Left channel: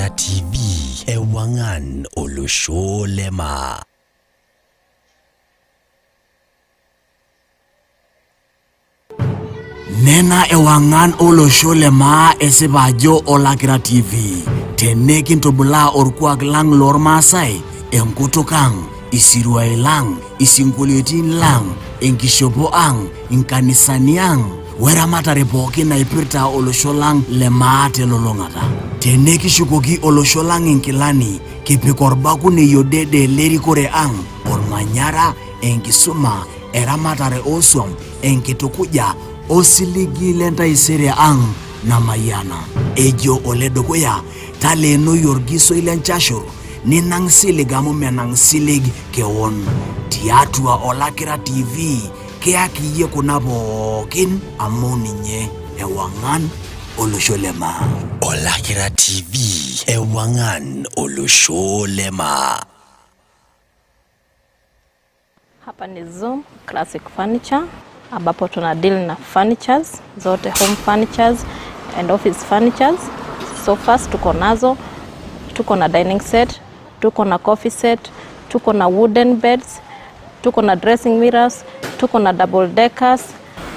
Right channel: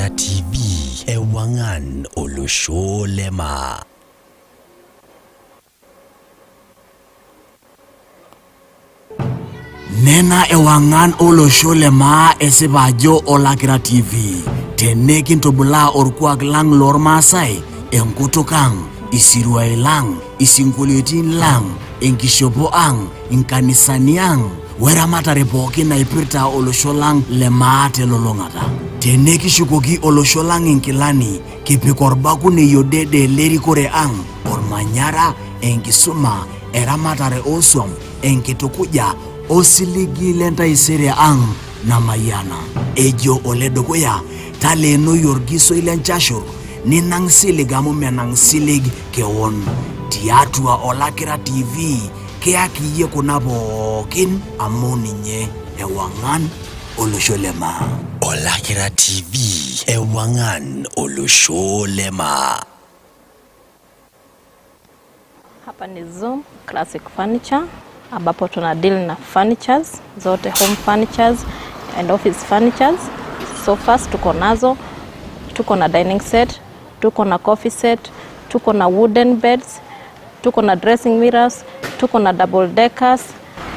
Olakira TV ewangan olusholema. Nena ewangan olusholema esibajo Olakira TV. Tenekin tobula orkuak lang lor Masai, enkutukang, isiruai lang, isingoliotin lang, enkishopo ang, inkanisani ang, weramatare pookin naipirta olosho lang lemaate lolongata. Tenekishukoki olosho lang inkilani, kipik orbakune yodede lerikore ang, ormanyara, enkisuma, eramatare oswam, enkitukuja, osiligi lentaisere ang, namayana. Ejo oledokoya, taleno yorgiso ilenchashur, ninang silig amu menang silig keon. Tiatua Olakira TV, keaki ye kunabokin amoninye ewangan olusholema. Olakira TV, ewangan olusholema. Hapa ni Zoom Classic Furniture, ambapo tuna deal na furnitures, zote home furnitures and office furnitures. So first tuko nazo, tuko na dining set, tuko na coffee set, tuko na wooden beds, tuko na dressing mirrors, tuko na double deckers,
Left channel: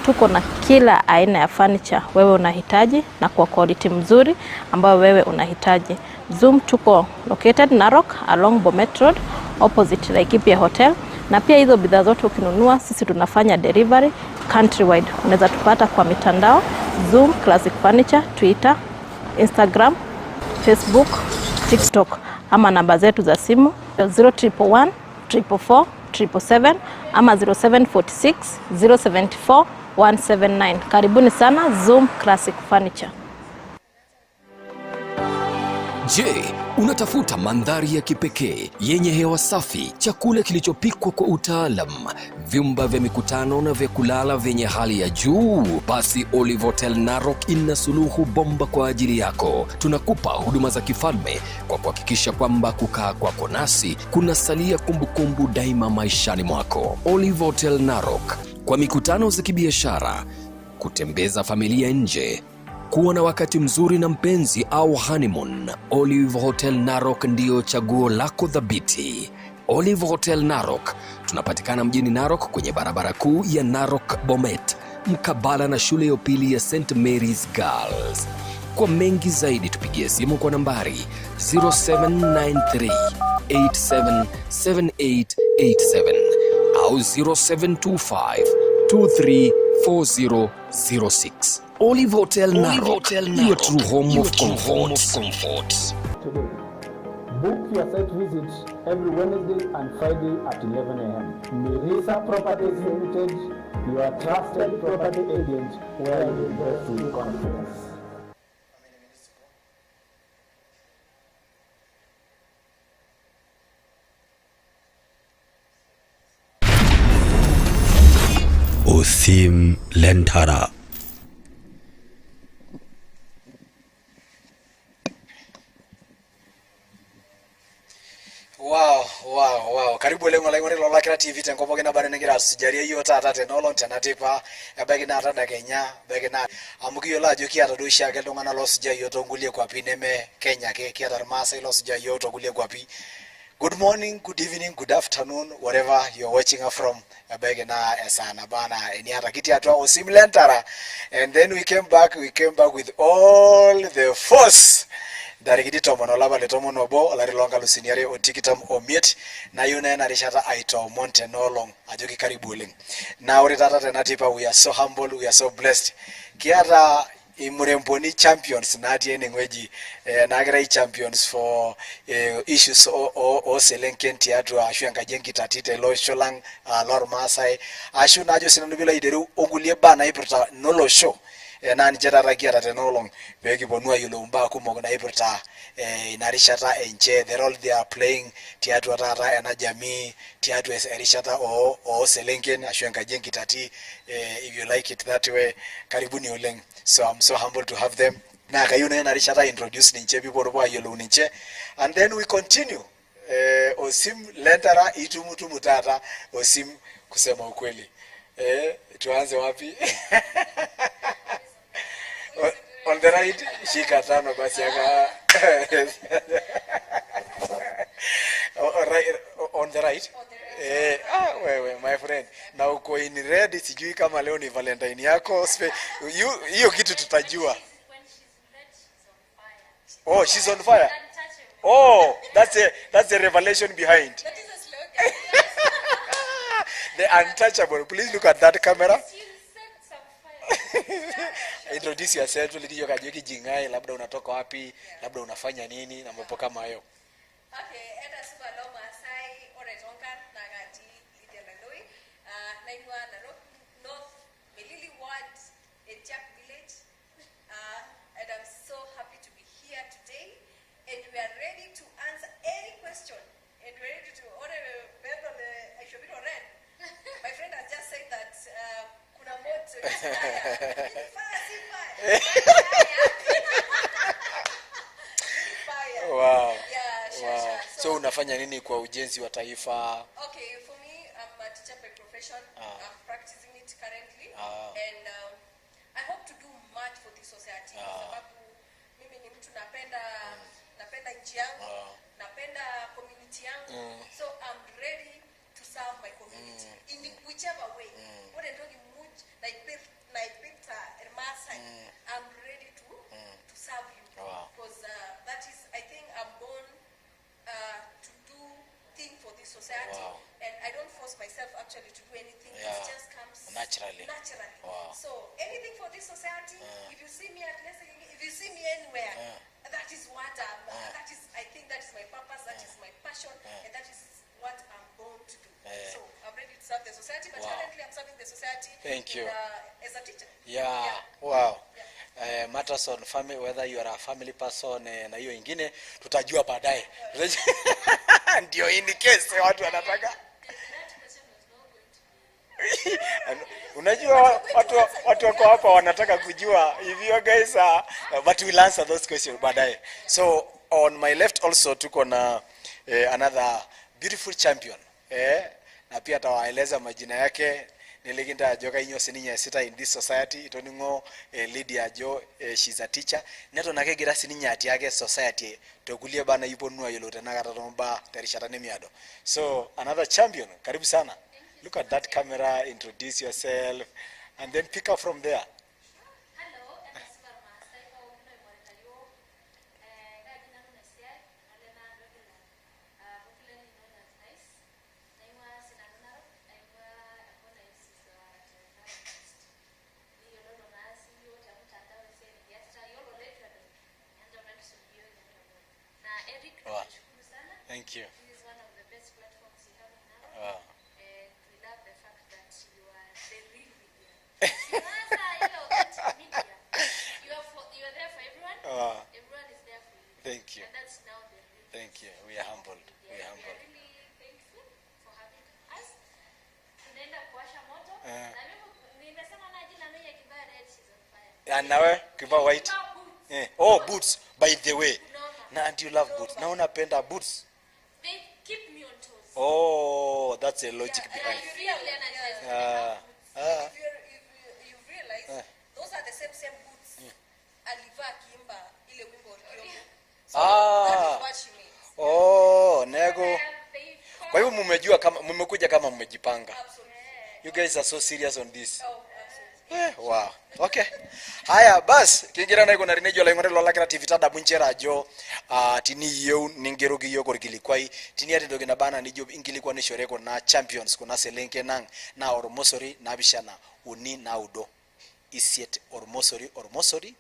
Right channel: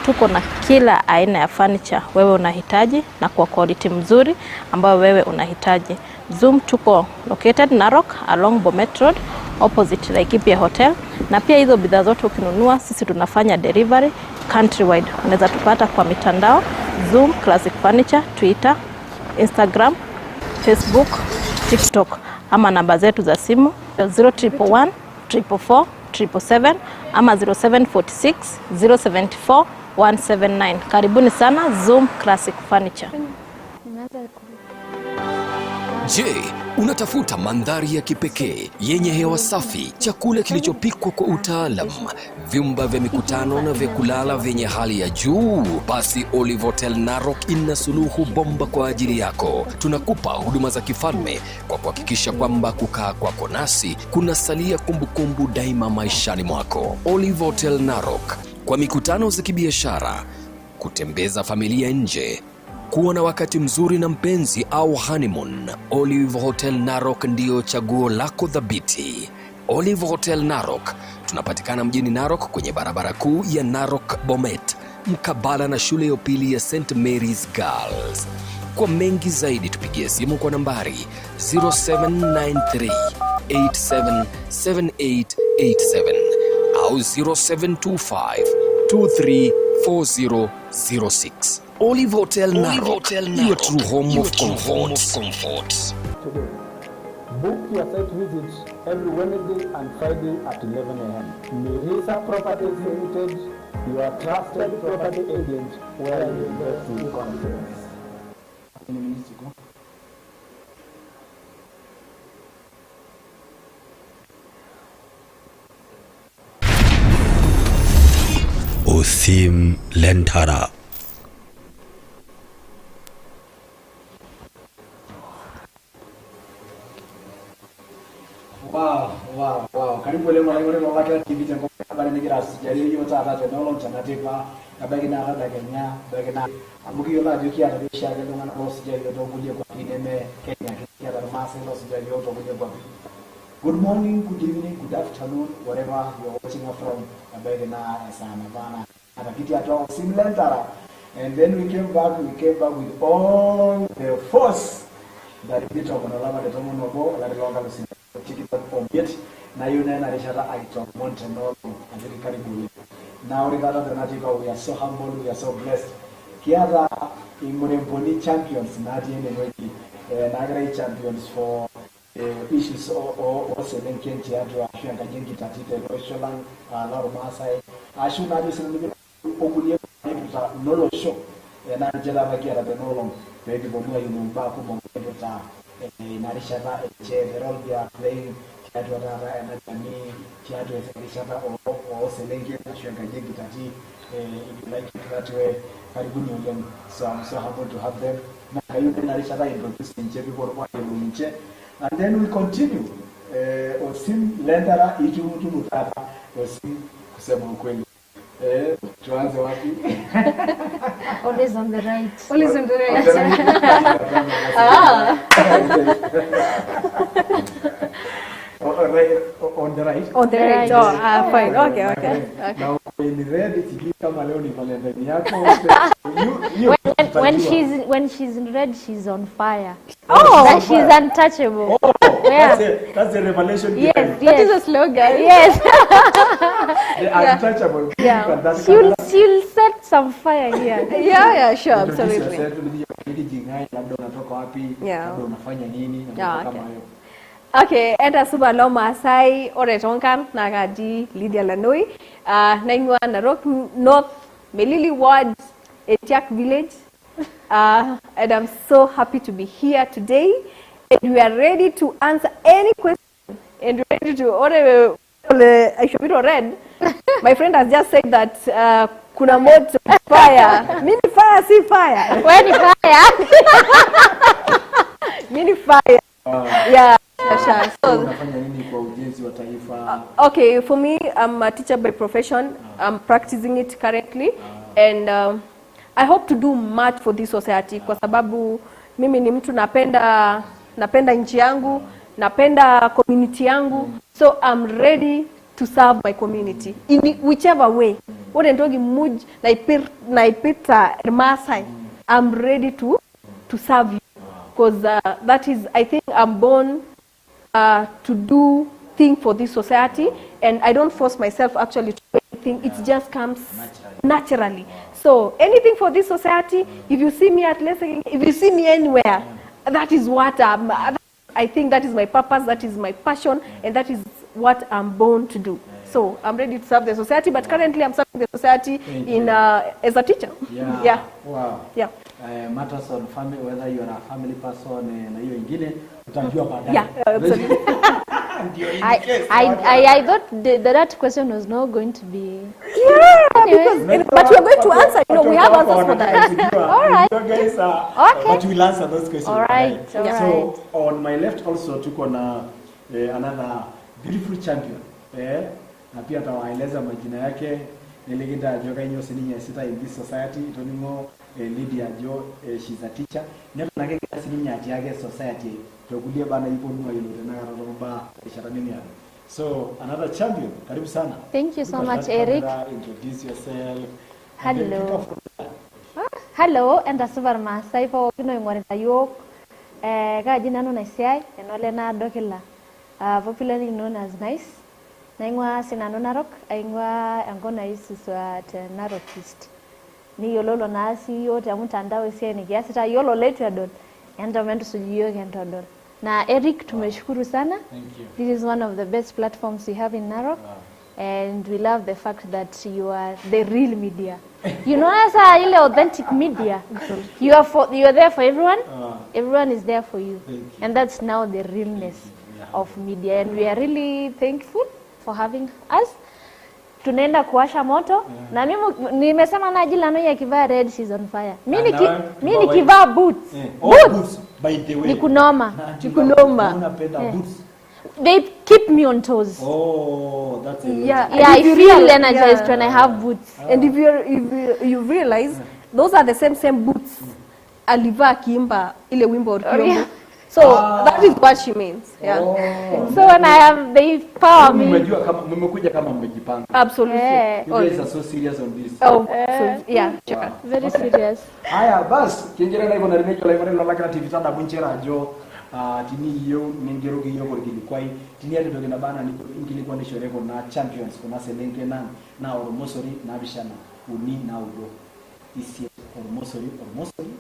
tuko na kila aina ya furniture wewe unahitaji na kwa quality mzuri ambayo wewe unahitaji. Zoom tuko located Narok along Bomet Road opposite Laikipia Hotel, na pia hizo bidhaa zote ukinunua sisi tunafanya delivery countrywide. Unaweza tupata kwa mitandao Zoom Classic Furniture, Twitter, Instagram, Facebook, TikTok, ama namba zetu za simu 0111 444 777 ama 0746 074 179. Karibuni sana Zoom Classic Furniture. Je, unatafuta mandhari ya kipekee yenye hewa safi, chakula kilichopikwa kwa utaalam, vyumba vya mikutano na vya kulala vyenye hali ya juu? Basi Olive Hotel Narok ina suluhu bomba kwa ajili yako. Tunakupa huduma za kifalme kwa kuhakikisha kwamba kukaa kwako nasi kunasalia kumbukumbu daima maishani mwako. Olive Hotel Narok, kwa mikutano za kibiashara, kutembeza familia nje, kuwa na wakati mzuri na mpenzi au honeymoon, Olive Hotel Narok ndio chaguo lako thabiti. Olive Hotel Narok, tunapatikana mjini Narok kwenye barabara kuu ya Narok Bomet, mkabala na shule ya upili ya St. Mary's Girls. Kwa mengi zaidi tupigie simu kwa nambari 0793 877887 au 0725 234006. Olive Hotel Narok, your true home of comfort. Today, book your site visit every Wednesday and Friday at 11 a.m. Mirisa Properties Limited, your trusted property agent, where you invest with confidence. OSIM LENTARA. Wow. Karibu leo mlango ni Olakira TV tengo pokena bana ngira sijari hiyo tata tenolon tenatipa ebegi na rada Kenya begi na amugiyo la joki ata do shage lo ngana lo sijari yo tongulie kwa pineme Kenya ke ata Masai lo sijari yo tongulie kwa pi. Good morning, good evening, good afternoon, wherever you're watching us from. Begi na sana bana ni ata kiti atwa OSIM LENTARA, and then we came back with all the force. Dari kiti tomono laba le tomono bo la longa lo senior otikitam omiet na yuna na rishata aito montenolong ajoki karibuli na ore tata tenatipa. We are so humble, we are so blessed. Kiata imuremponi champions na atiene ngweji na gra champions for issues o selenken tiatu ashwanga jengi tatite lo sholang lor Masai ashu na jo sinu bila ideru ongulie bana ibrta nolo show na ni chata rakia tenolong weki bonua yulumba kumo na ibrta inarishata eche the role they are playing tiatu tata na jamii tiatu erishata o selenken ashwanga jengi tati. If you like it that way, karibuni uleng. So I'm so humble to have them. Na kayuna narishata introduce ninche people kwa yolo ninche, and then we continue. OSIM LENTARA itumutu mutata OSIM kusema ukweli. Tuanze wapi? Always on the right. Always on the right. On the right. Shika tano on the right. On the right. Oh, fine. Okay. Na uko in red, sijui kama leo ni Valentine yako. Hiyo kitu tutajua. When she's in red, she's on fire. She's untouchable. That's a revelation behind. That is a slogan. Yes. The untouchable. Please look at that camera. She'll set some fire here. Yeah, sure. Introduce yourself, Lydia, kajoki jingai, labda unatoka wapi, labda unafanya nini, na mambo kama hayo. Okay, enda suba lo Masai oretonkan nagaji Lydia LANOI. Naingwa Narok North Melili Ward, Etiak Village. And I'm so happy to be here today. And we are ready to answer any question. And we're ready to order. I should be red. My friend has just said that kuna moto fire. Mini fire, see fire. When fire? Mini fire. Wow. Yeah, sure. So unafanya nini kwa ujenzi wa taifa? Okay, for me, I'm a teacher by profession. I'm practicing it currently. And I hope to do much for this society kwa sababu mimi ni mtu napenda nchi yangu, napenda community yangu. So I'm ready to serve my community in whichever way. What I'm talking muj naipita Masai. I'm ready to serve you because that is, I think I'm born to do things for this society, and I don't force myself actually to do anything. It just comes naturally. So anything for this society, if you see me at Lessing, if you see me anywhere, that is what I think that is my purpose, that is my passion, and that is what I'm born to do. So I'm ready to serve the society, but currently I'm serving the society as a teacher. Yeah. Wow. Yeah. Matters on family, whether you are a family person na hiyo ingine tutajua baadaye. Yeah. Ndio in case. I thought that question was not going to be. Yeah, but we're going to answer. You know, we have answers for that. All right. You guys but we'll answer those questions baadaye. Right. So on my left also tuko na another beautiful champion. Na pia tawaeleza majina yake. Niligida joka inyo seninya sita in this society. Tonimo Lydia Jo, she's a teacher. Neto nakegira seninya ati yake society. Tokulie bana ipo nua yote nakatatomba tarishata nemiado. So another champion. Karibu sana. Thank you so much, Eric. Introduce yourself. And then pick up from there. Hello, and asubar Masai po kino ingorita yok. Kaji nano naisiai enole NAADOKILA. Popularly known as Nice. Naingwa sinano Narok, aingwa angona isuswa at Narok East. Ni yololo nasi yote amutandao isia ni kiasi ta yolo letu ya don. Enda mentu sujiyo kento don. Na Eric tumeshukuru sana. Thank you. This is one of the best platforms we have in Narok. Wow. And we love the fact that you are the real media. You know, as a authentic media. You are there for everyone. Everyone is there for you. Thank you. And that's now the realness of media. And we are really thankful for having us. Tunaenda kuwasha moto. Na mimi nimesema na jila LANOI akivaa red, she's on fire. Mimi kivaa boots. Boots by the way. Nikunoma. Unapenda boots. They keep me on toes. Oh, that's a lot. Yeah, I feel energized when I have boots. And if you realize, those are the same boots. Aliva Kimba ile wimbo Orkiombo. So that is what she means. Yeah. Oh, so when I have, they power me. Mmejua kama mmekuja kama mmejipanga. Absolutely. You guys are so serious on this. Oh, so, yeah. Wow. Very serious. Haya bas kingira na kuna renejo la ngore la creative tada munchera jo tini yo ningerogi yo korikili kwai tini ati dogena bana ni jo ingili kwa nishoreko na champions kuna selenge na ormosori na bishana uni na udo isiet ormosori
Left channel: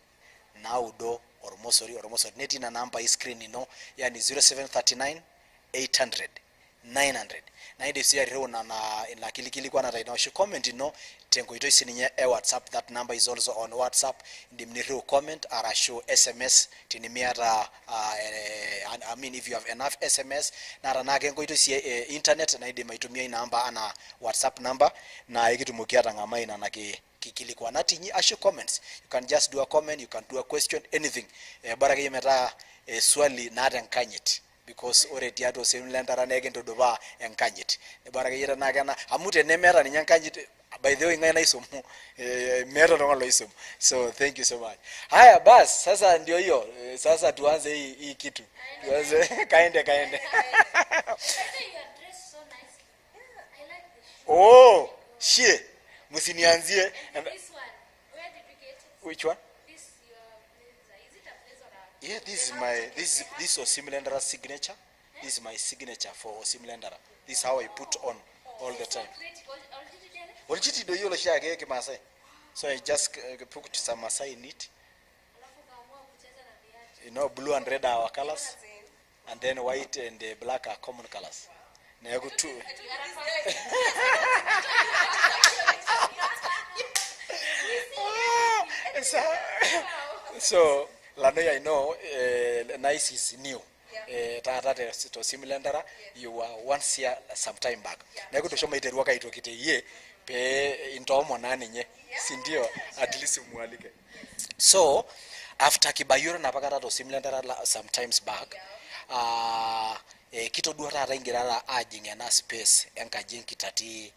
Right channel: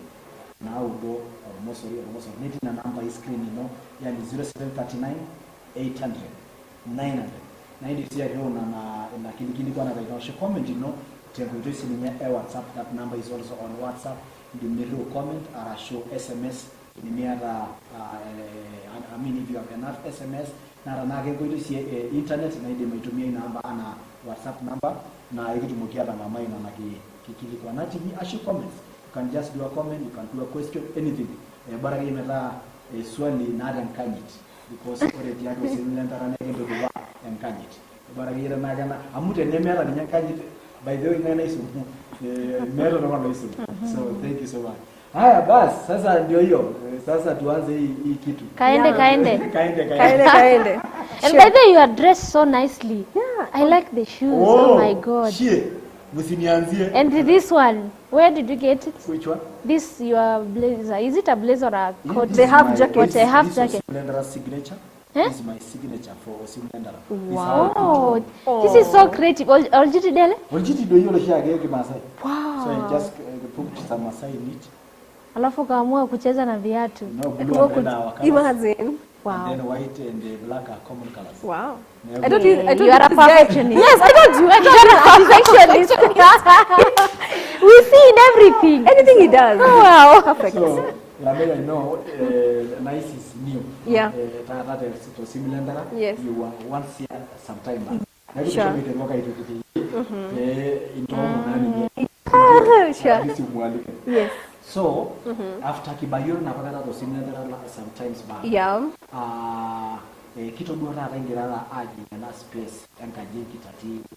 na udo ormosori neti na namba hii screen no yani 0739 800 900 na hindi siya rio na kilikili kwa na taito shi comment no tengo ito isi niya WhatsApp. That number is also on WhatsApp. Ndi mnirio comment ara show SMS tinimiata I mean if you have enough SMS na nake ngo ito isi internet na hindi maitumia inamba ana WhatsApp number na ikitumukia ngama ina na kikili kwa natiji asho comments. You can just do a comment, you can do a question, anything. Baraka yemeta swali na ata nkanyet because already OSIM LENTARA nege ndo duwa nkanyet. Baraka yeta nagana amute nemela ni nkanyet by the way ngana isumu mero ndo mano isumu. So thank you so much. Haya bas sasa ndio hiyo. Sasa tuanze hii kitu. Kaende. Kaende. And by the way, you are dressed so nicely. Yeah. I like the shoes. Oh my God. Shie. Musinianzie. And this one, where did you get it? Which one? This your blazer. Is it a blazer or a coat? This They is have my- jacket. This, They have this jacket. OSIM LENTARA signature. Huh? This is my signature for OSIM LENTARA. This is how I put it. Oh, this is so creative. Oljiti dele? Originally ndio hiyo shia yake Masai. Wow. So I just put some Masai in it. Alafu kaamua kucheza na viatu. You know, blue and red are our colors. Imagine. Wow. And then white and black are common colors. Wow. Never- I told you You are a this guy- perfectionist. Yes, I told you. Perfectionist. We see in everything. Anything he does. Wow. Perfect. So, Lamela, I know, Nice is new. Yeah. That is to OSIM LENTARA. Yes. You were once here some time back. Sure. Sure. At least umwalike. Yes. So, after Kibayuro na pakata to OSIM LENTARA some times back. Yeah. Kito dua tata ingirara ajinga na space enkaje kitati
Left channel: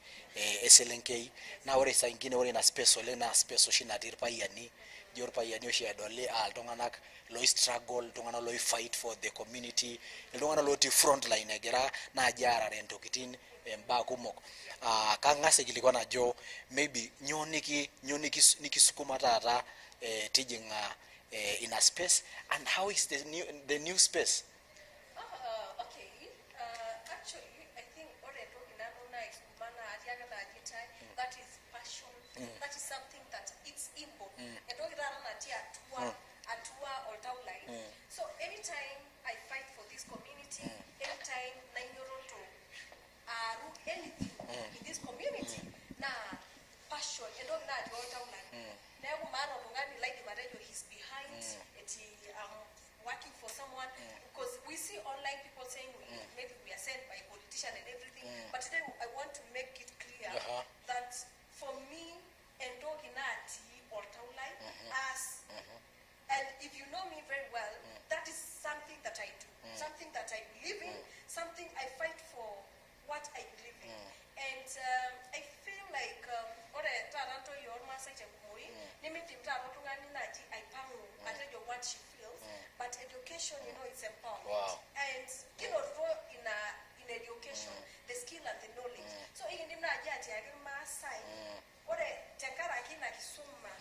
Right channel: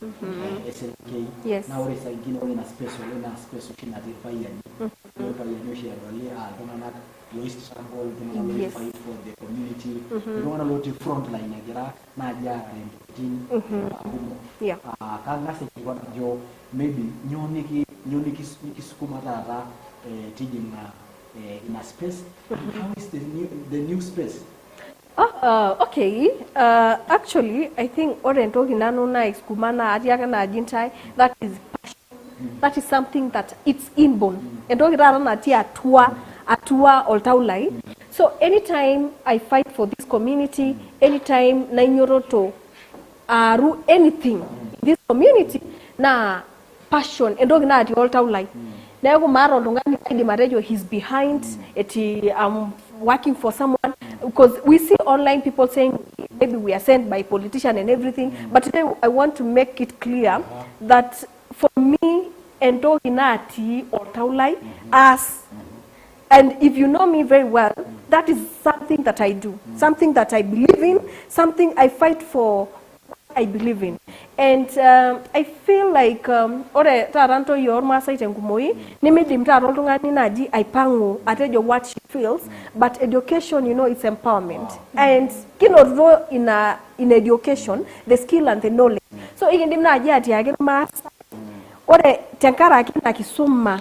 SLNK Yes. na ore sa ingine ore na space ole na space oshina tirpa yani jor pa yani oshi dole domana low struggle domana low fight for the community domana low front line agira na jara rendo kitini bagumo Yeah. kangase kilikuwa na jo maybe nyoniki nikisukuma tata tijinga in a space and how is the new space. Okay. Actually, I think Oriental Hinanona is Kumana Adiakana Jintai, that is passion. That is something that it's inborn. And Oriental Atua or Taulai. So anytime I fight for this community, anytime Nainyoro to ru anything in this community, na passion and Oriental Taulai. Now Maro Longani Marejo, he's behind it. Working for someone, because we see online people saying maybe we are sent by politicians and everything, but today I want to make it clear that for me, Endo Hinati or Taulai, as, and if you know me very well, that is something that I do, something that I believe in, something I fight for what I believe in. And I feel like ore taranto yorma site ngumoi nimidi mtaro tungani naji aipangu atejo what she feels, but education, you know, it's empowerment. And kino in education the skill and the knowledge. So igindi mnaji ati age masa ore tenkara kina kisuma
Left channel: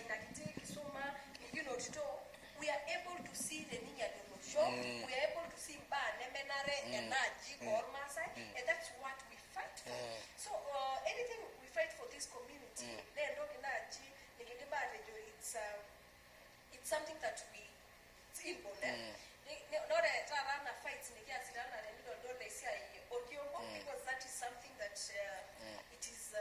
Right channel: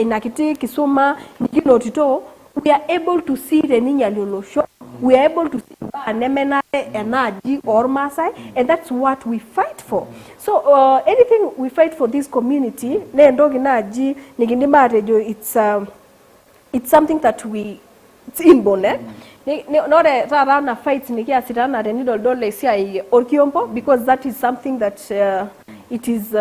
inakiti kisuma nikino tito, we are able to see the ninya lolosho. We are able to see Nemenare, Enaji, or Masai, and that's what we fight for. So anything we fight for this community, it's something that it's inborn. Not a rana fights Nikiasirana and Nidol Dole or Kiompo, because that is something that it is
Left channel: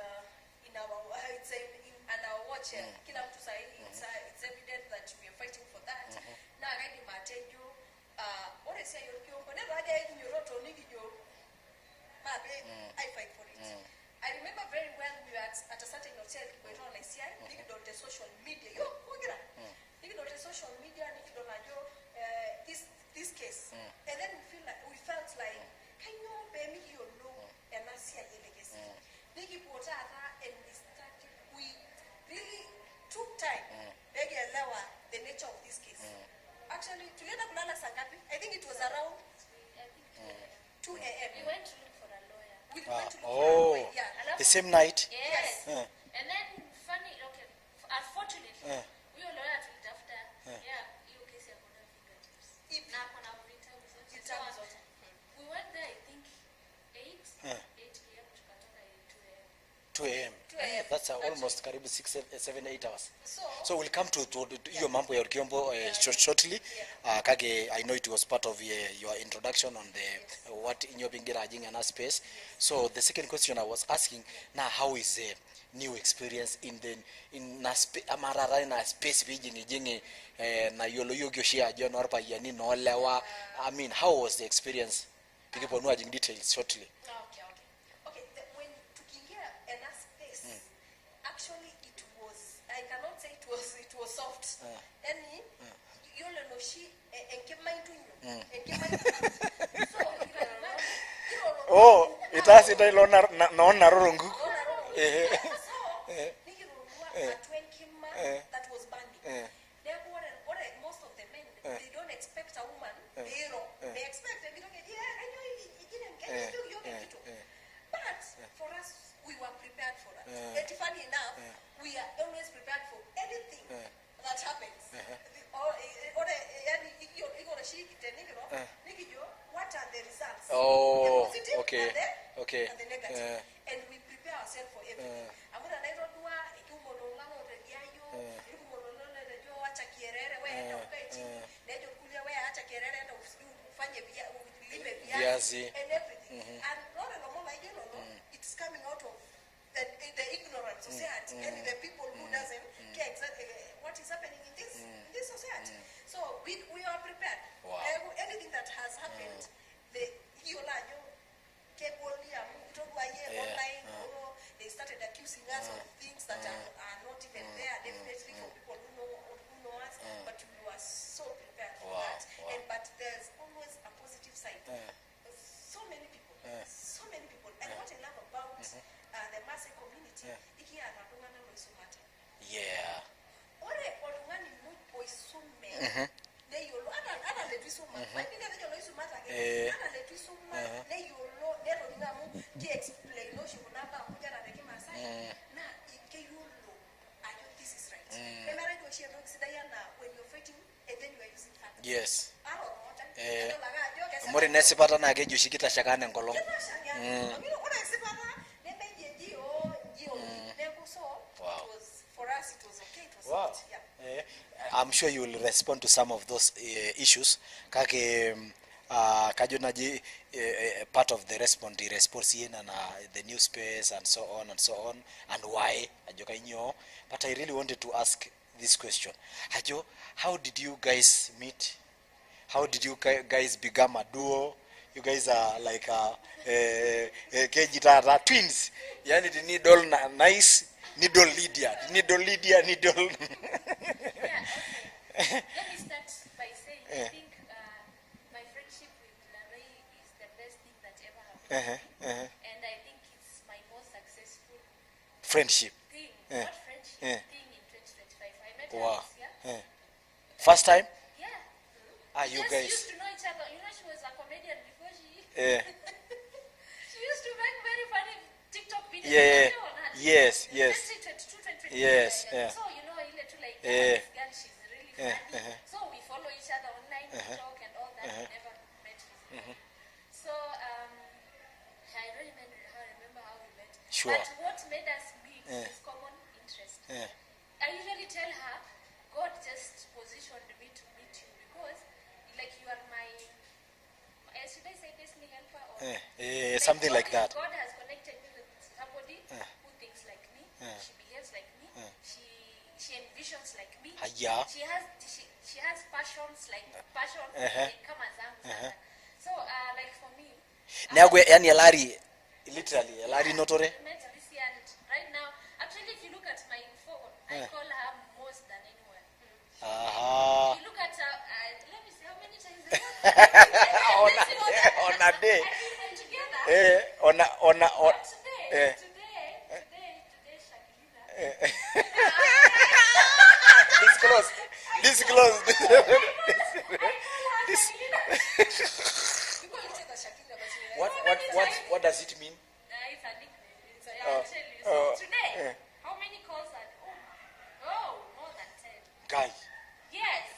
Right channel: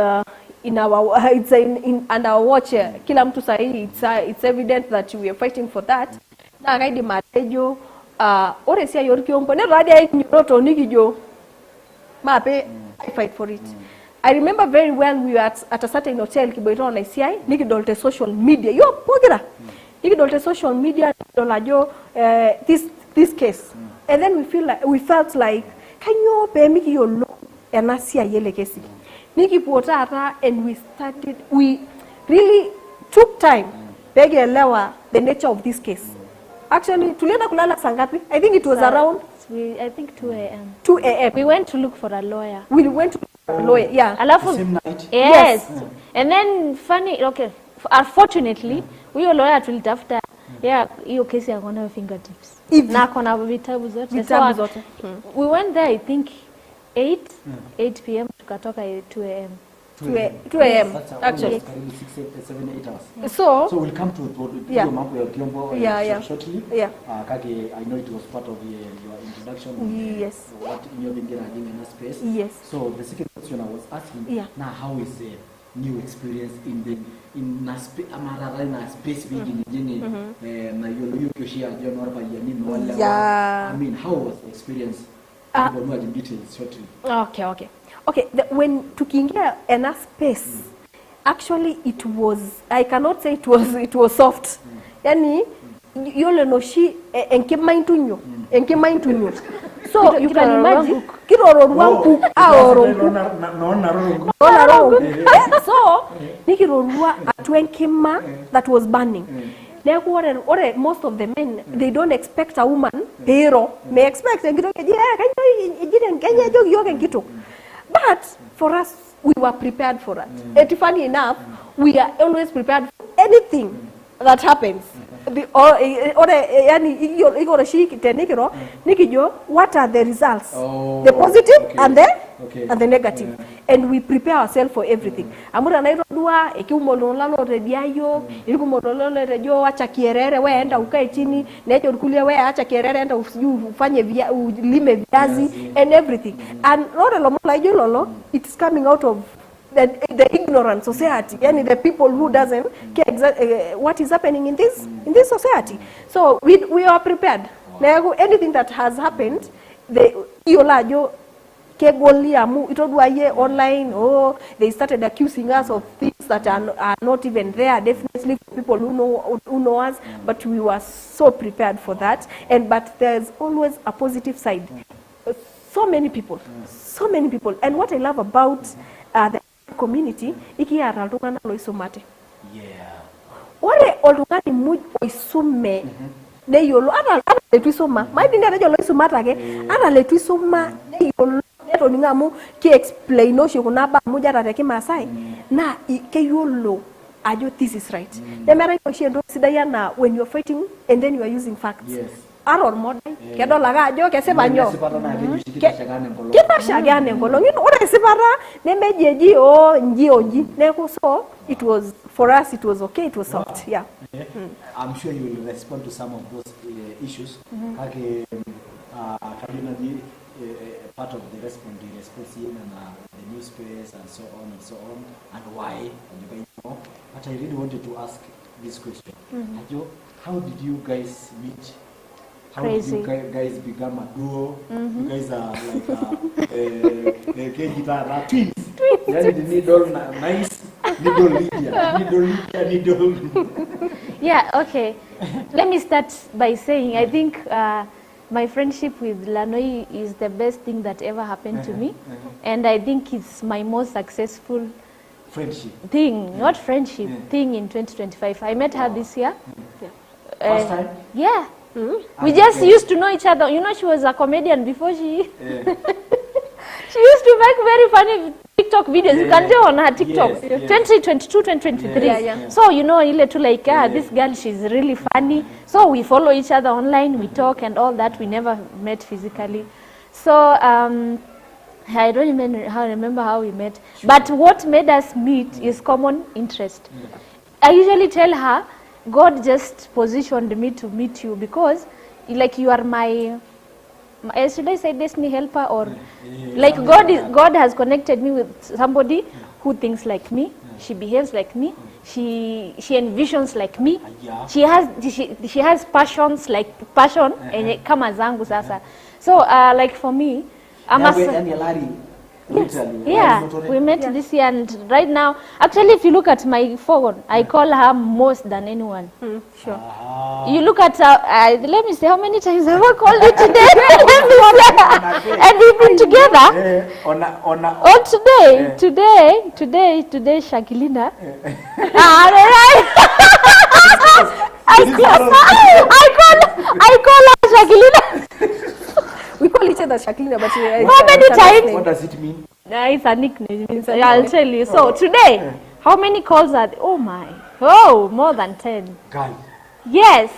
in our it's in under our watch. Kila mtu sahi, it's evident that we are fighting for that. Na gaidi matejo ore sia yor kiompo ne radia iknyoto nigijo mape I fight for it. I remember very well we were at a certain hotel Kiboito na ICI nigidolte social media yo pogira nigidolte social media dolajo this case and then we felt like kanyo pe miki yo lo enasia yele kesi nikipota and we really took time begelewa the nature of this case. Actually, tulienda kulala sangapi? I think it was around I think 2 a.m. 2 a.m. We went to look for a lawyer. We went to a lawyer, yeah. Alafu, The same night? Yes. And then funny, okay, unfortunately, huyo lawyer tulitafuta, yeah, hiyo kesi yako na fingertips. Na kona vitabu zote. Vitabu zote. We went there, I think 8 p.m. tukatoka 2 a.m. 2 a.m. That's actually. 6, 7, 8 hours. So we'll come to yeah. your mambo ya Kiombo shortly. Yeah. Kake, I know it was part of your introduction on the Yes. what in your Bingera space. Yes. So the second question I was asking, now how is the new experience in amarara na space jingi na yolo yukoshia John Orba yani no lewa. Yeah. I mean, how was the experience? People know in details shortly. Okay, when tukiingia in a space, actually it was, I cannot say it was soft. Yani, yole no shi enkima intunyo so you can imagine kiroro mpu so nikirorwa atwenkima that was burning. Or most of the men, they don't expect a woman, pero may expect but for us, we were prepared for that. And funny enough, we are always prepared for anything that happens. What are the results? The positive and the negative. And we prepare ourselves for everything. Amura na irodua ekimololalo rediayo ikumololalo redio acha kierere wewe enda ukae chini necho kulia wewe acha kierere enda ufanye ulime viazi and everything. And lolo it's coming out of the ignorant society, yani the people who doesn't care what is happening in this society. So we are prepared. Wow. Anything that has happened, online, they started accusing us of things that are not even there. Definitely people who know us, but we were so prepared for that. But there's always a positive side. So many people. And what I love about the community, ore oltung'ani muj oisume neyolo ana letu isuma maidinga rejo loisumata ake ana letu isuma neyolo netoninga amu ki explain oshi kuna ba muja ta Kimasai na keyolo ajo this is right. Nemera oshi endo sidai na when you're fighting and then you are using facts. Yes. Aror modern kedola ga ajo kesema nyo kita shagane ngolo ngino ore sibara nemejeji nji neku so it was for us it was okay, it was soft. Yeah. I'm sure you will respond to some of those issues kake kajonaji part of the response in the news space and so on and why and you know, but I really wanted to ask this question. Ajo, how did you guys meet? How did you guys become a duo? You guys are like twins. Yani Nidol nice, Nidol Lydia. Yeah, okay. Let me start by saying I think my friendship with LANOI is the best thing that ever happened to me. And I think it's my most successful friendship thing, not friendship, thing in 2025. I met her this year. First time? Yeah. We just used to know each other. You know, she was a comedian before she... She used to make very funny TikTok videos. You can do on her TikTok. 2022, 2023. So, you know, this girl, she's really funny. So we follow each other online, we talk and all that. We never met physically. So I don't even remember how we met. Sure. But what made us meet is common interest. I usually tell her, God just positioned me to meet you because, like, you are my should I say destiny helper or like God has connected me with somebody who thinks like me, she behaves like me, she envisions like me, she has passions like passion kama zangu sasa. So like for me, literally, we met this year, and right now, actually, if you look at my phone, I call her most than anyone. Sure. You look at let me see how many times have I called you today? And we've been together. Today, Shakilina. I call her Shakilina. We call each other Shakilina, but how many times? What does it mean? It's a nickname. I'll tell you. So today, how many calls are there? Oh my. Oh, more than 10. Yes.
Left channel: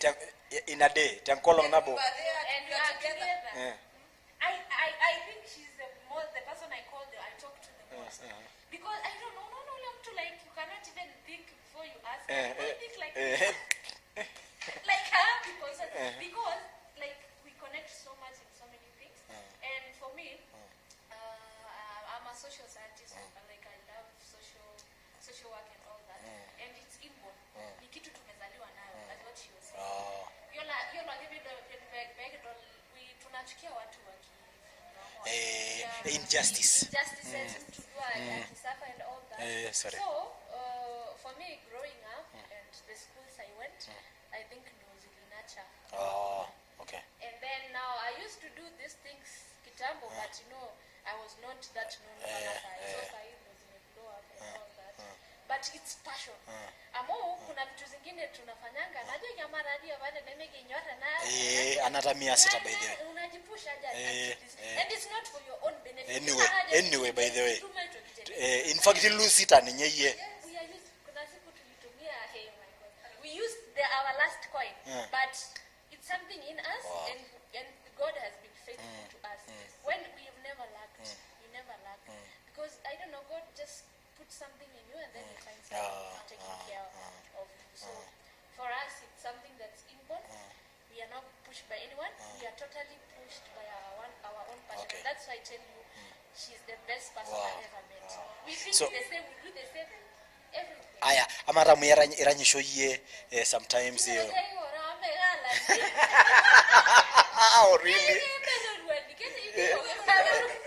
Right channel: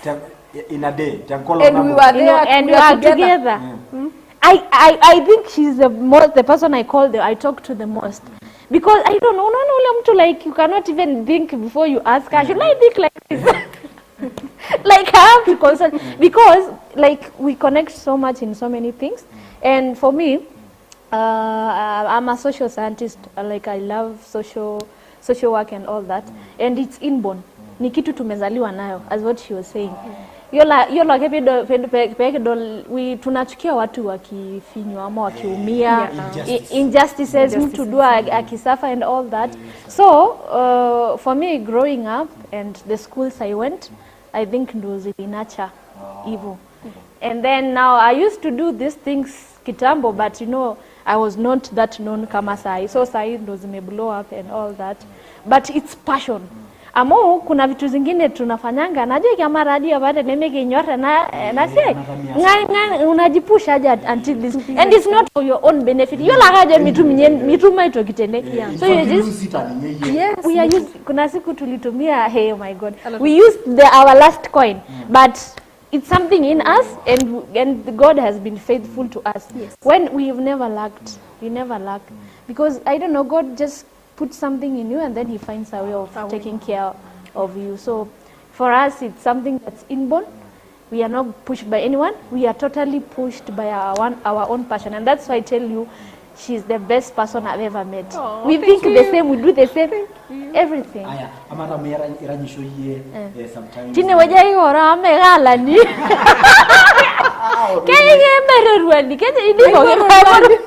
In a day. And we were there. And we are together. I think she's the person I talk to the most. Because I don't know, like, you cannot even think before you ask her. Should I think like this? Like, I have to consult because, like, we connect so much in so many things. And for me, I'm a social scientist. Like, I love social work and all that. And it's inborn. Ni kitu tumezaliwa nayo, as what she was saying. Yola tunachukia watu wakifinywa ama wakiumia, injustices, mtu dua akisafa and all that. So for me, growing up and the schools I went, I think ndo zilinacha hivyo. okay. And then now I used to do these things kitambo, but you know, I was not that known kama sahi. So sahi ndo zime blow up and all that. But it's passion. Amo kuna vitu zingine tunafanyanga najua kama radio bado nemeke nyora na check. Ngai unajipusha aje until this. And it's not for your own benefit. Yo la haja mituma ito kitende. So you use it and yes, we are used, kuna siku tulitumia, hey, oh my God. We used our last coin, but it's something in us, and God has been faithful to us. Yes. When we've never lacked, we never lack, because I don't know, God just put something in you, and then He finds a way of taking care of you. So, for us, it's something that's inborn. We are not pushed by anyone. We are totally pushed by our own passion, and that's why I tell you, she's the best person I've ever met. We think the same, we do the same, everything. Aya, amara iranyisho ye sometimes. Kine waja igora amegala ni. Kaya mererwani, kaya idiko ngemeru.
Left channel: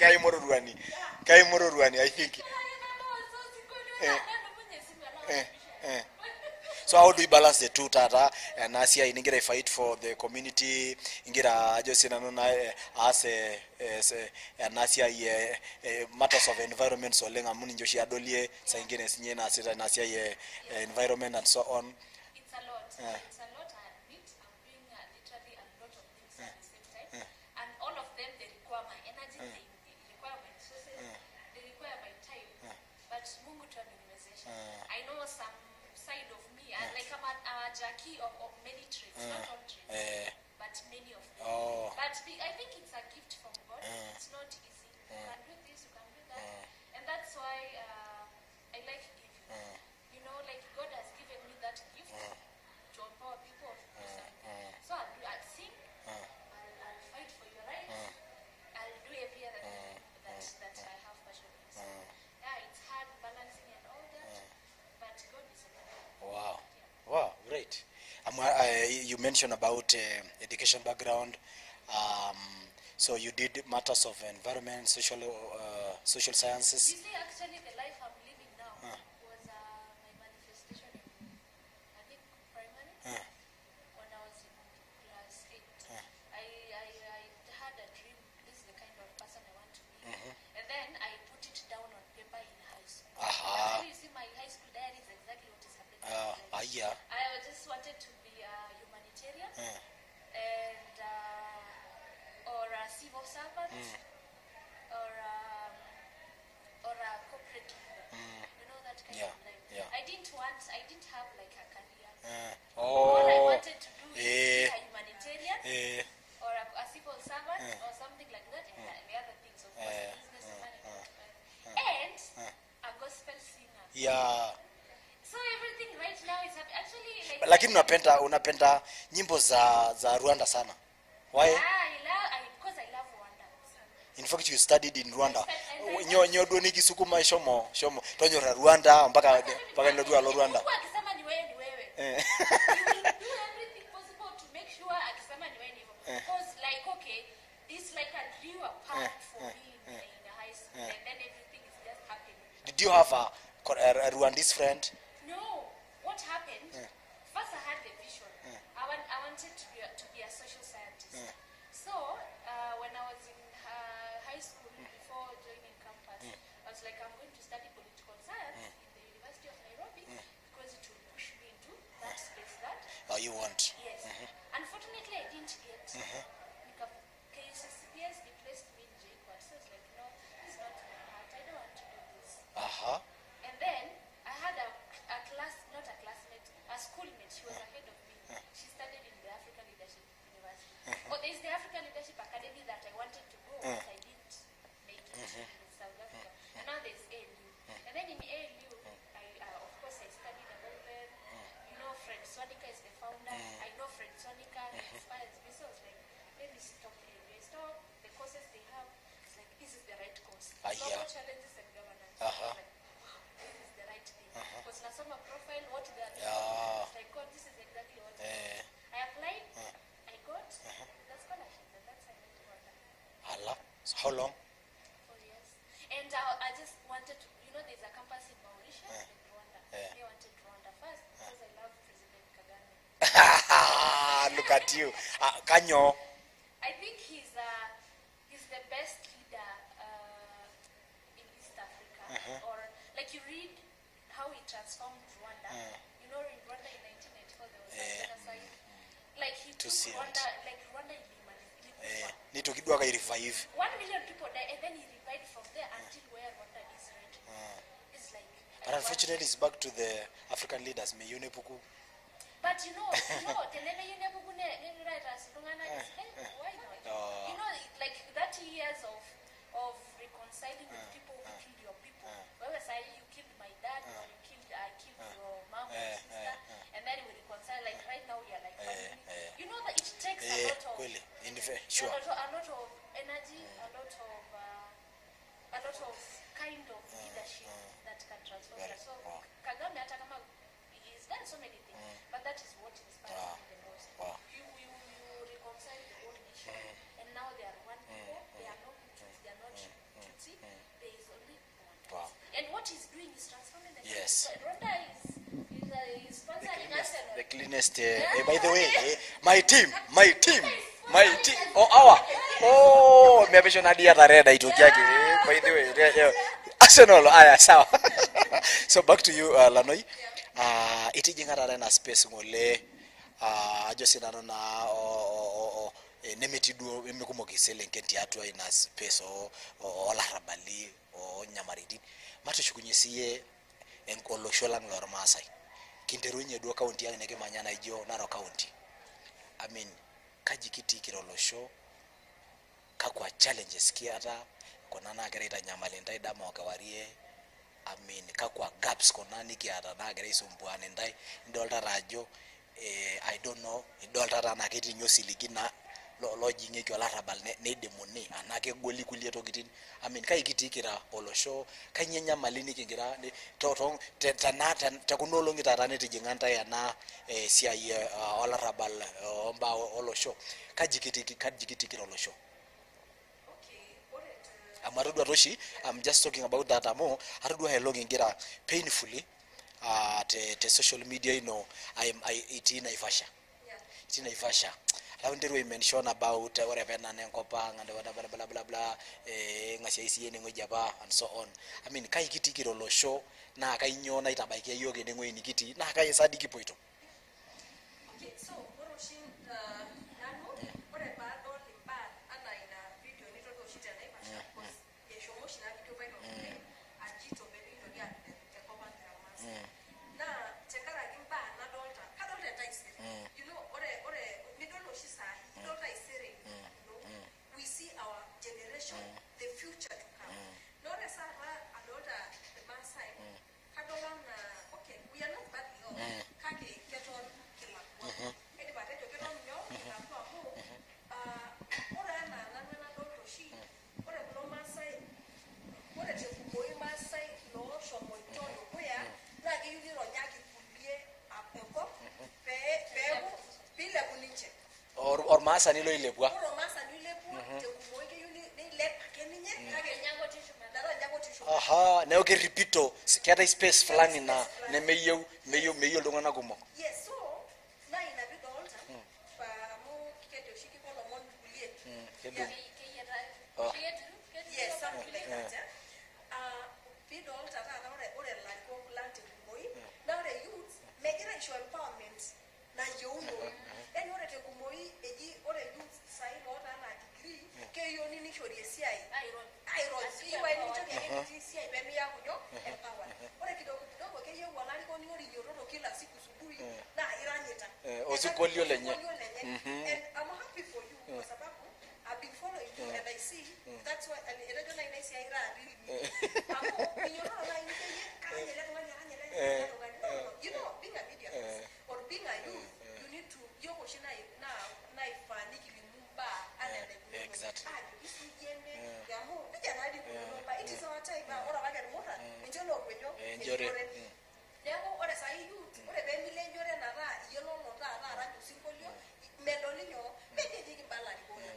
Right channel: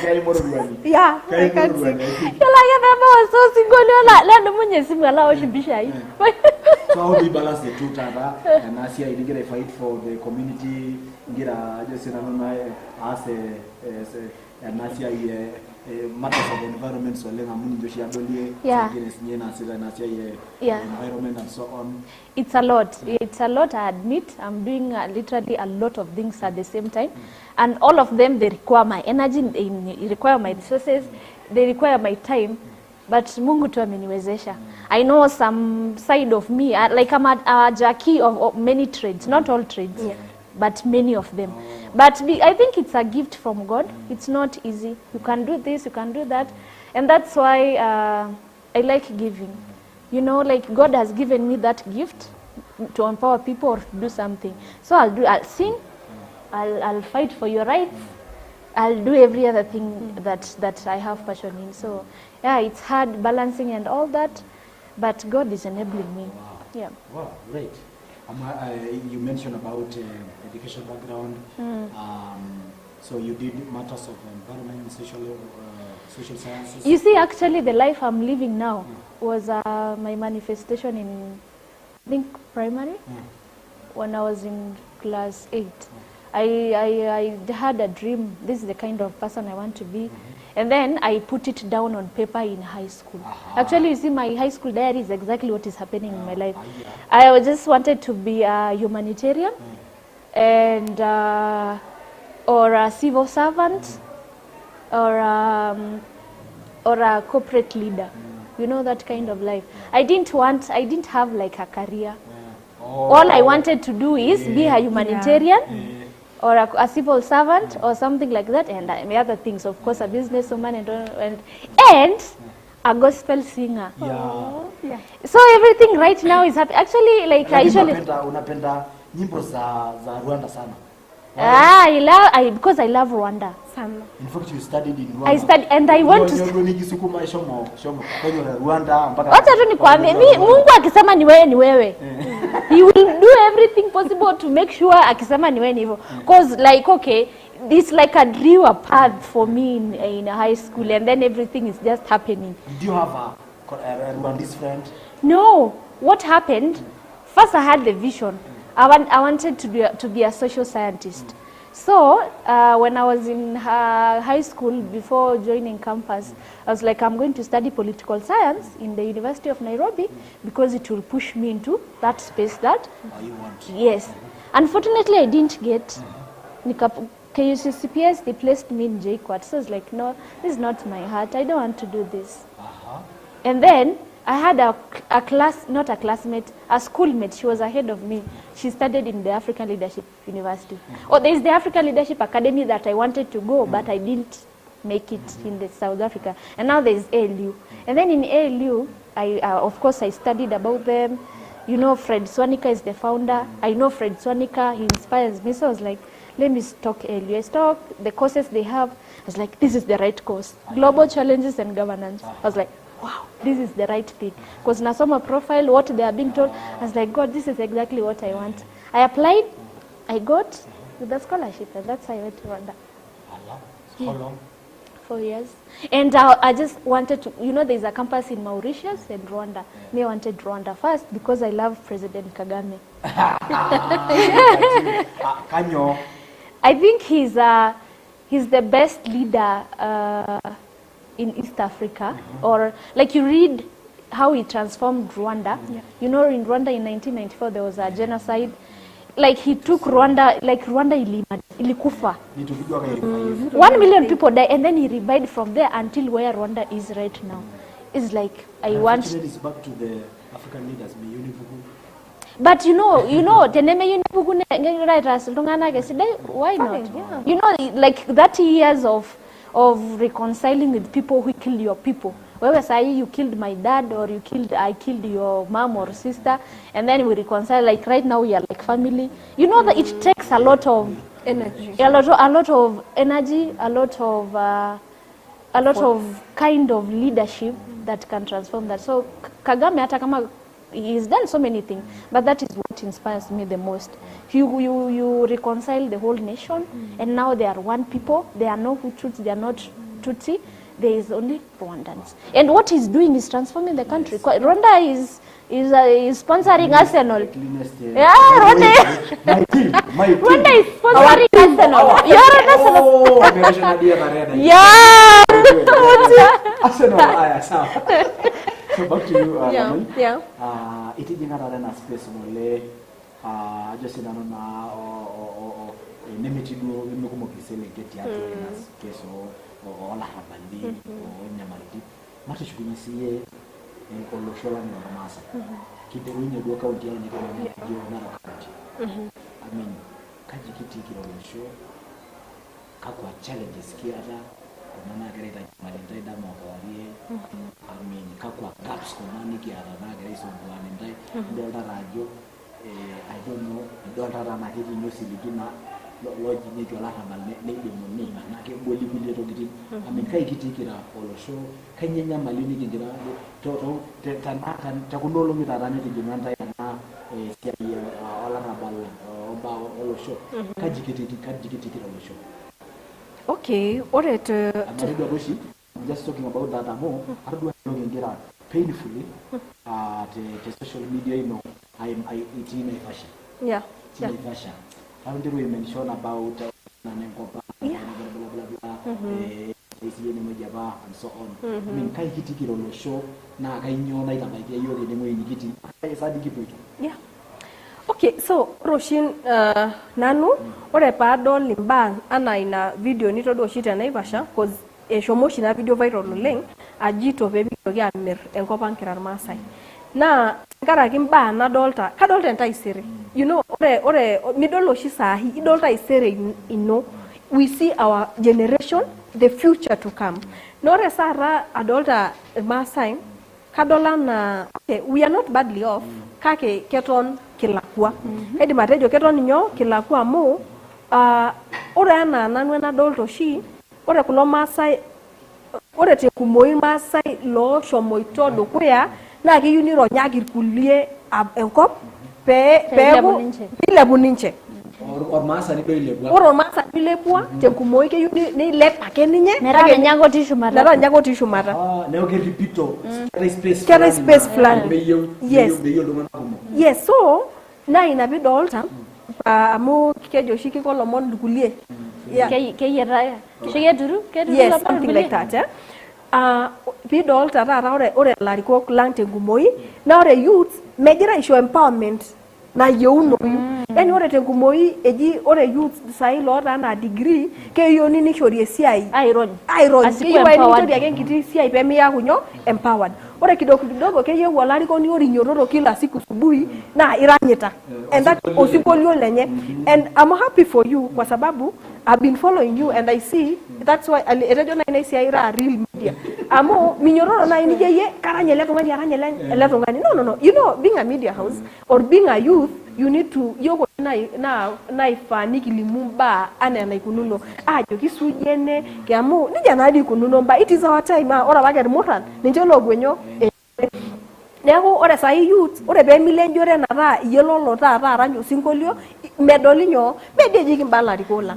Kaya morurwani. Yeah. Kaya morurwani, I think. Kala ya mama so singoli la ndo mwenye simu ala oshibisha hii. So how do you balance the two, Tata? And Asia, you get a fight for the community, you get a just in as a Asia matters of environment, so Lenga Muni Joshia Dolie, so get a Asia environment and so on. It's a lot. It's a lot, I admit. I'm doing literally a lot of things at the same time. And all of them, they require my energy, they require my resources, they require my time. But Mungu tu ameniwezesha. I know some side of me, like I'm a Jackie of many trades, not all trades, but many of them. But I think it's a gift from God. It's not easy. You can do this, you can do that. And that's why I like giving. You know, like God has given me that gift to empower people or to do something. So I'll sing, I'll fight for your rights, I'll do every other thing that I have passion in. So yeah, it's hard balancing and all that, but God is enabling me. Wow. Yeah. Wow, great. You mentioned about education background. So you did matters of environment, social sciences. You see, actually, the life I'm living now was my manifestation in, I think, primary. When I was in class 8. I had a dream. This is the kind of person I want to be. And then I put it down on paper in high school. Actually, you see, my high school diary is exactly what is happening in my life. I just wanted to be a humanitarian and or a civil servant or a corporate leader. You know, that kind of life. I didn't have like a career. All I wanted to do is be a humanitarian or a civil servant or something like that, and the other things, of course, a businesswoman and a gospel singer. So everything right now is happy. Actually, like unapenda nyimbo za Rwanda sana. Because I love Rwanda. In fact, you studied in Rwanda. I studied, and I went to Rwanda. Wacha tu nikwambie, Mungu akisema ni wewe ni wewe. He will do everything possible to make sure akisema ni wewe ni hivyo. Because like, okay, it's like a drew a path for me in high school, and then everything is just happening. Did you have a Rwandese friend? No. What happened? First, I had the vision. I wanted to be a social scientist. So when I was in high school, before joining campus, I was like, I'm going to study political science in the University of Nairobi because it will push me into that space that you want. Yes. Unfortunately, I didn't get. KUCCPS, they placed me in JQuat. So I was like, no, this is not my heart. I don't want to do this. And then I had a class, not a classmate, a schoolmate. She was ahead of me. She studied in the African Leadership University. There is the African Leadership Academy that I wanted to go, but I didn't make it in the South Africa. And now there is ALU. And then in ALU, of course, I studied about them. You know, Fred Swanika is the founder. I know Fred Swanika. He inspires me. So I was like, let me talk ALU. I talk the courses they have. I was like, this is the right course. Global Challenges and Governance. I was like, wow, this is the right thing. Because Nasoma profile, what they are being told, I was like, God, this is exactly what I want. I applied, I got with the scholarship, and that's how I went to Rwanda. How long? 4 years. And I just wanted to, you know, there's a campus in Mauritius and Rwanda. Me, I wanted Rwanda first because I love President Kagame. Kanyo. I think he's the best leader in East Africa. Or like you read how he transformed Rwanda. You know, in Rwanda in 1994 there was a genocide. Like he took Rwanda, like Rwanda ilikufa. 1 million people died, and then he revived from there until where Rwanda is right now. It's like I want. It's back to the African leaders. But you know, why not? You know, like 30 years of reconciling with people who killed your people. Whether say you killed my dad or I killed your mom or sister, and then we reconcile. Like right now we are like family. You know that it takes a lot of energy, a lot of energy, a lot of kind of leadership that can transform that. So Kagame hata kama he's done so many things, but that is what inspires me the most. You reconcile the whole nation, and now they are one people. They are no Hutus, they are not Tutsi. There is only Rwandans. And what he's doing is transforming the country. Rwanda is sponsoring Arsenal. Yeah, Rwanda. My team. Rwanda is sponsoring Arsenal. You're an Arsenal. Oh, I'm Arsenal. Sawa. So back to you, Lanoi. Yeah. Itijinga na space mole just na nemiti do bimikumo kisele get ya to ina space o la rabali o nyamariti matu chukunyisiye en oloshola ngoro masai kindirunye do county ya neke manyana ijo na county I mean kajikiti kirolosho kakwa challenges kiata kuna nagereta nyamalenda ida mwakawarie I mean kakwa gaps kuna nikiata nageresa mbwane ndai dolda rajo I don't know dolda na kiti nyusi likina logic ke la rabal ne demoni anake goli to gitin I mean kai kitikira olosho kai nyenya malini kingira to tanata takunolo ngitara ne tijinganda yana sia ola rabal omba olosho kajikitikira olosho. Okay, all right. I'm just talking about that more. I don't go along and get painfully the social media, you know, it's in a fashion. Yeah. It's in a fashion. I want to mention about whatever and blah blah blah and so on. I mean, kai kitikiro show na kai nyona itabaki yoge ndemo inigiti na kai sadiki poito. Yeah. Okay, so Roshin nanu ore paadol limba ana ina video nitodo shita naivasha cause eshomoshi na video viral oleng ajito pebitoki amir enkop ankira Masai. Na tenkaraki mbaa nadolta kadolta entaisere. You know, ore midolo shi sahi idolta isere ino. We see our generation, the future to come. Nore sara adolta Masai kadola na okay, we are not badly off. Kake keton kilakua. Edi matejo keton nyo kilakua mo ore ana nanu nadolto shi ore kulo Masai ore te kumoi Masai lo shomoito dukuya na kiyuni ronyagir kulie enkop ile buninche or Masai ni ilebwa or Masai ilebwa te kumoi kiyuni ni lepa keninye nera nyago tishu mata neo ke repito kera space plan yes yes so na inabidolta amu kejo shiki ko lomon dukulie yeah keyera shigeduru yes something like that bidol tata ore lariko lante gumoi na ore youth mejira issue empowerment na yeuno yani ore tengumoi eji ore youth sai lota na degree ke yoni ni shorie CI iron ke yoni shorie ke ngiti CI pemi ya kunyo empowered ore kidogo ke yewu lariko ni ori nyororo kila siku subuhi na iranyeta and that osipolio lenye and I'm happy for you kwa sababu I've been following you and I see that's why radio na ina CI ra real media amo minyororo na ini ye karanyele tongani no you know being a media house or being a youth you need to yogo na ifaniki limumba ana na ikununo ajo kisujene kiamu nija na adi kununo mba it is our time ora bager moran ninjolo gwenyo Lego ore sai youth ore be milenjore na ra yelo lo ta ranyo singolio medolinyo bedeji kimbala rikola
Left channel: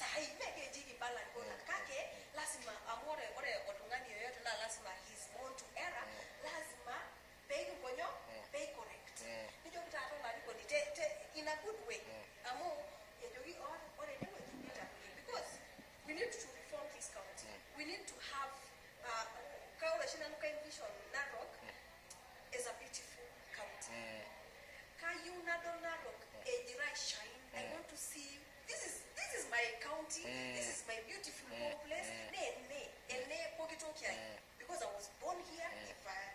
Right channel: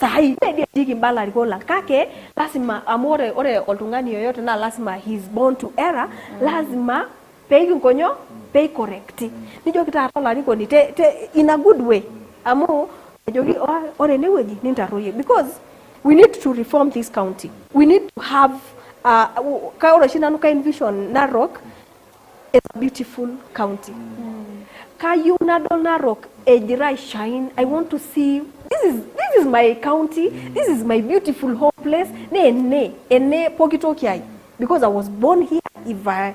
sahi media jiki mbala rikola kake lazima amore ore oltungani yoyote na lazima he's born to error lazima pay nkonyo pay correct nijo kitara lariko ni te in a good way amu jogi ore neweji nintaroye because we need to reform this county. We need to have ka ore shina nuka envision Narok is a beautiful county. Ka you nadol Narok ejira shine. I want to see this is my county. This is my beautiful home place. Ne pokitokiai because I was born here. If I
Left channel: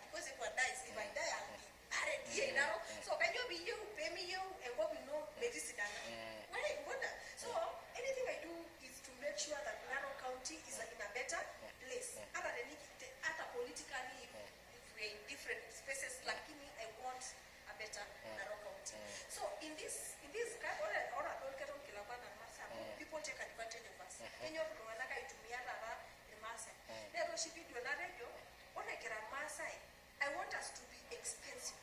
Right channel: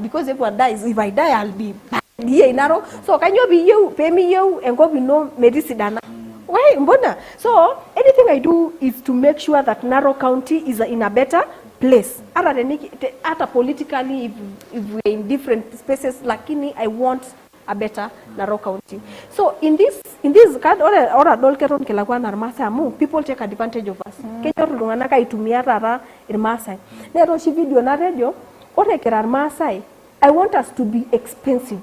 because everyone dies, if I die I'll be here in Narok. So can you be you pay me you and go be no medicidana. Why mbona? So anything I do is to make sure that Narok County is in a better place. Other politically if we're in different spaces, lakini I want a better Narok County. So in this card or adolkeron kelakwa narmasa amu people take advantage of us. Kenya rulungana ka itumia rara irmasai. Nero shi video na radio ore kerar masai. I want us to be expensive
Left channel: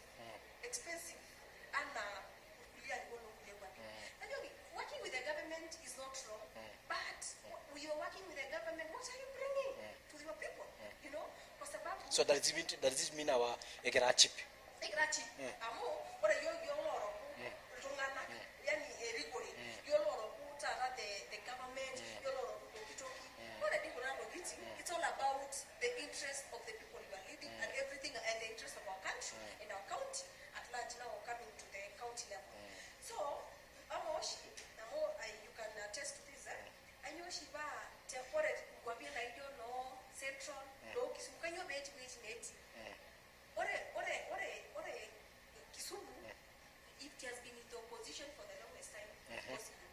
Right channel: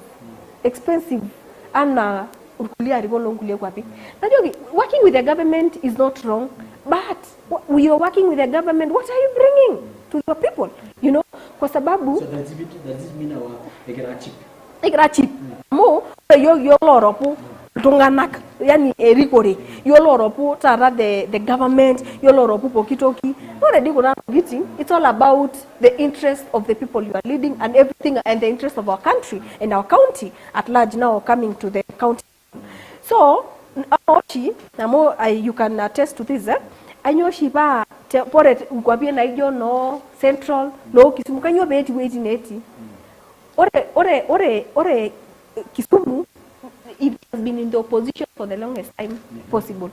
and working with the government is not wrong, but we are working with the government. What are you bringing to your people? You know, kwa sababu. So does this mean our cheap? Cheap. Mo yo loropu tunganak yani erikore yo loropu tara the government yo loropu pokitoki. Already kuna meeting. It's all about the interest of the people you are leading and everything and the interest of our country and our county at large now coming to the county. So, you can attest to this. I know she ba pore ngwabie na ijo no central no Kisumu kanyo beti waiting 80. Ore Kisumu it has been in the opposition for the longest time possible.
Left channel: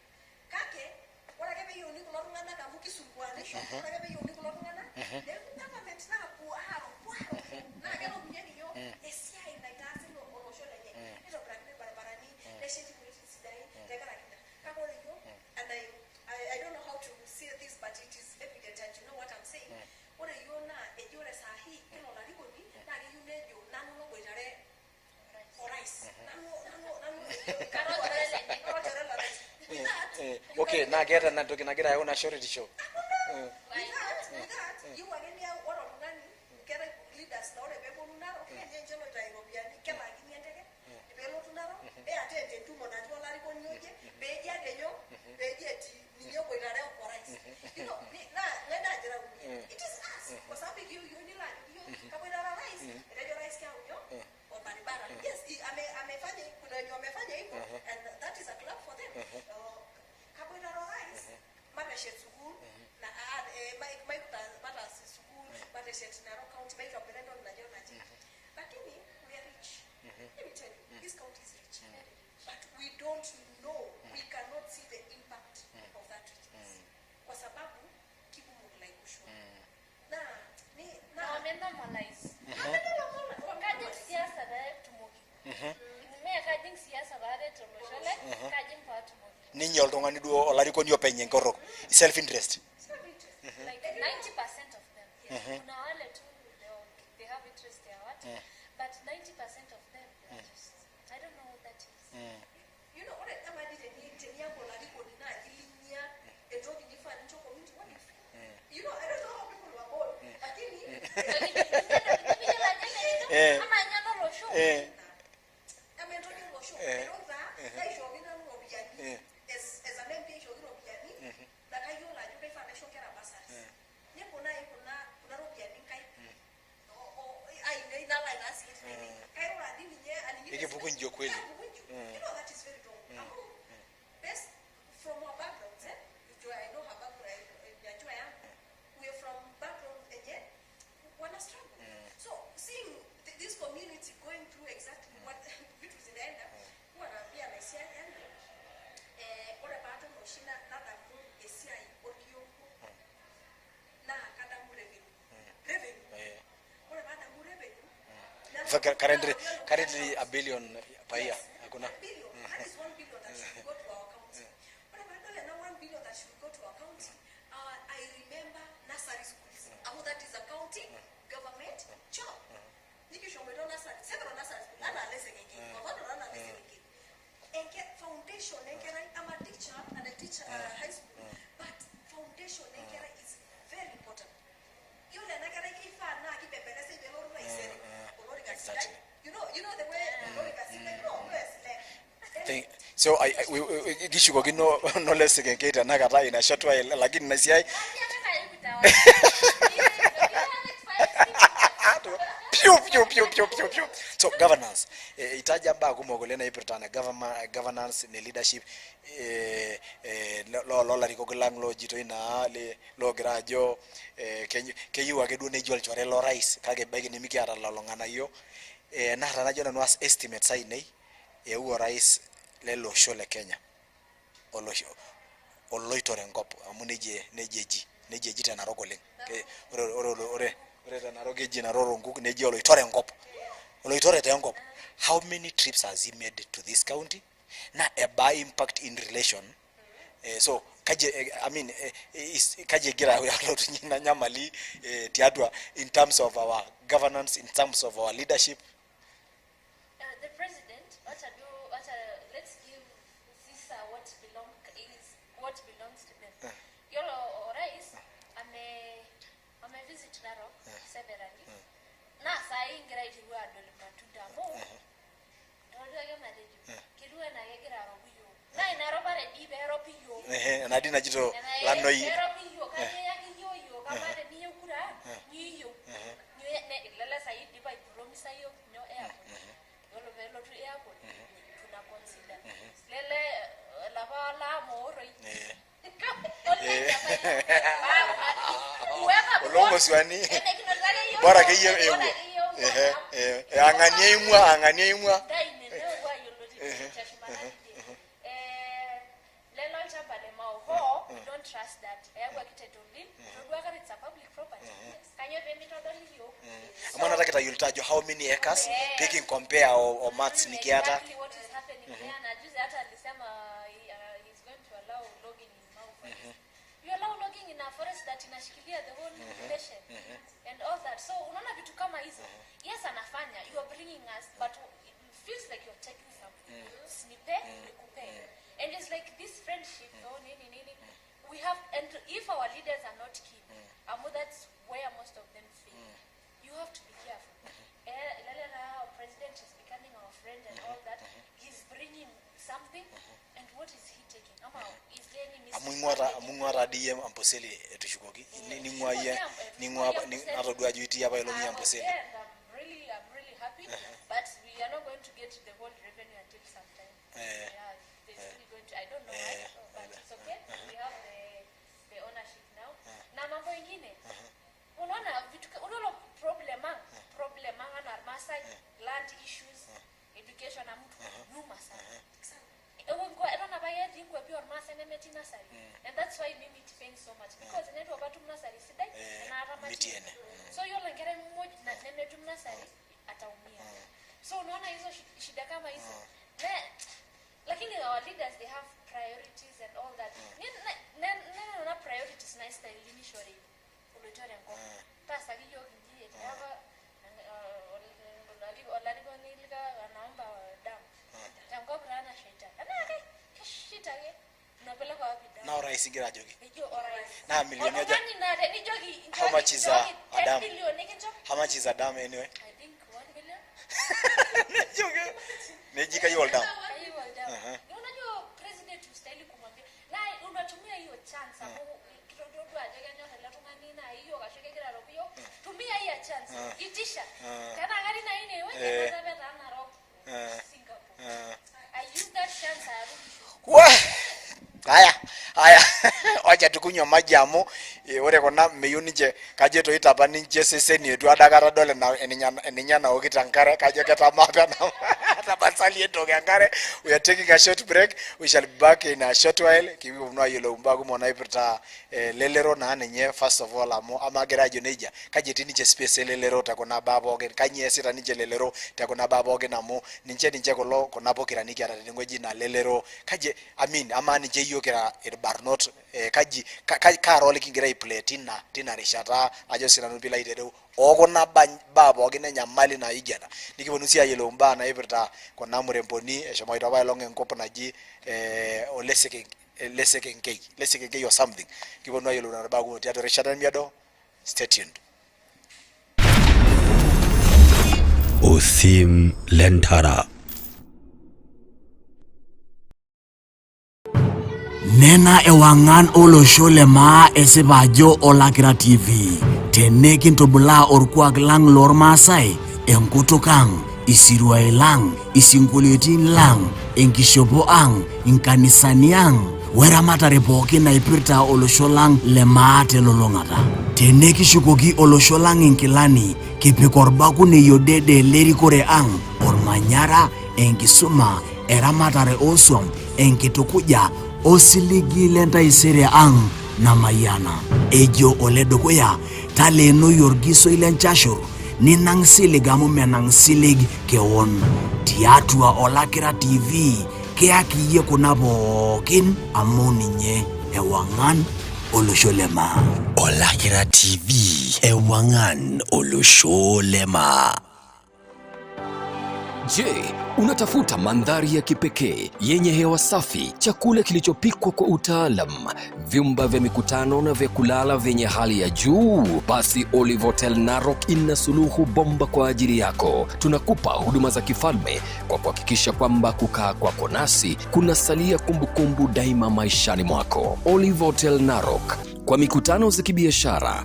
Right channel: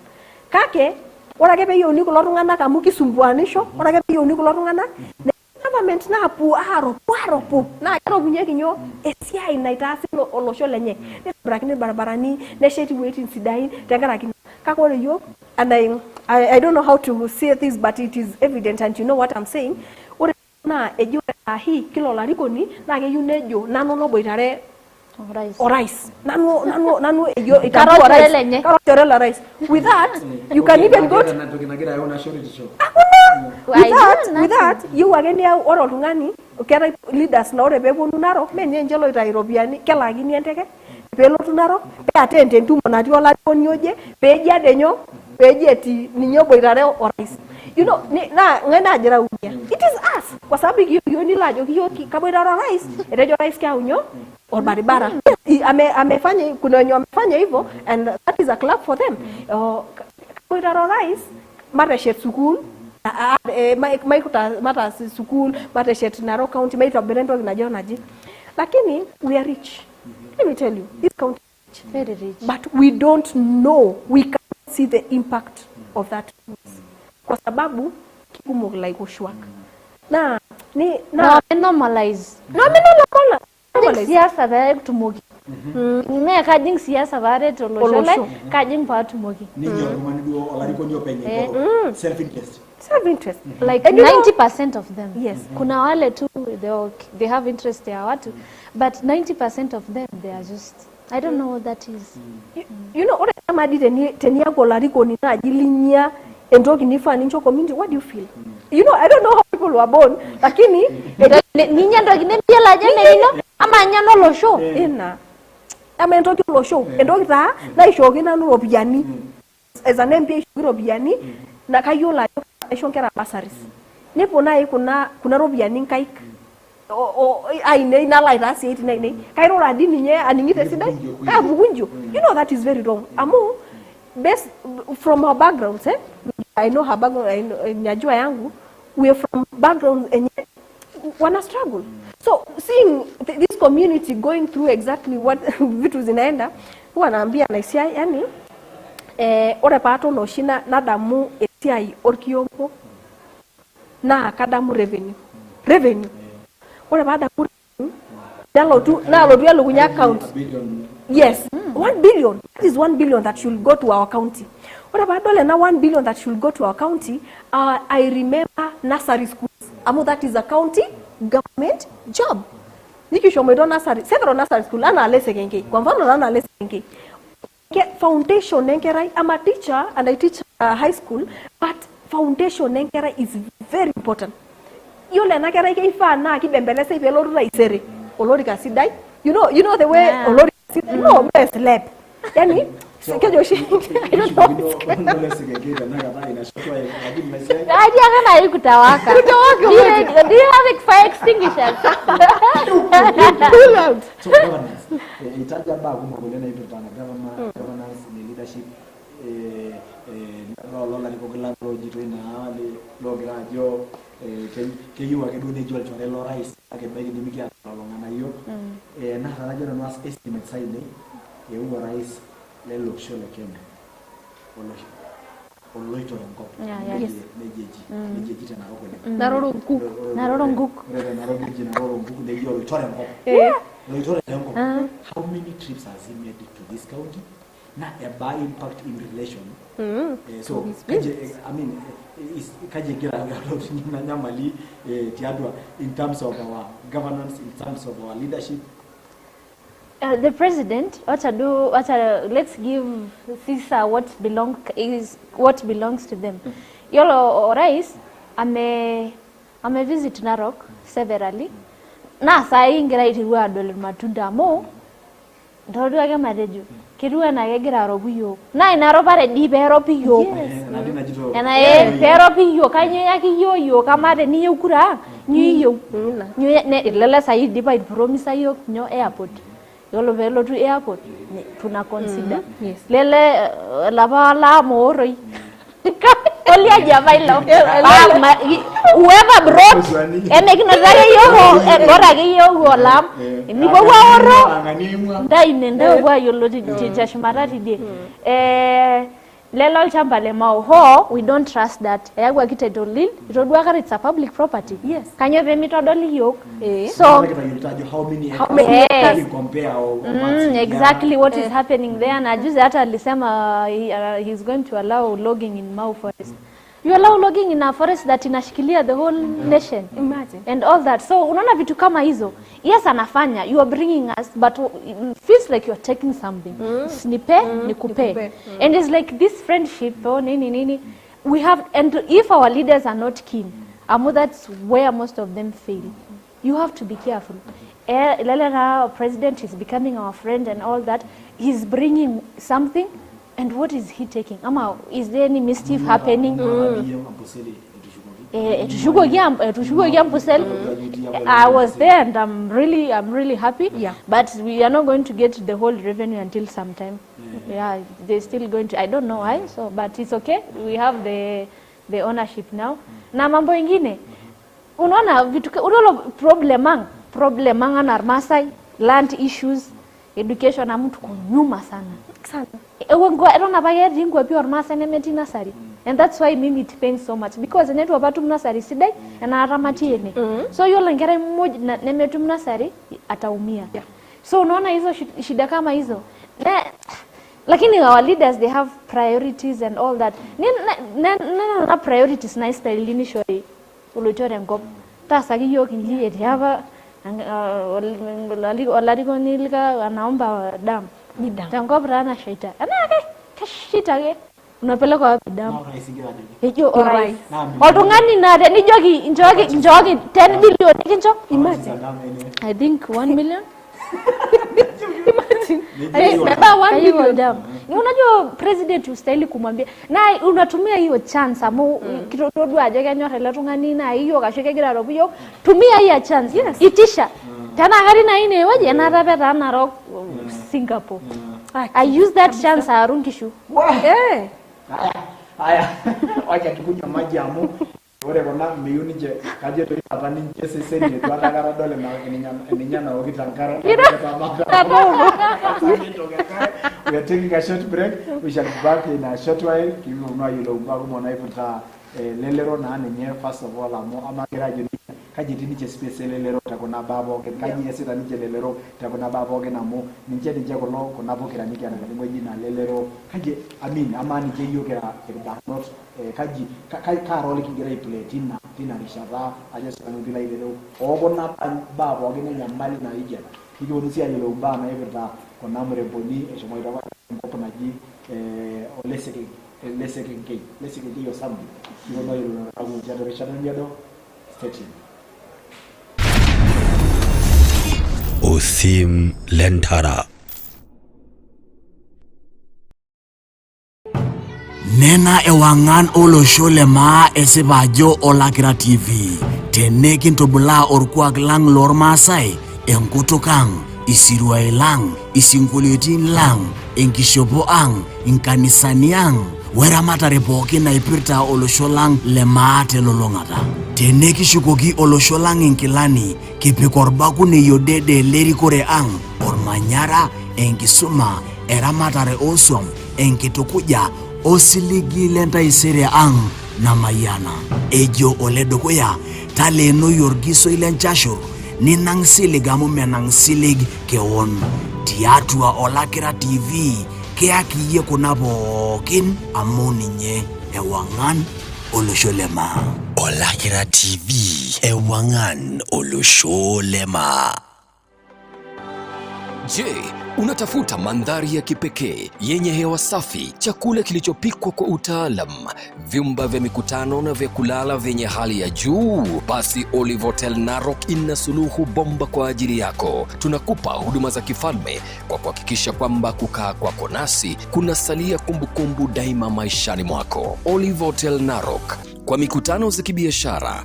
Kake ora ke be yo ni ko lorungana ka mu Kisumbuanisho ora ke be yo ni ko lorungana government na pu aropo na kero bunye kinyo esia inaitasi olosho lenye ne brakine barabarani ne sheti waiting sidain tengara kin kakore yo and I don't know how to say this but it is evident and you know what I'm saying ore na ejo sahi kilo lariko ni na ke yunejo nano no boitare rice nano ejo karotore rice with that you can even go with that you again ya oro tungani okera leaders na ore bebonu naro menye njelo itairobiani kelagini enteke pelotu naro pe attend ntumo nati ola konyoje peji adenyo peji eti ninyo boitare rice you know na ngena ajira unia it is us kwa sababu hiyo ni lajo hiyo kaboitare rice erejo rice kya unyo or baribara yes amefanya kuna wenye amefanya hivyo and that is a club for them kaboitare rice mara shet school mata school mata shet Narok County maitwa Berendo kinajona ji lakini we are rich. Let me tell you this county is rich. Very rich, but we don't know, we cannot see the impact of that kwa sababu kigumu like ushwaka na normalize siasa da kutumoki me kajing siasa bare to lojole kajing pa tumoki ninyo ngomani duo olariko nyo penye ngoro self interest like 90% of them. Yes, kuna wale tu they have interest ya watu but 90% of them they are just I don't know what that is. You know ore kama di tenia golariko ni najilinya endoki nifa nincho community what do you feel? You know I don't know how people were born lakini ninya ndoki nempia la jene ino ama nyano lo show ina ama endoki lo show endoki ta na ishoki na nurobiani as an MP ishoki robiani na kayola shonkera basaris nepo nai kuna robiani nkaik aine ina laita si 89 kairo radi ninye aningite sida bugunjo you know that is very wrong amu best from our backgrounds I know her background najua yangu we are from backgrounds and yet wana struggle so seeing this community going through exactly what vitu zinaenda huwa naambia naisia yani ore pato no shina nadamu esiai orkiompo na kadamu revenue ore bada revenue nalo tu yalugunya account yes 1 billion that is 1 billion that should go to our county ore bada na 1 billion that should go to our county I remember nursery schools amu that is a county government job nikishomedo nursery several nursery school ana lesekenke kwa mfano ana lesekenke foundation nenkerai I'm a teacher and I teach high school, but foundation enkera is very important. Yole na kera ifa na kibembeleze ife loru raisere. Olori kasidai. You know the way olori kasidai. No, best lab. Yani so kishuko no less geketa na kata ina shotwa lakini mesiai Aje kana ikutawaka. Do you have fire extinguishers? So governance itaja mba kumogolena ipirtana governance ne leadership lo la rikogla lo jito ina ali lo grajo kenyu wake dune jol chore lo rais kage bagi ni miki ara lo ngana yo na rajo na was estimate sai nei huo rais lelo shole Kenya oloitore ngop nejeji tena rogole Naroro nguk neje oloitore ngop oloitore tena ngop. How many trips has he made to this county na a by impact in relation so kaje I mean is kaje gira ya lot nyina nyamali tiadwa in terms of our governance, in terms of our leadership. The president let's give Caesar what belongs to them. Yolo rais ame visit Narok severally. Na sai ngira itiwa dole matunda mo. Ndodo age mareju. Kirua na gegira robuyo. Na inaro pare di pero piyo. Na dina jito. Na pero piyo kanyo yaki yo kamade ni yukura. Ni yo. Ni ne lele sai di by promise yo nyo airport. Yolo velo to airport tuna consider lele la moroi olia jamailo whoever brought eneknotake yogo gorake yogo lam niko waoro dai nenda wa yolo tijashmara tide lelo chamba le ho we don't trust that yagwa kitedolil itodwa kare it's a public property. Yes, kanyo be mitodoli yok so how many acres can you compare or exactly what is happening there. Na juzi hata alisema he's going to allow logging in Mau forest. You allow logging in a forest that inashikilia the whole nation. Imagine. And all that. So unaona vitu kama hizo. Yes, anafanya. You are bringing us, but it feels like you are taking something. Nipe, nikupe. And it's like this friendship, nini. We have, and if our leaders are not keen, that's where most of them fail. You have to be careful. Our president is becoming our friend and all that. He's bringing something. And what is he taking? Is there any mischief happening? I was there and I'm really happy. Yeah. But we are not going to get the whole revenue until sometime. Yeah, they're still going to. I don't know why. So, but it's okay. We have the ownership now. Na mambo ingine. Unaona vitu problemanga na Masai, land issues, education na mtu kunyuma sana. And that's why mimi it pains so much because the network batu mnasari sidai na aramatieni. So yule ngere mmoja nemetu mnasari ataumia. So unaona hizo shida kama hizo. Lakini our leaders they have priorities and all that. Na priorities na style initially ulochore ngop. Tasa kiyo kinji etihava olariko nilika anaomba damu. Tango brana shaita. Anake kashita ke. Unapeleka wapi damu? Hiyo alright. Otungani na ni jogi 10 billion kincho. I think 1 million. Baba 1 million damu. Unajua president ustahili kumwambia na unatumia hiyo chance amu kitoto aje kanyo hela tungani na hiyo kashike gira robuyo. Tumia hiyo chance. Yes. Itisha. Tana gari na ine waje na rabeta na rock Singapore. I use that chance arungishu. Aya wacha tukunywa maji amu ore bona meyunije kaje to itaba ninje seseni yetu adagara dole na eninyana ogitankare kaje tamaka basani to gakare. We are taking a short break. We shall be back in a short while. Kibi unwa yelo mbago mona ipita lelero na nenye first of all amu amakera joneja kaje tinije space lelero takona babo gen kanye sita nije lelero takona babo gen amu ninje kolo kona bokira nikia na ngweji na lelero kaje ama nije yokera not kaji karole kingira play tina rishata ajo sira nubila ilero ogona babo gen nyamali na igena nikibonusia yelo mba na ipita kona muremboni eshomoita wa longe nkopo naji oleseke lesekenkei or something. You know you learn about the Richard and Miado. Stay tuned. OSIM LENTARA. Nena ewangan olosho lema esibajo olakira TV. Tenekin tobula orkuak lang lor Masai. Enkutukang, isirwae lang, isingoliotin lang, enkishopo ang, inkanisani ang. Weramatare pookin naipirta olosho lang lema telolongata. Tenekishukoki olosho lang inkilani, kipikorbaku neyodede lerikore ang, ormanyara, enkisuma, eramatare osom, enkitukuja, osiligi lentaisere ang, namayana. Ejo oledokoya, taleno yorgiso ilenchashur, ninang silig amu menang silig keon. Tiatua Olakira TV, keaki ye kunabokin amoninye ewangan olosholema. Olakira TV, ewangan olosholema. Je, unatafuta mandhari ya kipekee yenye hewa safi, chakula kilichopikwa kwa utaalam, vyumba vya mikutano na vya kulala vyenye hali ya juu? Basi Olive Hotel Narok ina suluhu bomba kwa ajili yako. Tunakupa huduma za kifalme kwa kuhakikisha kwamba kukaa kwako nasi kunasalia kumbukumbu daima maishani mwako. Olive Hotel Narok, kwa mikutano za kibiashara,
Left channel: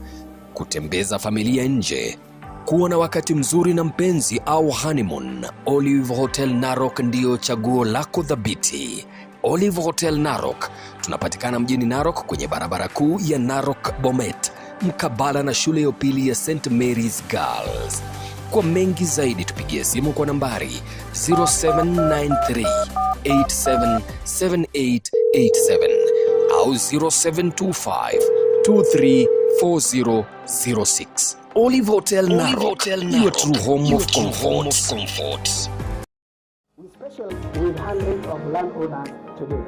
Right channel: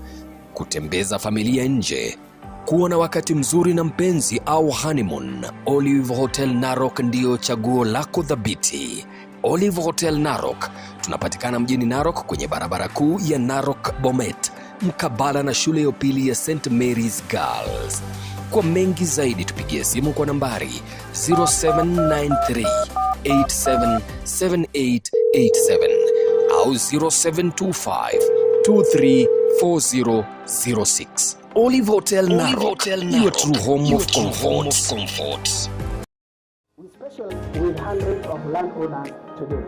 kutembeza familia nje, kuwa na wakati mzuri na mpenzi au honeymoon, Olive Hotel Narok ndio chaguo lako thabiti. Olive Hotel Narok, tunapatikana mjini Narok kwenye barabara kuu ya Narok Bomet, mkabala na shule ya upili ya St. Mary's Girls. Kwa mengi zaidi tupigie simu kwa nambari 0793-877887 au 0725-234006. Olive Hotel Narok, your true home of comfort. We special with hundreds of landowners today.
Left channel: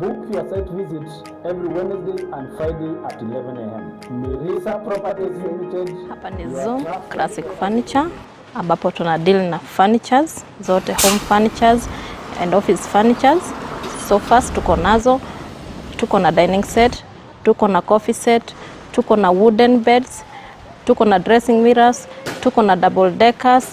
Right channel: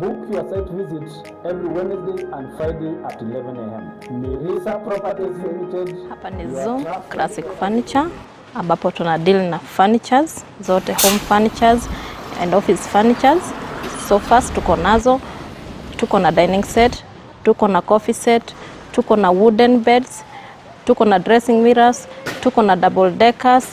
Book your site visit every Wednesday and Friday at 11 a.m. Mirisa Properties Limited. Hapa ni Zoom Classic Furniture ambapo tuna deal na furnitures zote, home furnitures and office furnitures. So first tuko nazo, tuko na dining set, tuko na coffee set, tuko na wooden beds, tuko na dressing mirrors, tuko na double deckers,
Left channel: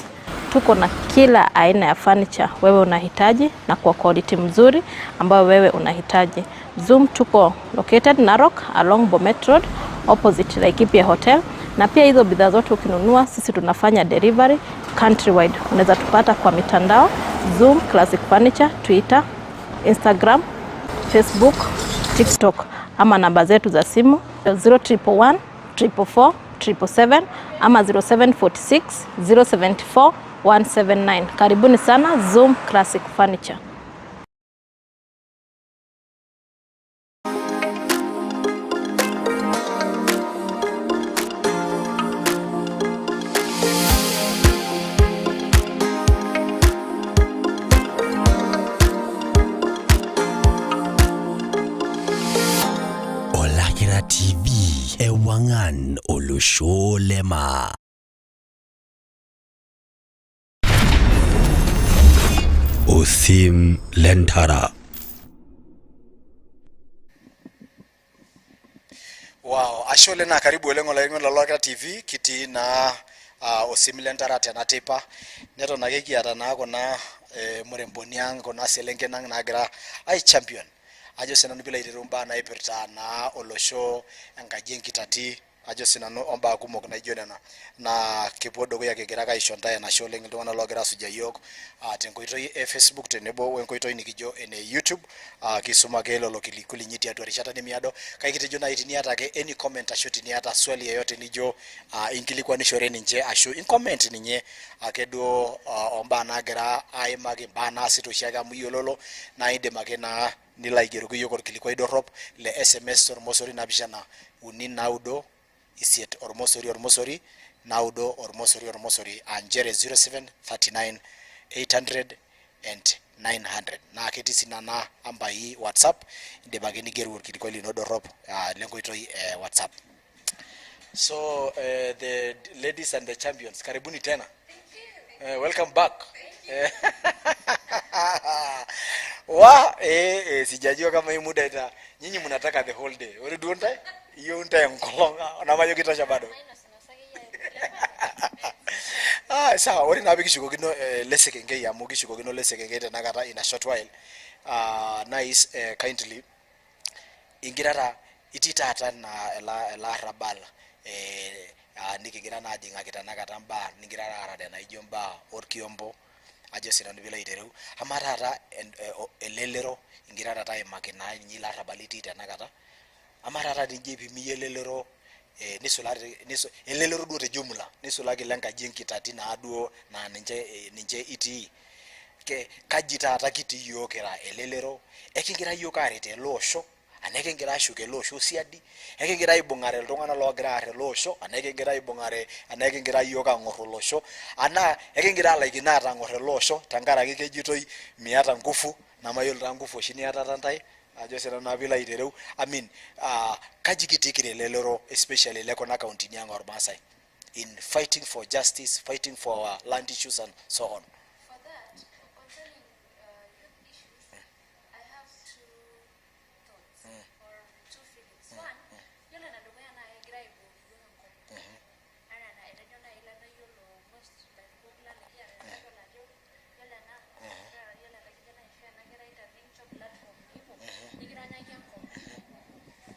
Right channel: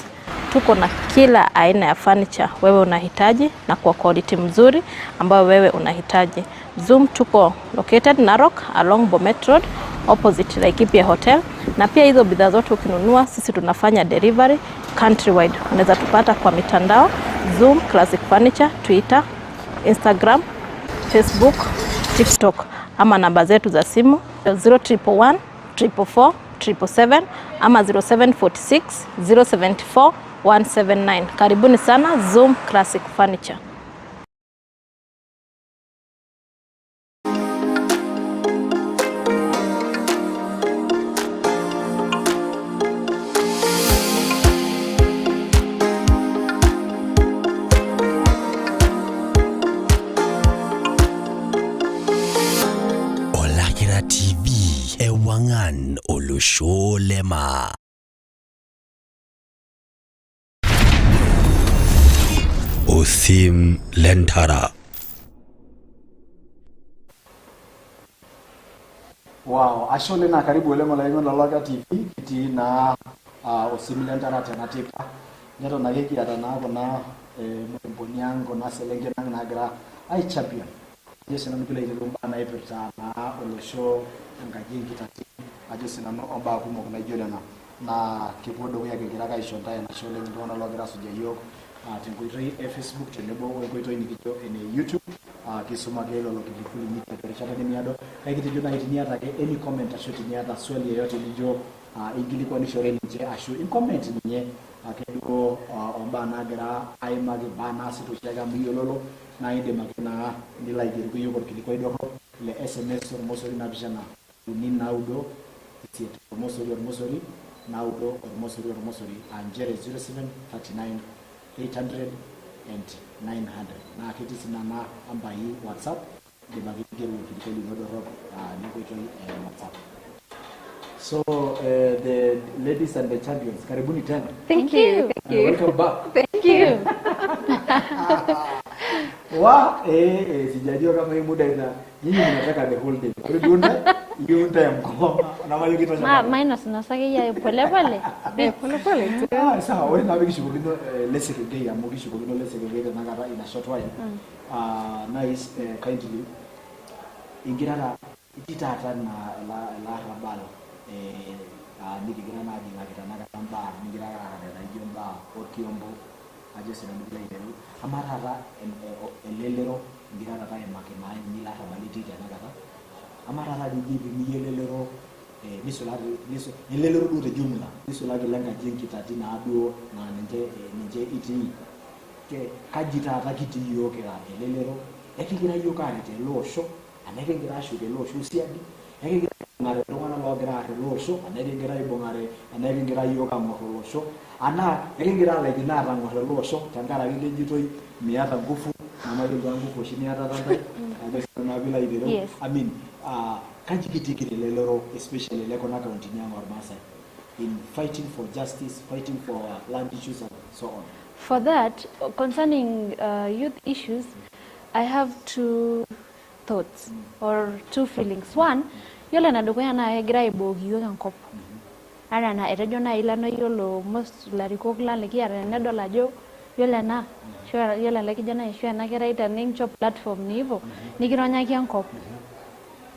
tuko na kila aina ya furniture wewe unahitaji na kwa quality mzuri ambayo wewe unahitaji. Zoom tuko located Narok along Bomet Road opposite Laikipia Hotel, na pia hizo bidhaa zote ukinunua sisi tunafanya delivery countrywide. Unaweza tupata kwa mitandao Zoom Classic Furniture, Twitter, Instagram, Facebook, TikTok, ama namba zetu za simu 0111 444 777 ama 0746 074 179. Karibuni sana Zoom Classic Furniture. Olakira TV, ewangan olosholema. OSIM LENTARA. Wow, ashole na karibu lemo la imo Olakira TV kiti na OSIM LENTARA tena tipa. Neto na yeki atana kona muremboniang kona selenge nang nagra ai champion. Ajo senano bila irumba na ipirta na olosho ngajengi tati ajo senano omba kumok na jodana na kipodo ya kegiraka ishonta na shole ndo na logira suja yok tengoito Facebook tenebo wengoito nikijo ene YouTube kisuma gelo lokili nyiti atu rishata ni miado kaikiti jona itini atake any comment ashoti ni ata swali yoyote lijo ingili kwa nishore nje asho in comment ninye akedo omba nagira ai magi bana situshaga muyololo na inde magena ni like ruko yoko kilikwa idorop le SMS ormosori na bishana uni naudo isiet ormosori naudo ormosori anjere 0739 800 and 900 na akiti sinana amba hii WhatsApp de bagini geru kilikwa lidorop lengo ito WhatsApp. So the ladies and the champions, karibuni tena. Thank you. Welcome back. Thank you. Sijajua kama hii muda nyinyi mnataka the whole day. Wale tuunda hiyo time ngoma na mayo kita shamba. Minus nasake ya pole pole. Pole pole. Sawa, wale na bigi shugino lese kenge ya mugi shugino lese kenge tena kata in a short while. Nice kindly ingirara itita hata na la rabala nikigira na jinga kitana katamba ningirara karade na ijumba orkiombo ajesina nibila iteru amarara elelero ingirara tai makina nyila rabaliti tana kata amarara dijibi miyelelero niso elelero dure jumla niso lage langa jenki tatina aduo na ninje iti ke kajita hata kiti yokera elelero ekigira yokarite losho aneke ngira shuke losho siadi eke ngira ibongare tongana lo gra losho aneke ngira ibongare aneke ngira yoga moro losho ana eke ngira like na ta moro losho tangara ke jitoi miata ngufu na mayo ngufu shini hata tantai ajo sera na vila idero I mean kajikitikire lelero especially leko na county nyanga or Masai in fighting for justice, fighting for land issues and so on. For that, concerning youth issues, I have two thoughts or two feelings. One, yole na dukwaya na egira ibogi yoga nkop. Ara na erejo na ilano yolo most lariko kla leki ara na dola jo yole na sure yole leki jana sure na kira ita ningcho platform ni hivyo nikironya kia nkop.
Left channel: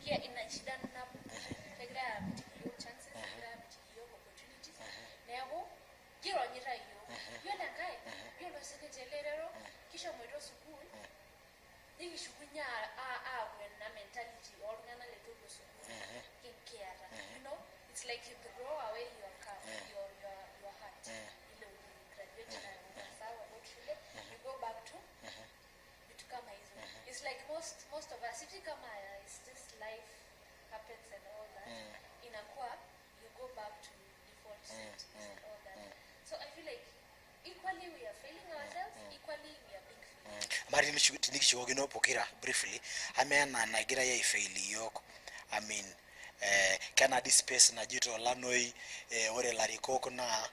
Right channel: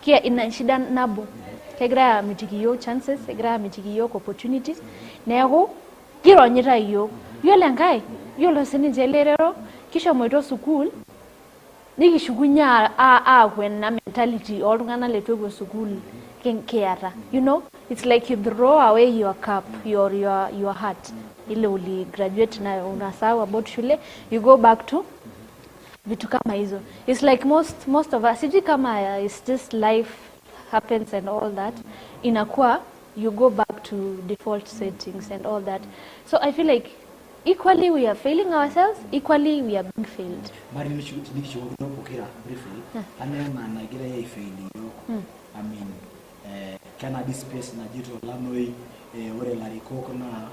Kia ina shida nabo. Kegira michikiyo chances, kegira michikiyo opportunities. Nego kironyita iyo. Yole ngai yolo sininje lerero kisha mwito school nikishugunya when na mentality or ngana letwe school keara. You know, it's like you throw away your cup, your heart. Ile uli graduate na unasahau about shule, you go back to vitu kama hizo. It's like most of us, siji kama it's just life happens and all that, inakuwa you go back to default settings and all that. So I feel like equally we are failing ourselves, equally we are being failed. Mari nishughulika pokera briefly. Amena na gira ya faili yoko. I mean kana this space na jito LANOI ore lariko kuna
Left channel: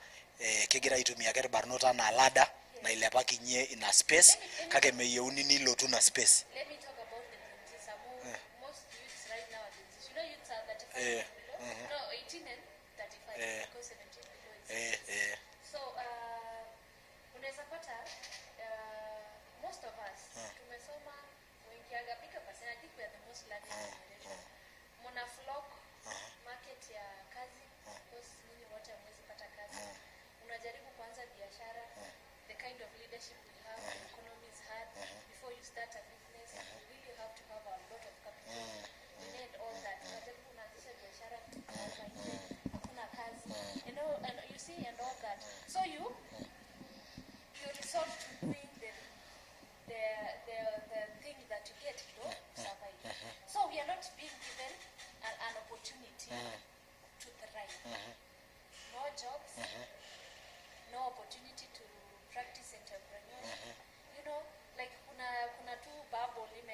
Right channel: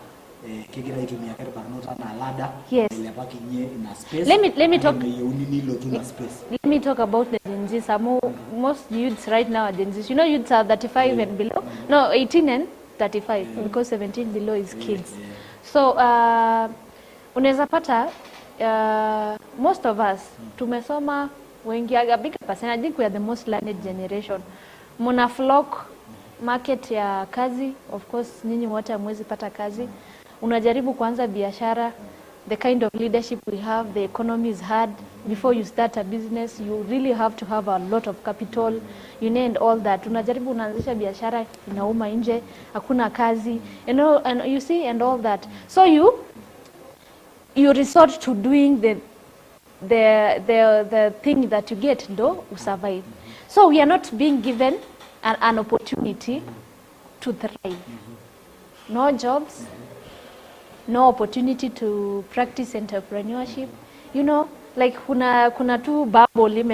kegira itumia kare barnota na lada ile baki nye in a space. Let me talk. Space. Let me talk about the Gen Z. Most youths right now are Gen Z. You know, youths are 35 and below. No, 18 and 35 because 17 below is kids. So unaweza pata most of us tumesoma wengi, a big percentage. I think we are the most learned generation. Muna flock market ya kazi, of course nyinyi wote hamwezi pata kazi. Unajaribu kuanza biashara, the kind of leadership we have, the economy is hard. Before you start a business, you really have to have a lot of capital, you need all that. Unajaribu unaanzisha biashara, inauma nje, hakuna kazi, and you see, and all that. So you resort to doing the thing that you get, though, to survive. So we are not being given an opportunity to thrive. No jobs, no opportunity to practice entrepreneurship. You know, like kuna tu bubble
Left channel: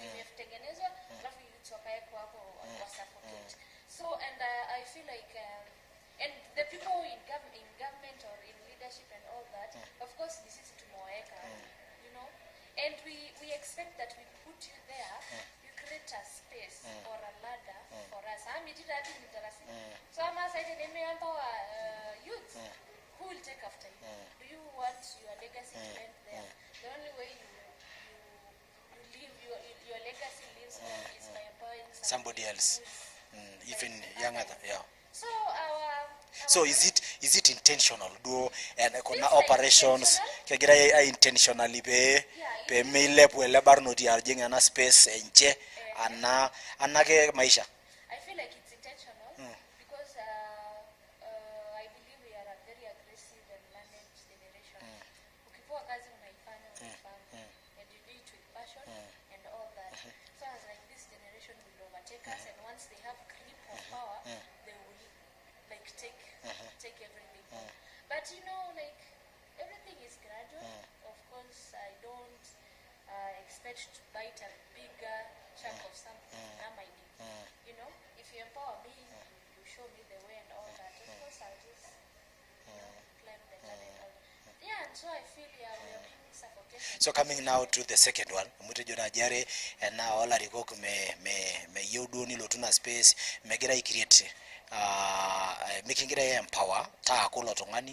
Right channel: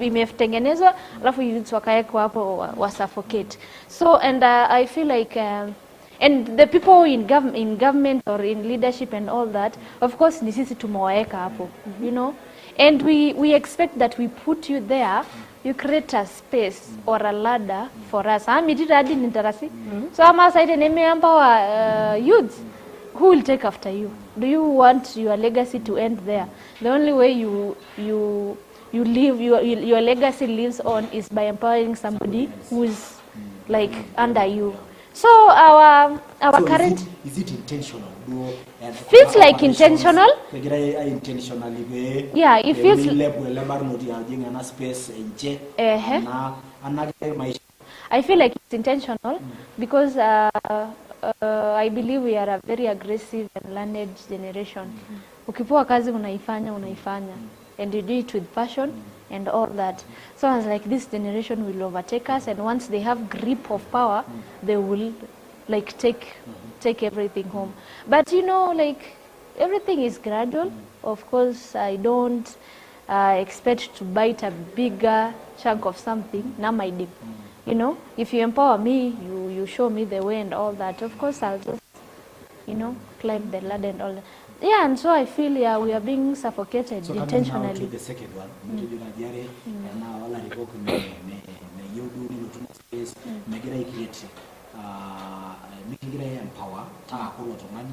imetengenezwa alafu youths wakaekwa hapo wa suffocate. So and I feel like and the people in government or in leadership and all that, of course ni sisi tumewaeka hapo, you know, and we expect that we put you there, you create a space or a ladder for us. So I'm aside empower youths. Who will take after you? Do you want your legacy to end there? The only way you live your legacy lives on is by empowering somebody who is like under you. Yeah. So our so current is it intentional? feels like intentional. Intentionally be. Yeah, it feels. Space enche. Anake maisha. I feel like it's intentional because I believe we are a very aggressive and learned generation. Ukipewa kazi unaifanya, and you do it with passion and all that. So I was like, this generation will overtake us, and once they have grip of power, they will like take everything home. But you know, like everything is gradual. Of course, I don't expect to bite a bigger chunk of something. Now my deep. you know, if you empower me, you show me the way and all that, of course I'll just, you know, climb the ladder and all that. Yeah, and so I feel, yeah, we are being suffocated. So coming now to the second one, Mutejona Jare, and now all I revoke me you do need to space, make it create, making it empower, ta kulo tongani,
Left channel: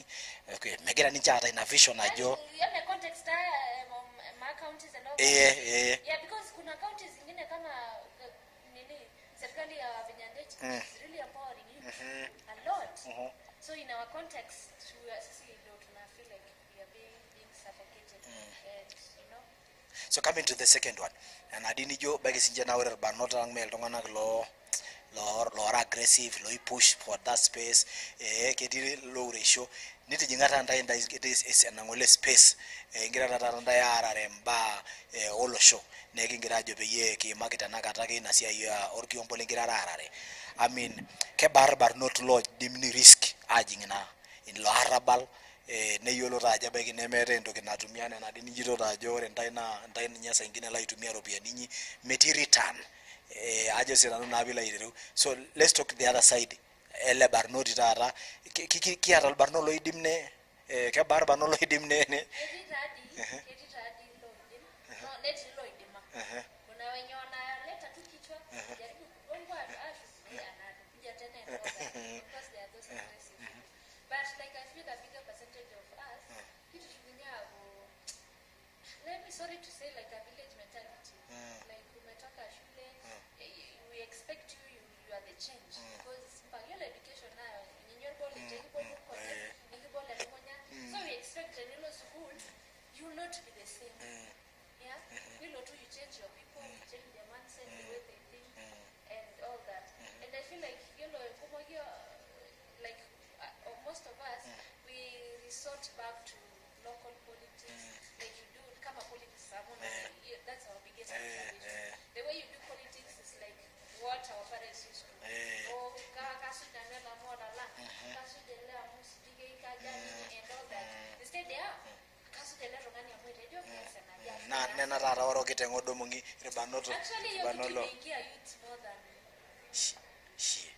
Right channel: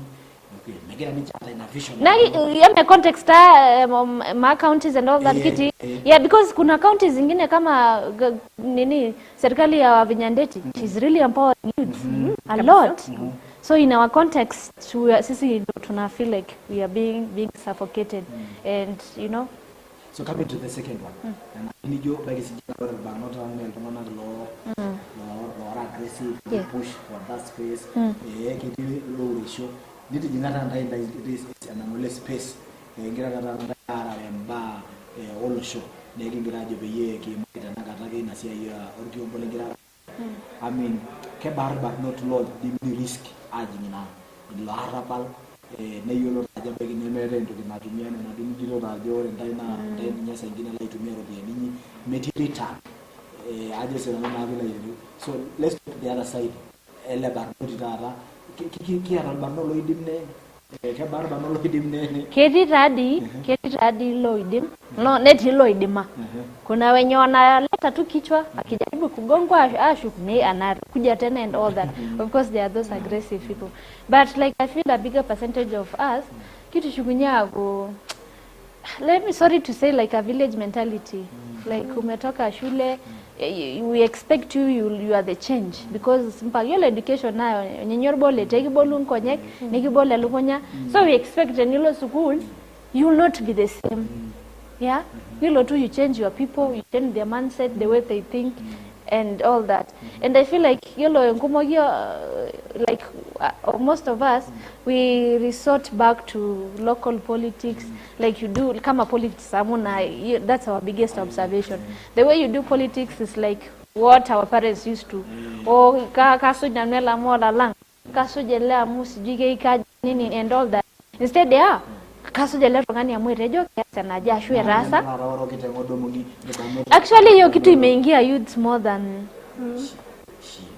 okay, make it a ninja in a vision. Now, yeah, context, my counties and all that city. Yeah, because kuna counties zingine kama nini serikali ya Vinyandeti is really empowering youth a lot. So in our context, sisi tuna feel like we are being suffocated, and you know. So coming to the second one, and I didn't know by this general, but not a law aggressive, law push for that space, get low ratio. Knitting that is an anomalous space, a greater than and bar all show. They can graduate ye market and again as you are or Kiompoligrare. I mean, Kebar but not law dimini risk aging in law rabal. Ne yolo raja bagi ne mere ndo kina tumia na dini jiro rajo and daina nyasa ingine la itumia ropia dini meti return aje sena na vila yiru. So let's talk the other side. Ele barno ditara ki aral barno lo idimne ke bar barno lo idimne kedi radi lo idim no neti lo idima. Kuna wenye wanaleta tu kichwa akijaribu kugongwa ashu ne anakuja tena and all that. Of course there are those aggressive people, but like I feel a bigger percentage of us kitu shugunya go, let me sorry to say, like a village mentality. Like umetoka shule, we expect you are the change, because mpagyo education nayo nyenyorbole tekibolun konyek nikibole lukonya. So we expect in your schools you will not be the same. Yeah, you change your people, you change their mindset, the way they think, and all that. And I feel like like most of us, we resort back to local politics, like you do kama politics. That's our biggest observation. The way you do politics is like what our parents used to. Oh, kaso janela mola lang, kaso jela musijige ikaji nini and all that. Instead, yeah. Actually, hiyo kitu imeingia youth more than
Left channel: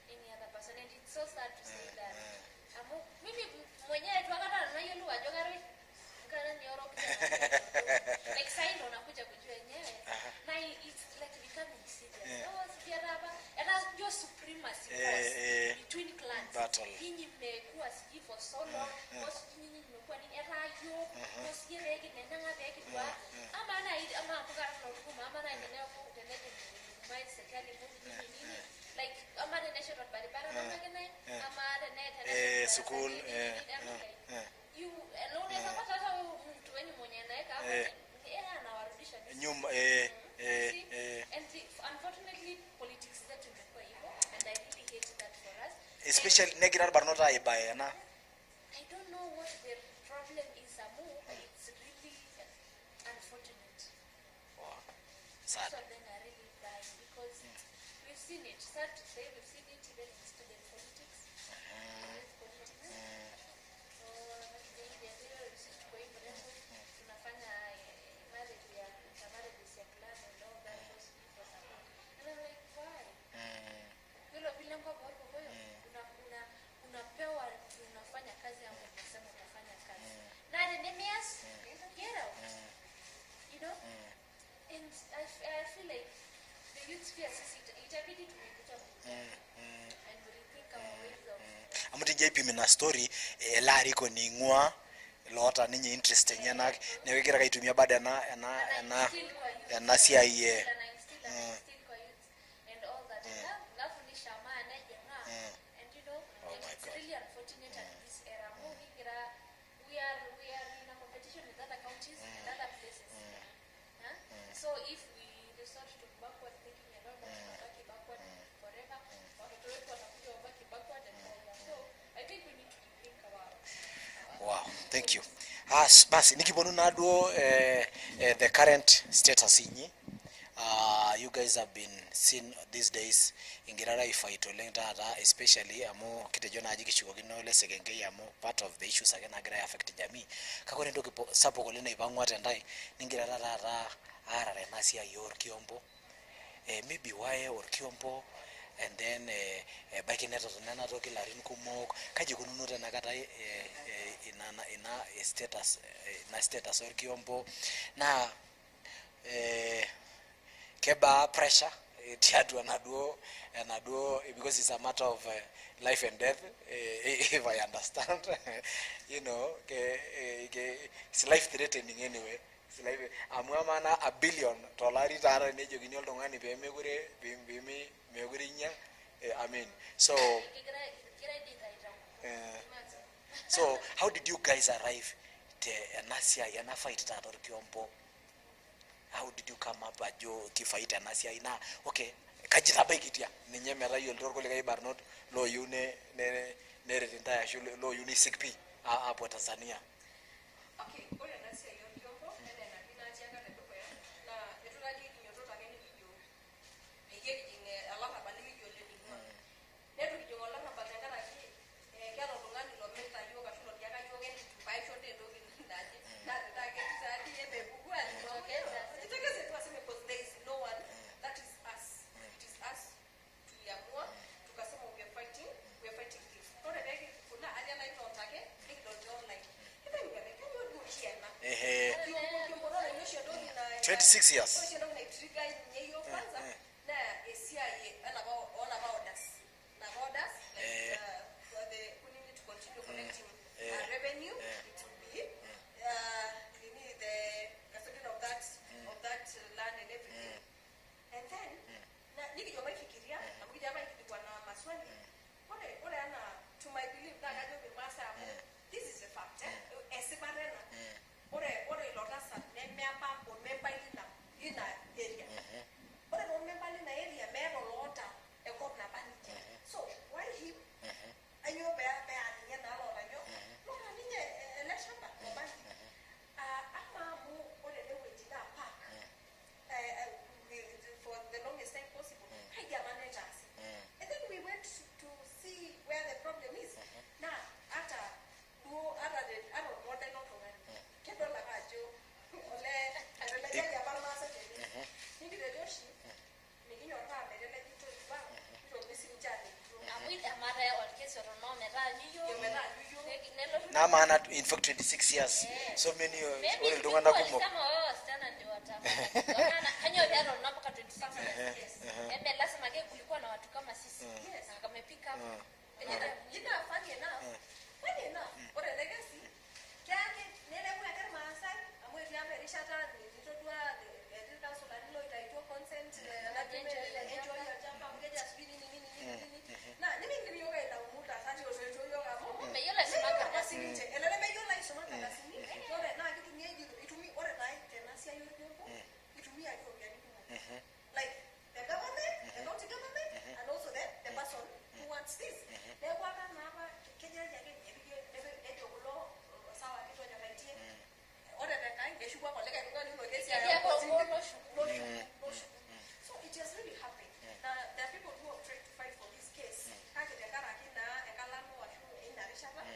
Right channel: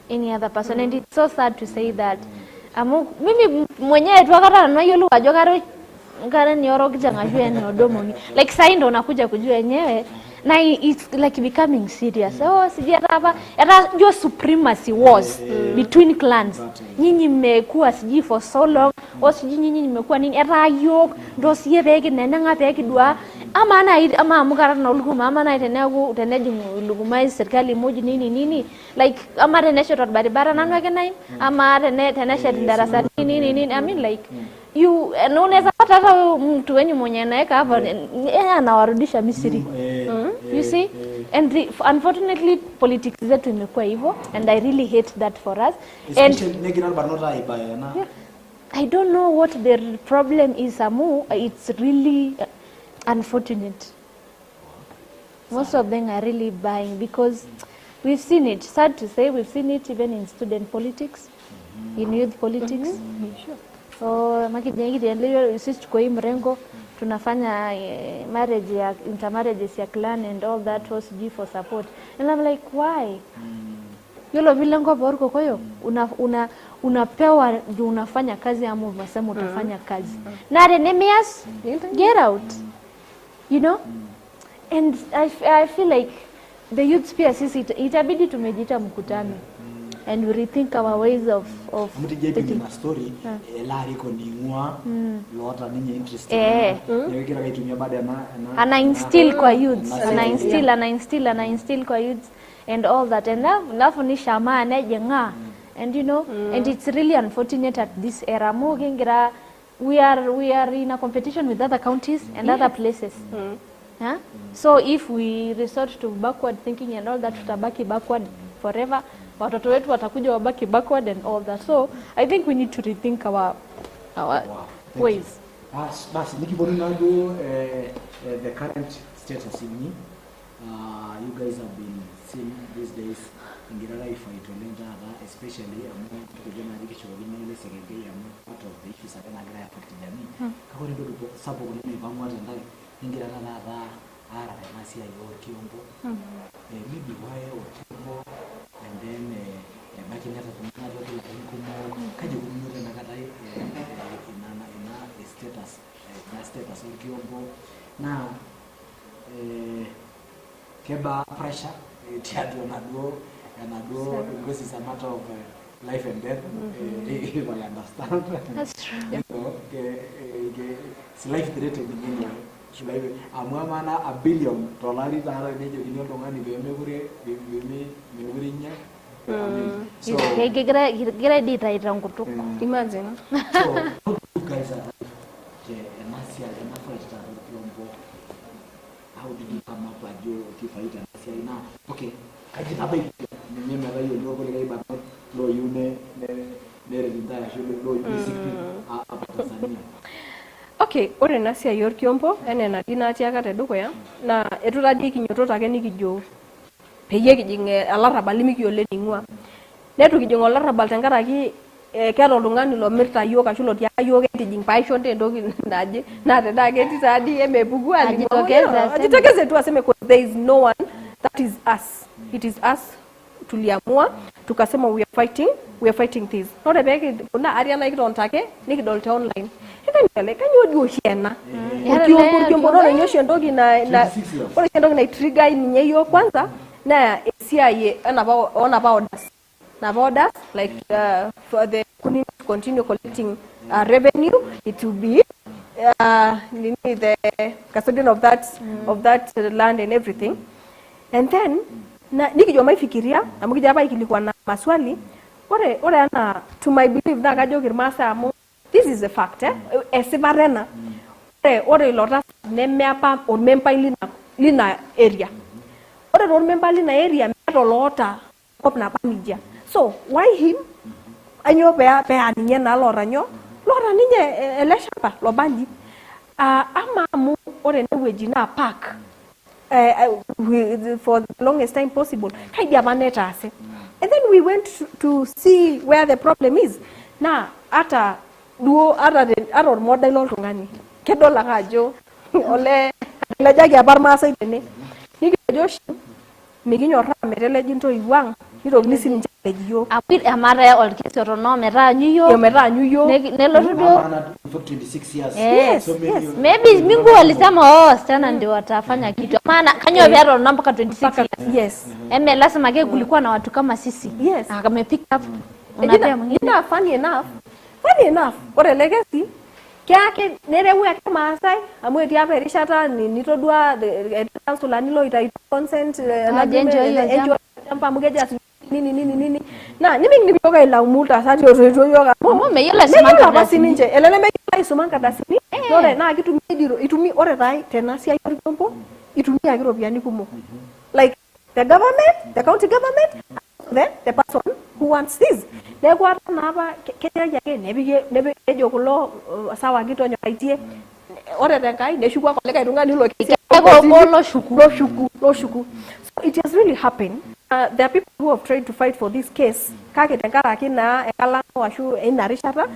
any other person, and it's so sad to say that. Mimi mwenyewe tu akata na hiyo lugha jogaro ngare ni oro kijanga jua ni odomo, like sai ndo nakuja kujua yenyewe, na it's like becoming serious. So sijia hapa era your supremacy was between clans. Nyinyi mmekuwa siji for so long, o siji nyinyi mmekuwa nini era yo ndo sie bege nena ngapeke dua ama amukara na uluguma ama na itenego teneji uluguma serikali moja nini like ama tenesho barabara nanga kenai ama tenesho darasa nini. I mean like you unaweza pata hata mtu wenye mwenye anaweka hapa anawarudisha Misri. You see, and unfortunately politics zetu imekuwa hivyo, and I really hate that for us. Especially negative but not yeah, I don't know what the problem is, Amu. It's really unfortunate. Most of them are really buying because we've seen it. Sad to say, we've seen it even in student politics, in youth politics. Sure. So sisi kwa hii mrengo tunafanya marriage ya intermarriages ya clan and all that was for support, and I'm like, why? Yolo vilengo borko koyo unapewa ndio unafanya kazi ama unasema utafanya kazi na enemias get out, you know. And I feel like the youth sphere sisi itabidi tumejita mkutano and we rethink our ways of mtijempi mina story lari ko ningwa lota ninyi interested yewekera kaitumia baada ana instill kwa youth, ana instill kwa youth and all that, and lafu ni shama na jenga, and you know, and it's really unfortunate at this era. We are in a competition with other counties and other places. Yeah? So if we resort to backward thinking and all that, tutabaki backward forever. Watoto wetu watakuja wabaki backward and all that. So I think we need to rethink our thank ways. You. Basi nikibonunado the current status inyi, you guys have been seen these days ingirara ifaitolengata, especially amo kitejona ajikishuguli no ile segenge amo part of the issues again agra affect jamii kako ndo kipo sapo kolena ibamwa tendai ningirara ara nasia yor kiombo maybe why or kiombo and then back in NAADOKILA inkumo kaji kumuta nakata ina status orkiombo na keba pressure tiatu naduo because it's a matter of life and death. If I understand, you know, it's life threatening anyway. Amana $1 billion tara nejo kinyo tongani be megurinya. I mean, so imagine. So how did you guys arrive to Nasia yana fight tara kiombo? How did you come up and you fight Nasia ina? Okay, kajita baikitia. Ninyemela hiyo ndio kwa ile bado lo yune nere ritaya shule lo yune sikpi hapo Tanzania. Okay, ore Nasia yorkiombo ene na dina tiaka tedukuya na etuladi kinyoto take nikijo peyie kijinge alarabal mikiole ningua. Netu kijingo alarabal tenkaraki keeta oltung'ani lomirta yiok ashu lotiaka yiok entijing paisho entoki naje na teda keti tadi emepuku ajitokeze tu aseme there is no one that is us. It is us. Tuliamua tukasema we are fighting this. Ore peke kuna ariana ikitontake nikidol te online. Ikanyele kanyo hiena. Ukiombo ndo nyoshi ndogi na ore ndogi na trigger ninye hiyo kwanza na CIA on about us. About us like for the to continue collecting revenue, it will be the custodian of that land and everything. And then na nikijua maifikiria na mkija hapa ikilikuwa na maswali ore ana to my belief na kajo kirmasa amu this is a fact esibarena ore lotas nemeapa or member lina area ore or member lina area meto lota kop na panija so why him anyo pe aninye na lora ninye eleshapa lobanji ama amu ore neweji na park for the longest time possible. And then we went to see where the problem is. Now, ata model tungani. Kedola kajo ole lejagi abarmasa itene. Nikijoshi miginyo ramerele jinto iwang. Nito nisi njale jiyo. Apit amara olkesoro no mera nyuyo. Yo mera nyuyo. Nelo in for 26 years. Yes, so yes. Maybe mingu walisema sana ndio watafanya kitu. Maana kanyo vyaro na mpaka 26 years. Yes. Eme lazima kulikuwa na watu kama sisi. Yes. Akame pick up. Unapea mwingine. Funny enough. Ore legacy kyake nerewu ya kama asai amwe tiapa erishata nitodua council nilo itaito consent na enjoy jampa mugeja nini na nyimi nibioga ila umulta sati ozo yoga momo meyela simanga basi ninje elele meyela simanga dasini ore na kitu mediro itumi ore rai tena sia yorompo itumia kirobiani kumo like the government, the county government, and the person who wants this. Nego ata na hapa keja yake nebe ejo kulo sawa kitu onyo kaitie ore tenkai neshukwa koleka irungani lo kesi lo shuku. So it has really happened. There are people who have tried to fight for this case. Kake tenkaraki na ekala washu inarishata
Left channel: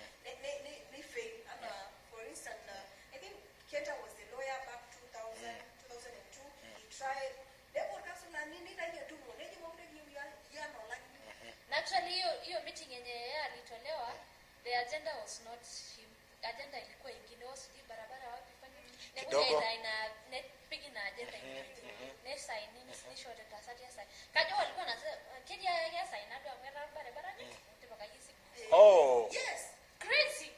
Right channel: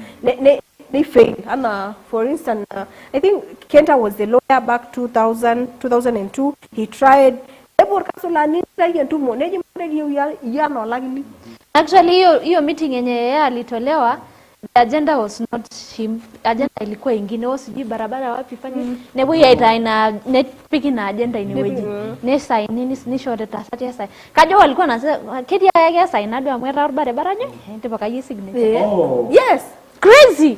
they failed. And for instance, I think Kenta was the lawyer back 2002. He tried. Actually, hiyo meeting yenye alitolewa, the agenda was not him. Agenda ilikuwa ingine, sijui barabara wapi fanya. Nebo ya itaina net piki na agenda iniweji. Ne sign ni short tasati sign. Kajo walikuwa na kedi ya sign ndio amwera barabara nye. Ndio pakaji signature. Oh. Yes, crazy.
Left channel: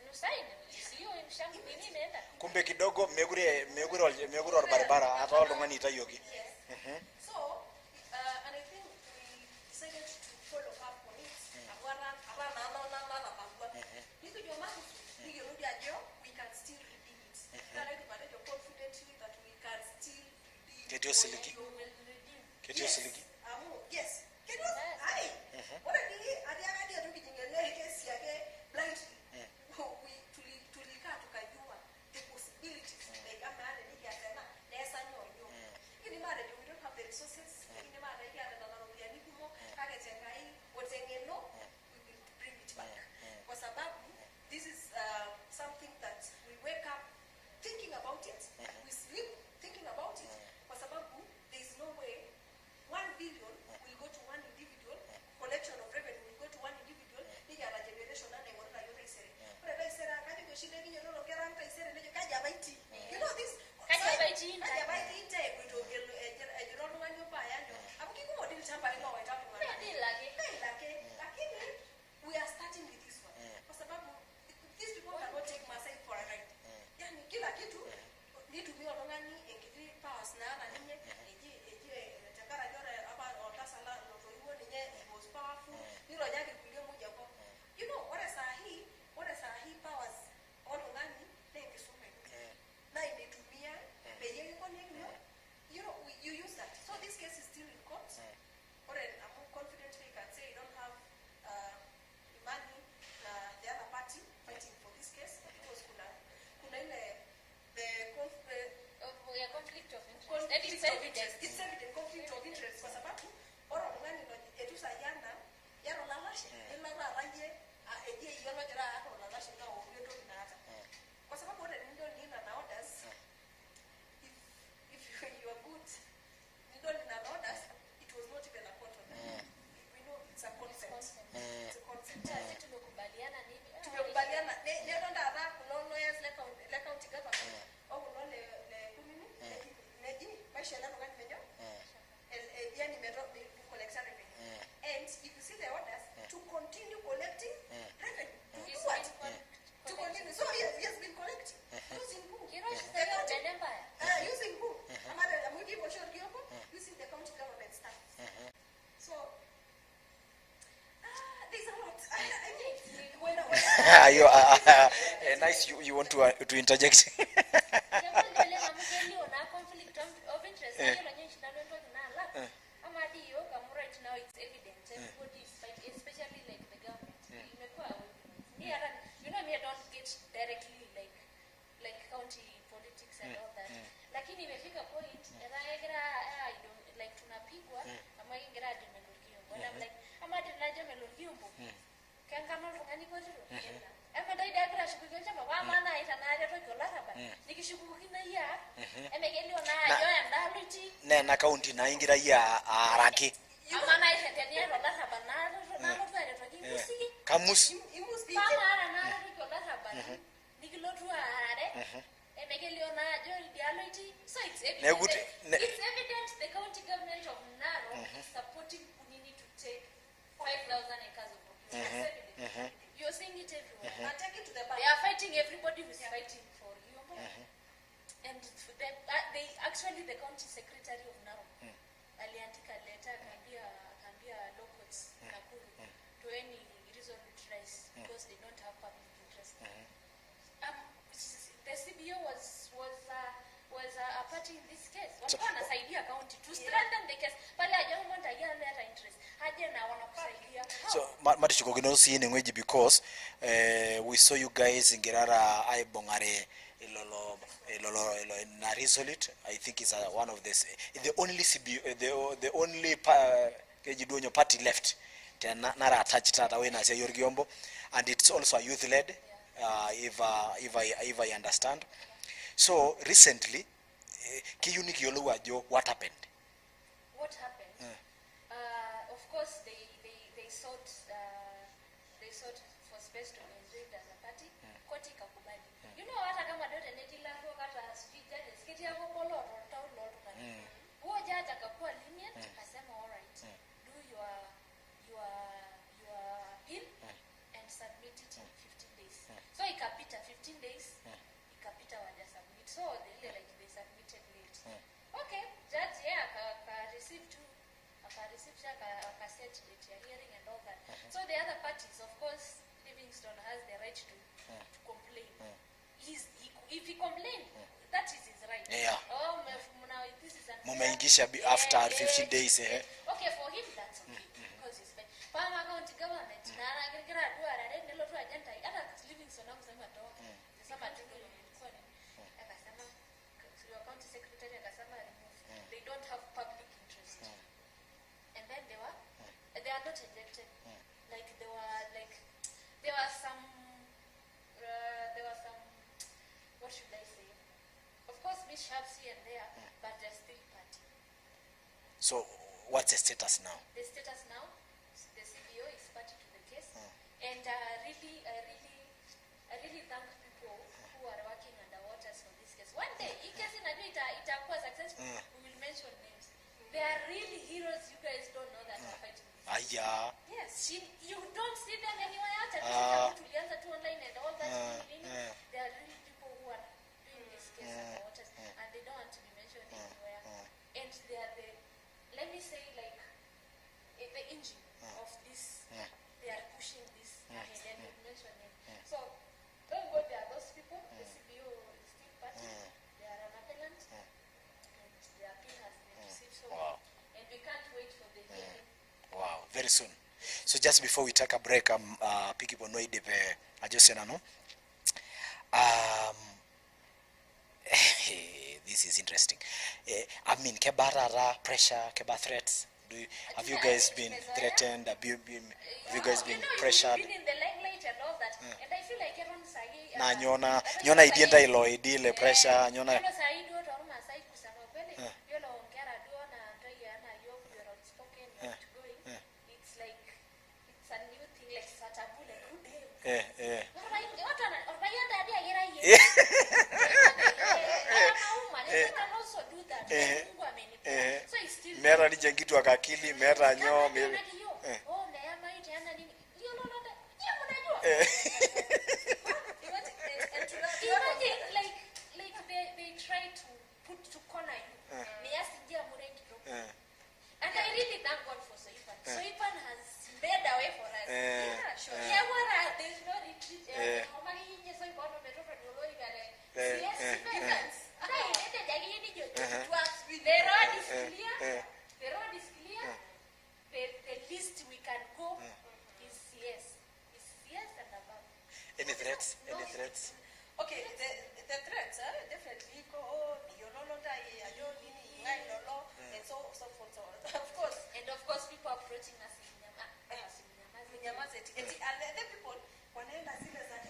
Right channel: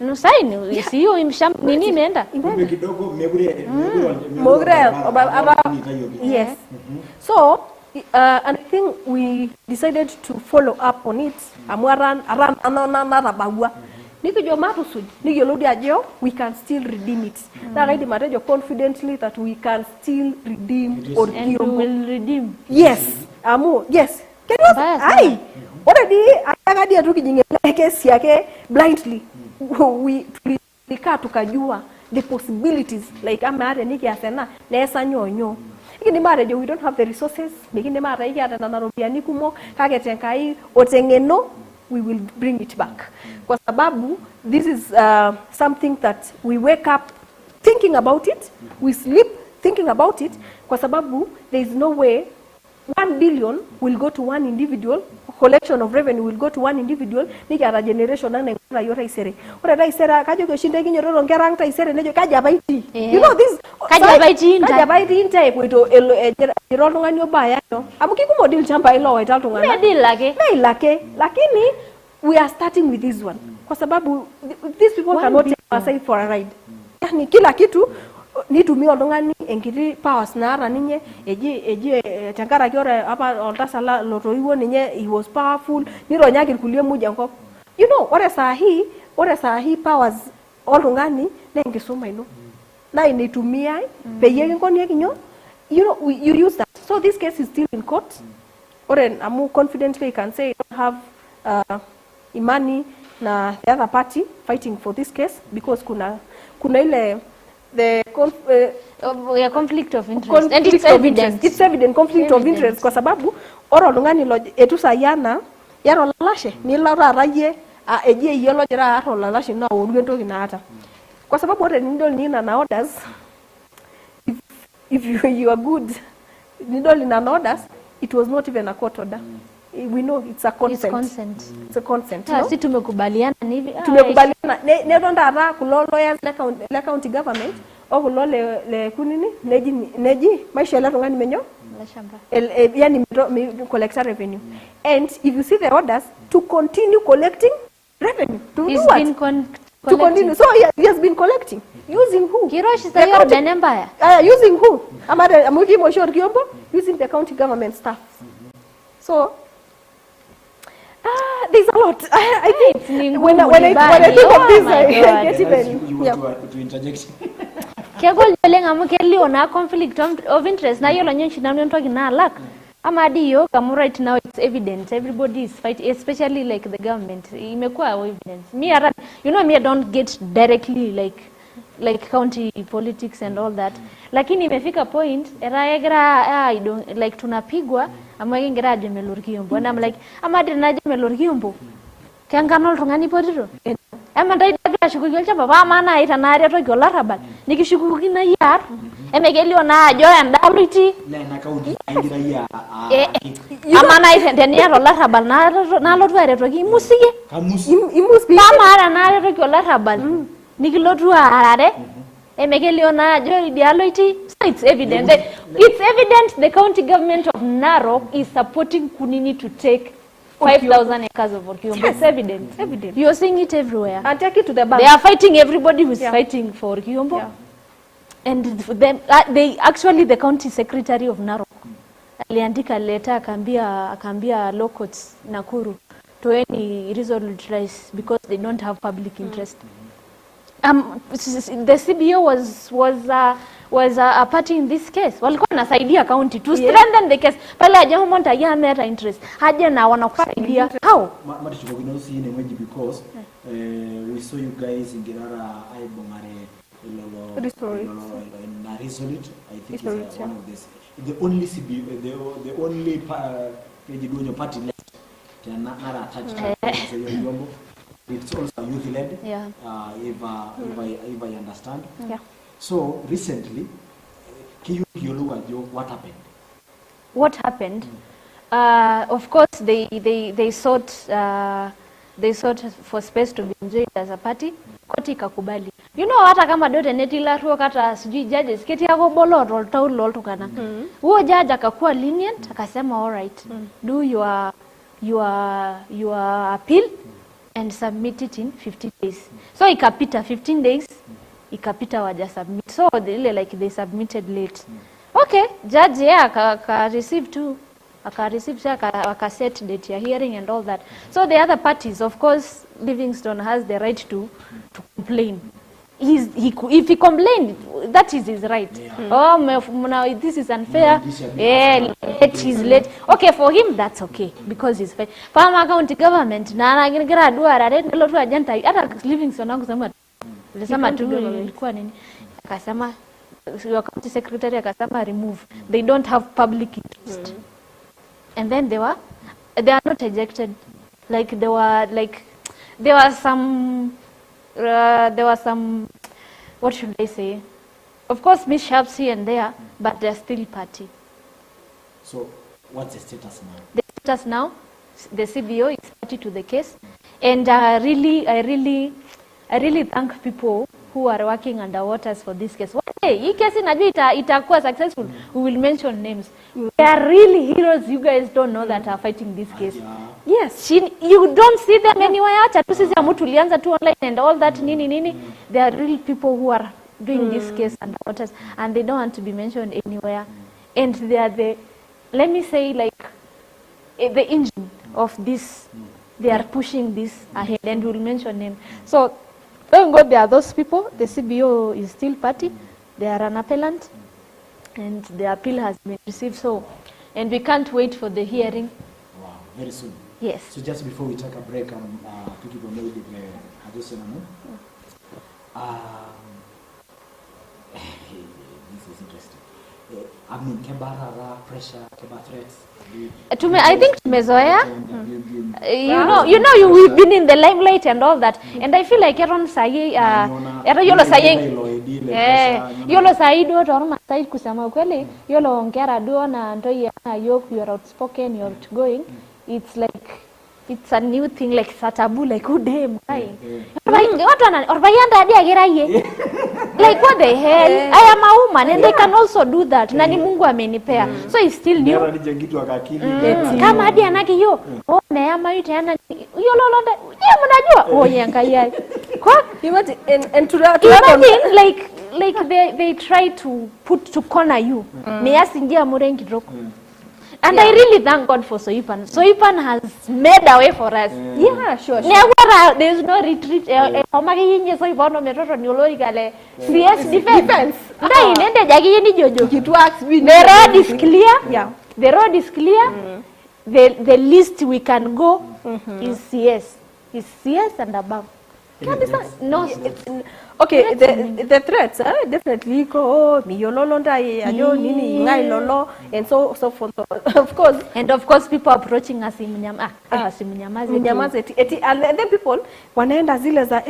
No sign, siyo imsham nini imeenda. Kumbe kidogo megure. Yes. So and I think we decided to follow up on it. Amwaran anana bagua. Nikijo matusuj, nikijolodi ajo, we can still redeem it. That I did confidently that we can still redeem or and we will redeem. Yes. Yes. Can you aye? Already ayagadi atukijingele kesi yake blindly. We tukajua the possibilities like amare niki asena nesa nyonyo. Ikini mare we don't have the resources. Ikini mare iki ata narobiani kumo kage tenkai otengeno we will bring it back. Kwa sababu this is something that we wake up thinking about it, we sleep thinking about it. Kwa sababu there is no way 1 billion will go to one individual, collection of revenue will go to one individual, nikiata generation ang naing'ura yiok taisere. Ore taisere kajoki oshi ntae kinyototo nkera ang taisere nejo kaji apa itii. You know this. Kaji apa itii ntae. Kaji apa itii ntae epoito ejira oltung'ani obo aya nyoo. Amu kikumok dii ilchambai loowaita iltung'anak. Medil ake. Medil ake. Lakini we are starting with this one. Kwa sababu these people cannot take Masai for a ride. Yani kila kitu nitumia oltung'ani enkiti powers naata ninye eji tenkaraki ore apa oltasat lotoiwuo ninye he was powerful nironyaki irkulie muj enkop. You know, ore saa hii powers oltung'ani na enkisuma ino. Na initumiai peyie kinkonieki nyoo. You know, you use that. So this case is still in court. Ore amu confidently you can say you don't have imani na the other party fighting for this case because kuna ile the conflict of interest. And it's evident. It's evident conflict of interest kwa sababu ore oltung'ani etu sayana yaro lalashe nilo taata yie eji eyie lojira aar olalashe na aoru entoki naata. Kwa sababu ore nidol nina orders if you are good nidol nina orders it was not even a court order. We know it's a consent. It's consent. It's a consent. Yeah, si tumekubaliana hivi. Tumekubaliana. Nedo ndata kulo lawyers le county government o kulo le kunini neji maisha ya tung'ani menyo la shamba. Yani collect revenue. And if you see the orders to continue collecting revenue. To do what? To continue. So he has been collecting. Using who? Kirosh is the Yordan Empire. Using who? Amuki Moshor Kiombo? Using the county government staff. So there's a lot. I think when I think of this, I get even. You want to interject? Kegol joleng amu kelio na conflict of interest na yolo nyenshi na ntoki na lack. Amadi yo kamu right now it's evident. Everybody is fighting, especially like the government. Imekuwa evidence. Me I don't get directly like county politics and all that. Lakini imefika point I don't like tunapigwa amwe ngira jemelor kiyombo and I'm like amadi na jemelor kiyombo kangano tungani potiro ama dai dagra shukuki chamba ba mana ita na reto golarabal nikishukuki na yar emegelio na ajo ndawriti na county na ingira ya amana ita tenia golarabal na lotu reto ki musige imusi mama na reto golarabal nikilotu arare emegelio na ajo ideology. So it's evident the county government of Narok is supporting Kunini to take 5,000 acres of Orkiombo. It's evident. You're seeing it everywhere. And take it to the bank. They are fighting everybody who's fighting for Orkiombo. Yeah. And the county secretary of Narok aliandika letter akambia law courts Nakuru to any resolute rise because they don't have public interest. The CBO was a party in this case. Walikuwa nasaidia county to strengthen the case. Pale ajamu monta ya meta interest. Haja na wanakusaidia. How? Mati chukugino si ngweji because we saw you guys ngirara aibongare ilolo na resolute. I think is one of the only CBO the only party left. Nara attached to Orkiombo. And it's also a youth-led, if I understand. Yeah. So recently, what happened? What happened? Of course, they sought for space to be enjoyed as a party. Koti kakubali. You know hata kama dote netila ruo kata sijui judges keti yako bolot or taul lol tukana. Huo judge akakuwa lenient akasema all right. Do your appeal and submit it in 15 days. So ikapita 15 days, ikapita waja submit. So they submitted late. Okay, judge aka set date ya hearing and all that. So the other parties, of course, Livingstone has the right to complain. If he complained, that is his right. Yeah. This is unfair. He's late. Okay, for him, that's okay because he's fair. Palma County government, na ngira dua rare ndilo tu ajanta. Hata Livingstone kusema alisema tu ilikuwa nini? Akasema your county secretary akasema remove. They don't have public interest. And then they are not ejected. There were some, what should I say? Of course, mishaps here and there, but they're still party. So, What's the status now? The status now, the CBO is party to the case, and I really thank people who are working underwaters for this case. One day, hii case inajua itakuwa successful, we will mention names. They are really heroes. You guys don't know that are fighting this case. Yes, you don't see them anywhere. Acha tu sisi amu tulianza tu online and all that nini. They are real people who are doing this case underwaters, and they don't want to be mentioned anywhere. And they are the, let me say, like the engine of this. They are pushing this ahead, and we'll mention them. So thank God there are those people. The CBO is still party. They are an appellant, and the appeal has been received. So, and we can't wait for the hearing. Wow, very soon. Yes. So just before we take a break, Piki Bonoi Dipe Ajosena no. This is interesting. I mean, kebara pressure, keba threats. I think tumezoea. You know, we've been in the limelight and all that, and I feel like everyone say, yolo say do torma say kusema ukweli, yolo ongera do na ndio ya yok, you're outspoken, you're outgoing. It's like it's a new thing, like it's a taboo, like who damn guy. Like what one or bayanda dia geraye. Like what the hell? I am a woman and I can also do that. Nani Mungu amenipea. So it's still new. Kama hadi anaki yo. Oh na ama yote ana yo lolonda. Je mnajua? Oh yangalia. Kwa Imagine and to like they try to corner you. Me asingia murengi drop. And I really thank God for Soipan. Soipan has made a way for us. Yeah, sure. There's no retreat. CS defense. It works. The road is clear. Yeah. The road is clear. The least we can go is CS. Is CS and above. No, okay, the threats definitely go miyololonda ayo nini ngai lolo and so forth. Of course people approaching us simunyamaze and then people wanaenda zile za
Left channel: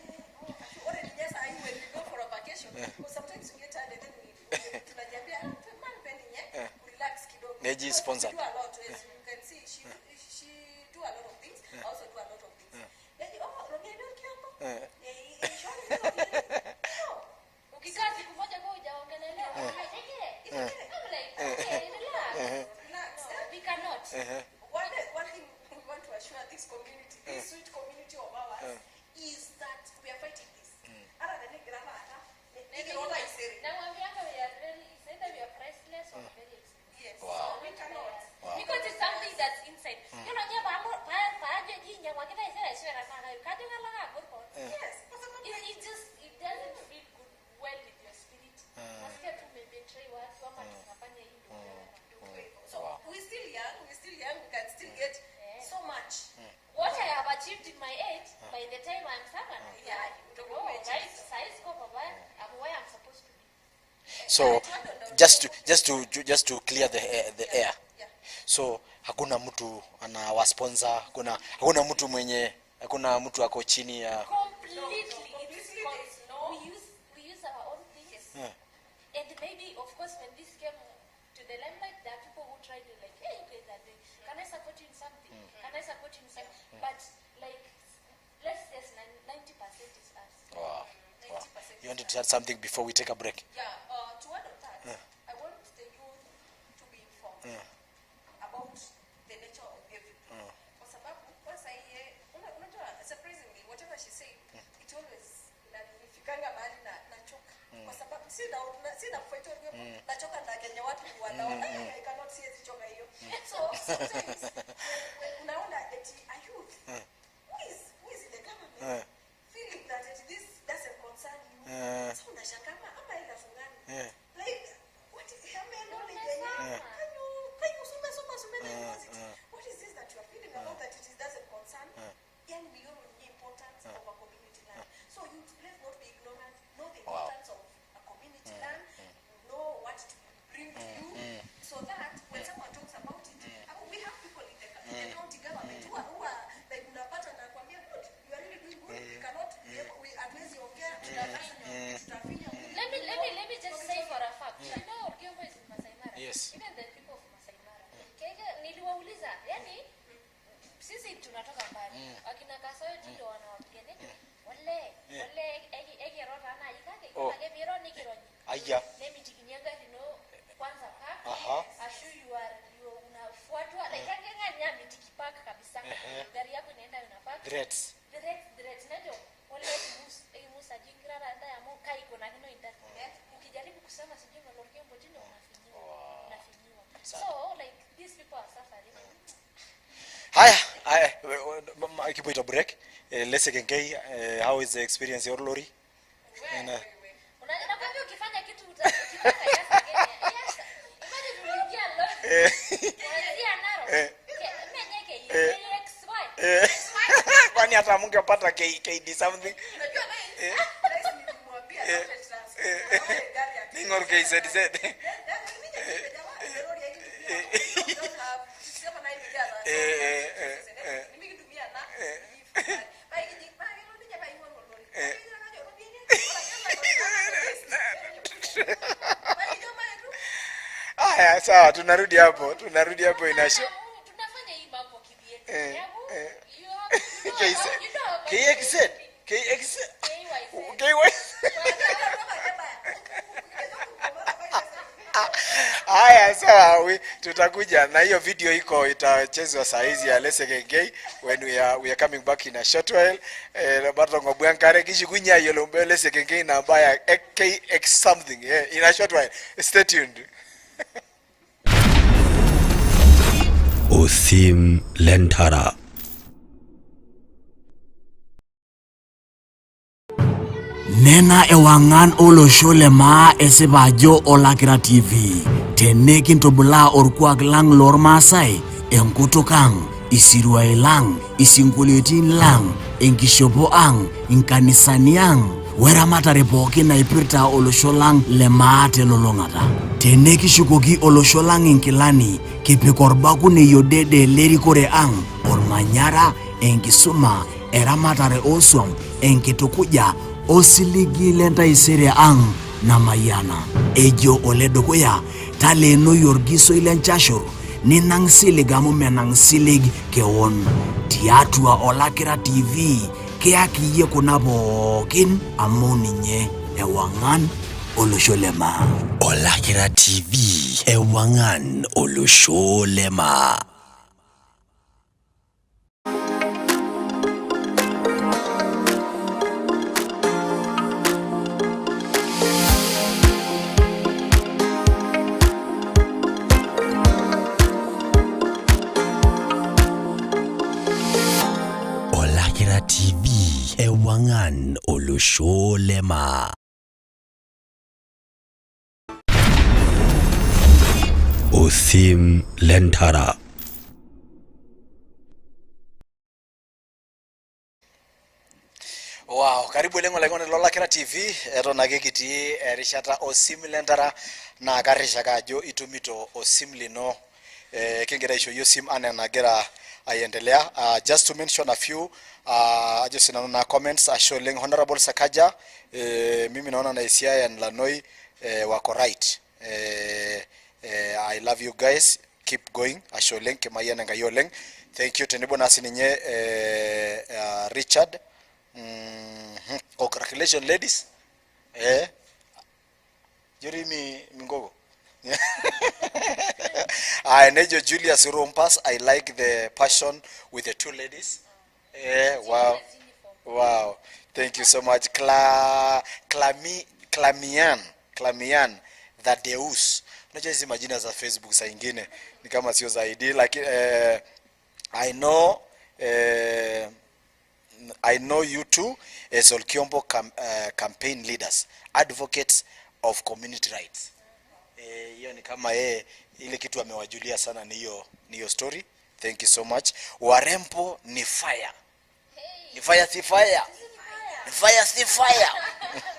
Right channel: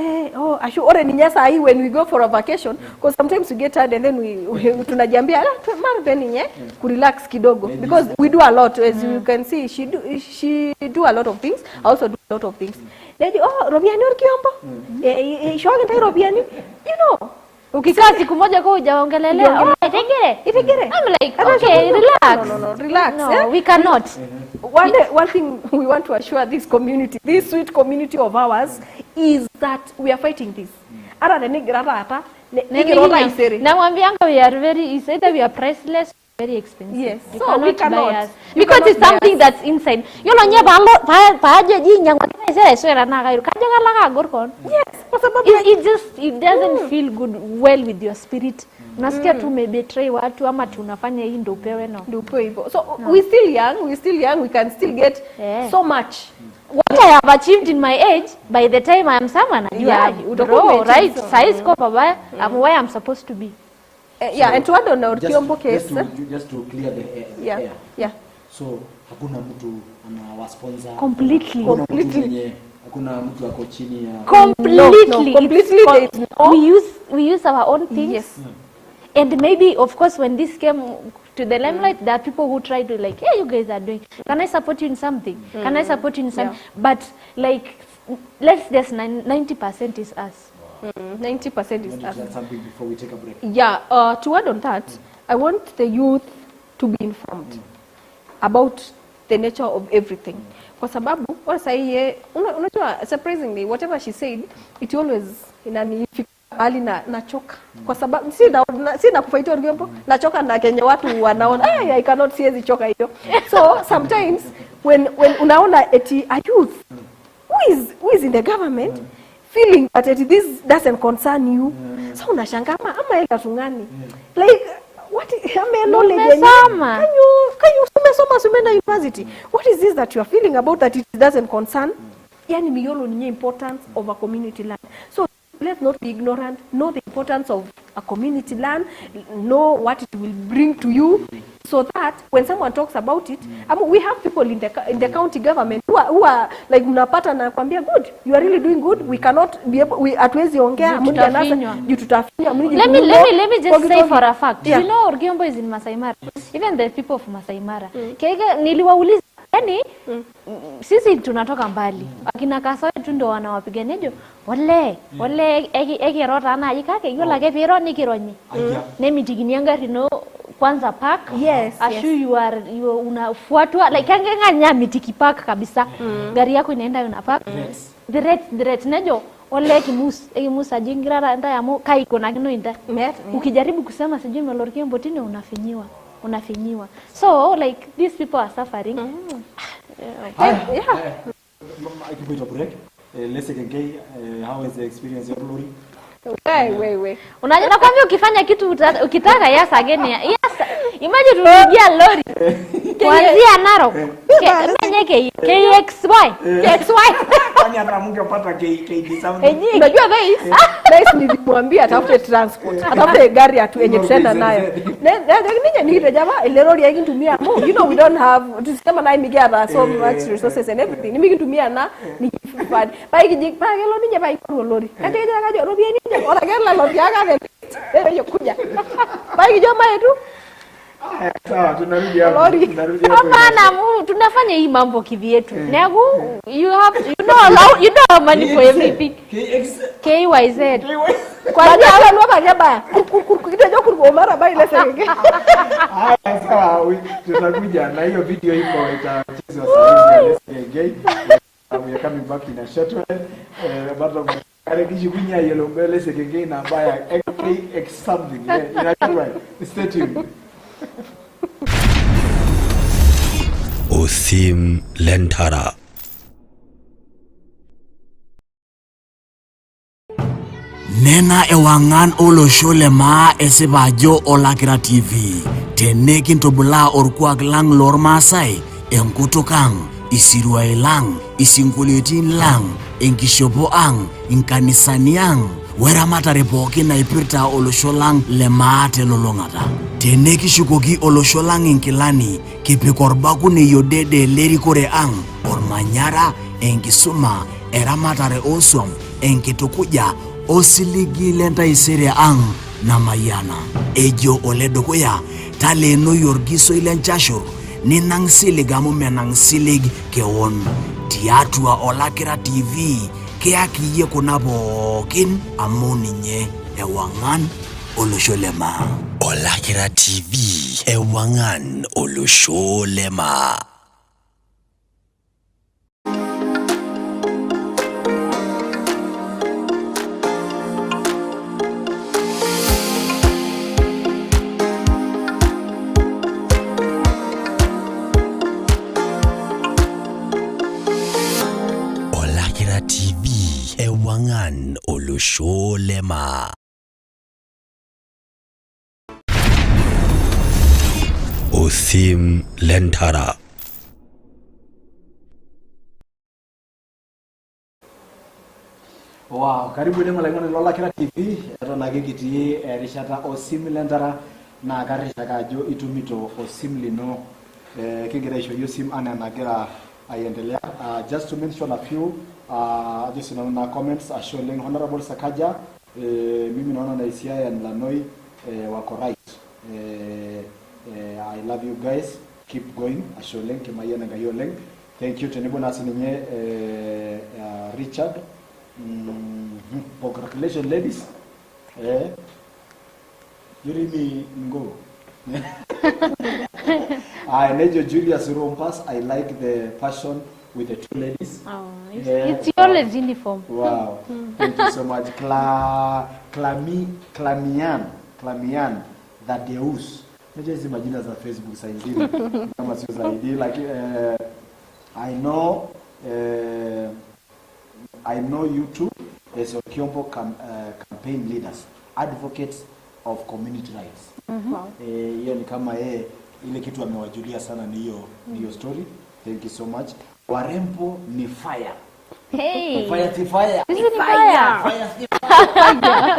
ashu ore ninyasa hii when we go for a vacation, because sometimes we get tired and then we tunajiambia mara then nye ku relax kidogo, because we do a lot, as you can see. She do a lot of things. I also do a lot of things. Lady, Robiani ukiomba? Shoga ndio Robiani. You know. Ukikaa siku moja kwa hujaongelelea, itegere. I'm like, okay, relax. No, relax. No, we cannot. One thing we want to assure this community, this sweet community of ours, is that we are fighting this. Ara the nigrata Namwambianga we are very, either we are priceless, very expensive. Yes. You So we cannot buy us. Because it's something that's inside. You know, yes, it doesn't feel good well with your spirit. Nasikia tumebetray watu ama tunafanya hii ndio upewe no. So we still young, we can still get so much. What I have achieved in my age, by the time I am someone, right? Size ko pabaya, I'm where I'm supposed to be. And to add on just to clear the air. Yeah. So hakuna mtu ana sponsor. Completely. Hakuna mtu mwenye, hakuna mtu ako chini ya. Completely. We use our own things. Yes. And maybe, of course, when this came to the limelight, there are people who try to like, hey, you guys are doing, can I support you in something? Can I support you in something? Yeah. But like, let's just 90% is us. Wow. 90% is us. Something before we take a break. Yeah. To add on that, I want the youth to be informed about the nature of everything. Kwa sababu, unajua, surprisingly, whatever she said, it always inanifikanga bali na choka. Kwa sababu si na kufaitia ngiombo na choka na Kenya watu wanaona I cannot see hizi choka hiyo. So sometimes when unaona eti a youth who is in the government feeling that this doesn't concern you, so unashangaa ama ila tungani like what knowledge can you sumenda university, what is this that you are feeling about that it doesn't concern? Yani miyolo ni importance of a community land. So let's not be ignorant. Know the importance of a community land. Know what it will bring to you. so that when someone talks about it, we have people in the county government who are like mnapata na kwambia good, you are really doing good, we cannot be able, we atwezi ongea mmoja anasa you tutafinya mmoja. Let me just say for a fact, you know Orgiombo is in Masai Mara. Even the people of Masai Mara. Kega niliwauliza, yani sisi tunatoka mbali. Akina Kasoe tu ndo wanawapigania wale ege rota na yikake yola ke pero ni kironyi. Nemi jiginianga rino kwanza park. Yes. Ashu you unafuatwa like nganya mitiki park kabisa. Gari yako inaenda una park. The rate nejo wale kimus ajingira nda ya mo kai kona kino inda. Ukijaribu kusema sijui melorkia mbotini unafinyiwa. So like these people are suffering. Hi. Akipuita break. Let's again, how is the experience your lori? Wait. Unajua kwamba ukifanya kitu ukitaka yes again. Yes. Imagine tunaingia lori. Kuanzia Narok. Menye KXY. Kwani hata mngepata KD sound. Unajua guys nilimwambia atafute transport. Atafute gari atu yenye tenda nayo. Ni jamaa ile lori yake tumia. You know we don't have tusema na imigara so much resources and everything. Nimekitumia na ni fund. Pai kijik pa gelo nije pai kwa lori. Kati kaja robi ni ora gela lori yake. Hiyo kuja. Pai kijoma yetu. Sawa tunarudi hapo. Hapana, tunafanya hii mambo kivyetu. Nagu you know money for everything. KYZ. Kwa nini ala lwa kaba? Kitajo kurgomara bai lese. Haya sawa tutakuja na hiyo video iko itachezwa saa hizi ya Lese Gengei when we are coming back in a short while. Na bato kwa kare kishukunya yelo mbele Lese Gengei na mbaya KX something in a short while. Stay tuned. OSIM LENTARA. Nena ewangan oloshole ma esebajo olakira TV. Tenekin tobula orkuak lang lor Masai. Enkutukang, isirua lang, isinguliotin lang, enkishopo ang, inkanisaniang. Wera matare poki na ipirta olosholang le maate lolongata. Teneki shukoki olosholang inkilani kipikorbaku ne yodede lerikore ang ormanyara enkisuma eramatare oswam enkitukuja osiligi lenta isere ang na mayana. Ejo oledokoya taleno yorgiso ilenchashur ninang siligamu menang silig keon tiatua olakira TV keaki ye kunabokin amoninye ewangan olosholema. Olakira TV ewangan olosholema. Olakira TV ewangan olosholema. OSIM LENTARA. Wow, karibu lengo Olakira TV etona kekiti erishata OSIM LENTARA na karisha kajo itumito OSIM lino kingira isho yosim ana nagira ayendelea. Just to mention a few just na comments showing Honorable Sakaja mimi naona na ICI and LANOI wako right. I love you guys. Keep going. Asholeng kemayana ngayoleng. Thank you tenibo nasi ninye Richard. Congratulations ladies. Jurimi ngo. I Nejo Julius Rompas. I like the passion with the two ladies. Oh, it's always uniform. Wow. Thank you so much. Clamian that Deus. Unajua hizi majina za Facebook saa nyingine kama sio zaidi like I know you two as Orgiombo campaign leaders, advocates of community rights. Hiyo ni kama ile kitu amewajulia sana ni hiyo story. Thank you so much. Warembo ni fire. Hey. Fire si fire. Fire si fire.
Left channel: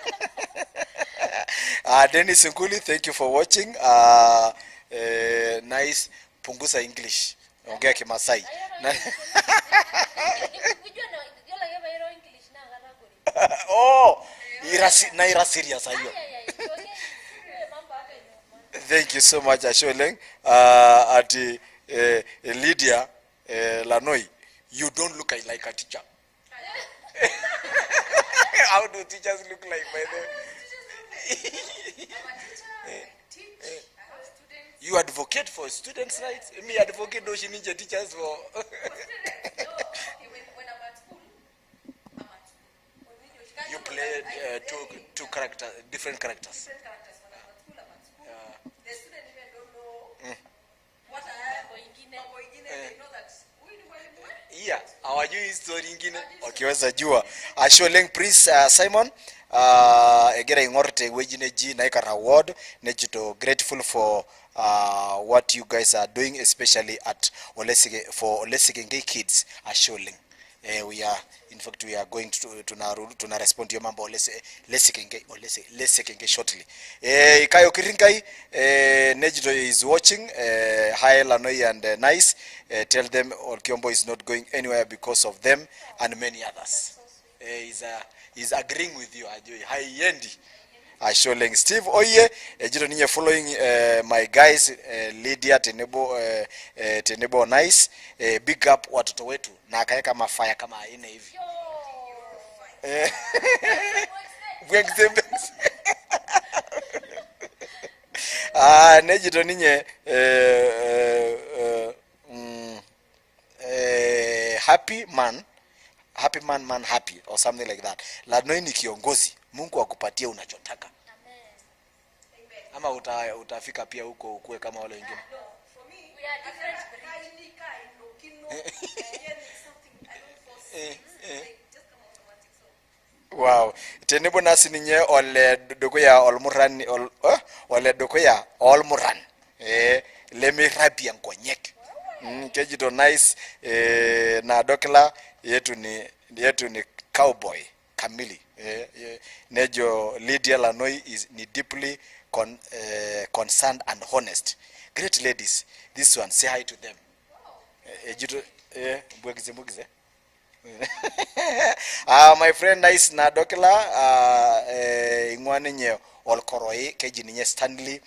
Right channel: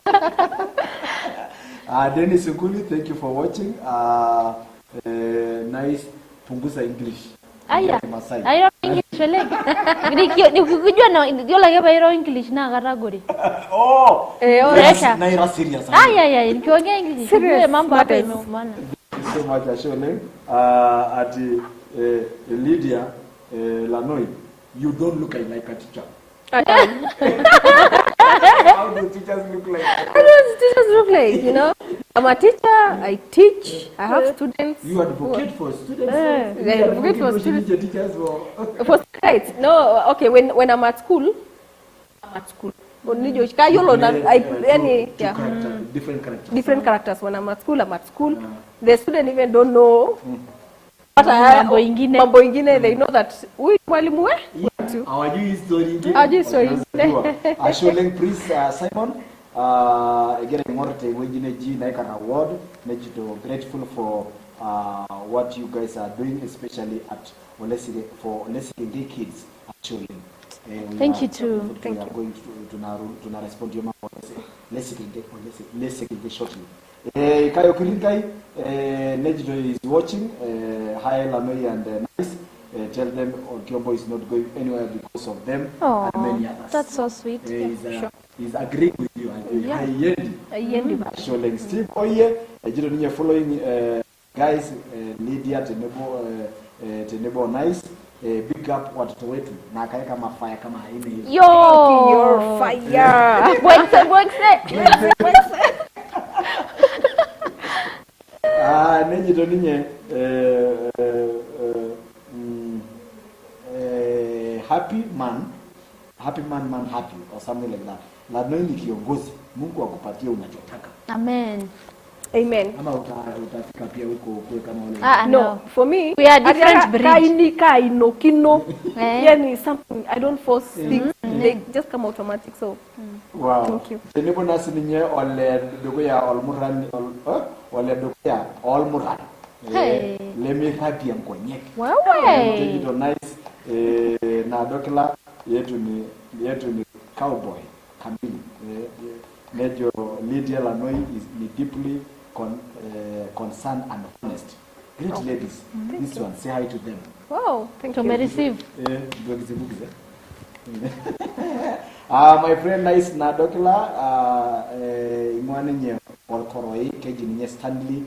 Dennis Nguli, thank you for watching. Nice, punguza English. Ongea Kimasai. I don't English like. Nikujua na ndio like bairo English na category. Oh. Yes, Na ira serious. Yeah. Nikiongea English. Serious mambo hapa maana. Thank you so much Ashweleng. At Lydia LANOI, you don't look like a teacher. I am. How do teachers look like? How do teachers look like? You know, I'm a teacher. I teach. I have students. You advocate for students. You advocate for students. Teachers For students. No, okay. When I'm at school, Two different characters. Different characters. When I'm at school. The student even don't know. Mambo ingine, they know that we mwalimu we. Yeah. Hawajui story ingine. Wakiweza jua. Ashweleng Prince Simon egera ingorte wejine ji na ikana award nejudo grateful for what you guys are doing, especially at Olesike kids Ashweleng. Thank you too. We are going to respond to your mambo Olesike shortly. Kayo Kirinkai Nejido is watching. Hi LANOI and Nice. Tell them Olkiombo is not going anywhere because of them and many others. That's so sweet. He's agreeing with you. Hi Yendi. Ashweleng Steve Oye. Jido ninye following my guys Lydia Tenebo Nice. Big up watoto wetu na akaeka mafaya kama aine hivi. Yo, your fire. Nejido ninye happy man happy or something like that. LANOI ni kiongozi. Mungu akupatie unachotaka. Amen. Amen. Ama utafika pia huko kwe kama wale. No, for me we are different breed. Yani something I don't force things. They just come automatic. So wow. Tenebo nasi ninye ole dokoya olmuran. Leme rapi ya nkonyek. Wow. Tenjido Nice NAADOKILA yetu ni cowboy kamili. Nejo Lydia LANOI is deeply concerned and honest. Great ladies. This one, say hi to them. wow, thank you. Receive. My friend Nice NAADOKILA ingwani nye olkoroi keji ninye Stanley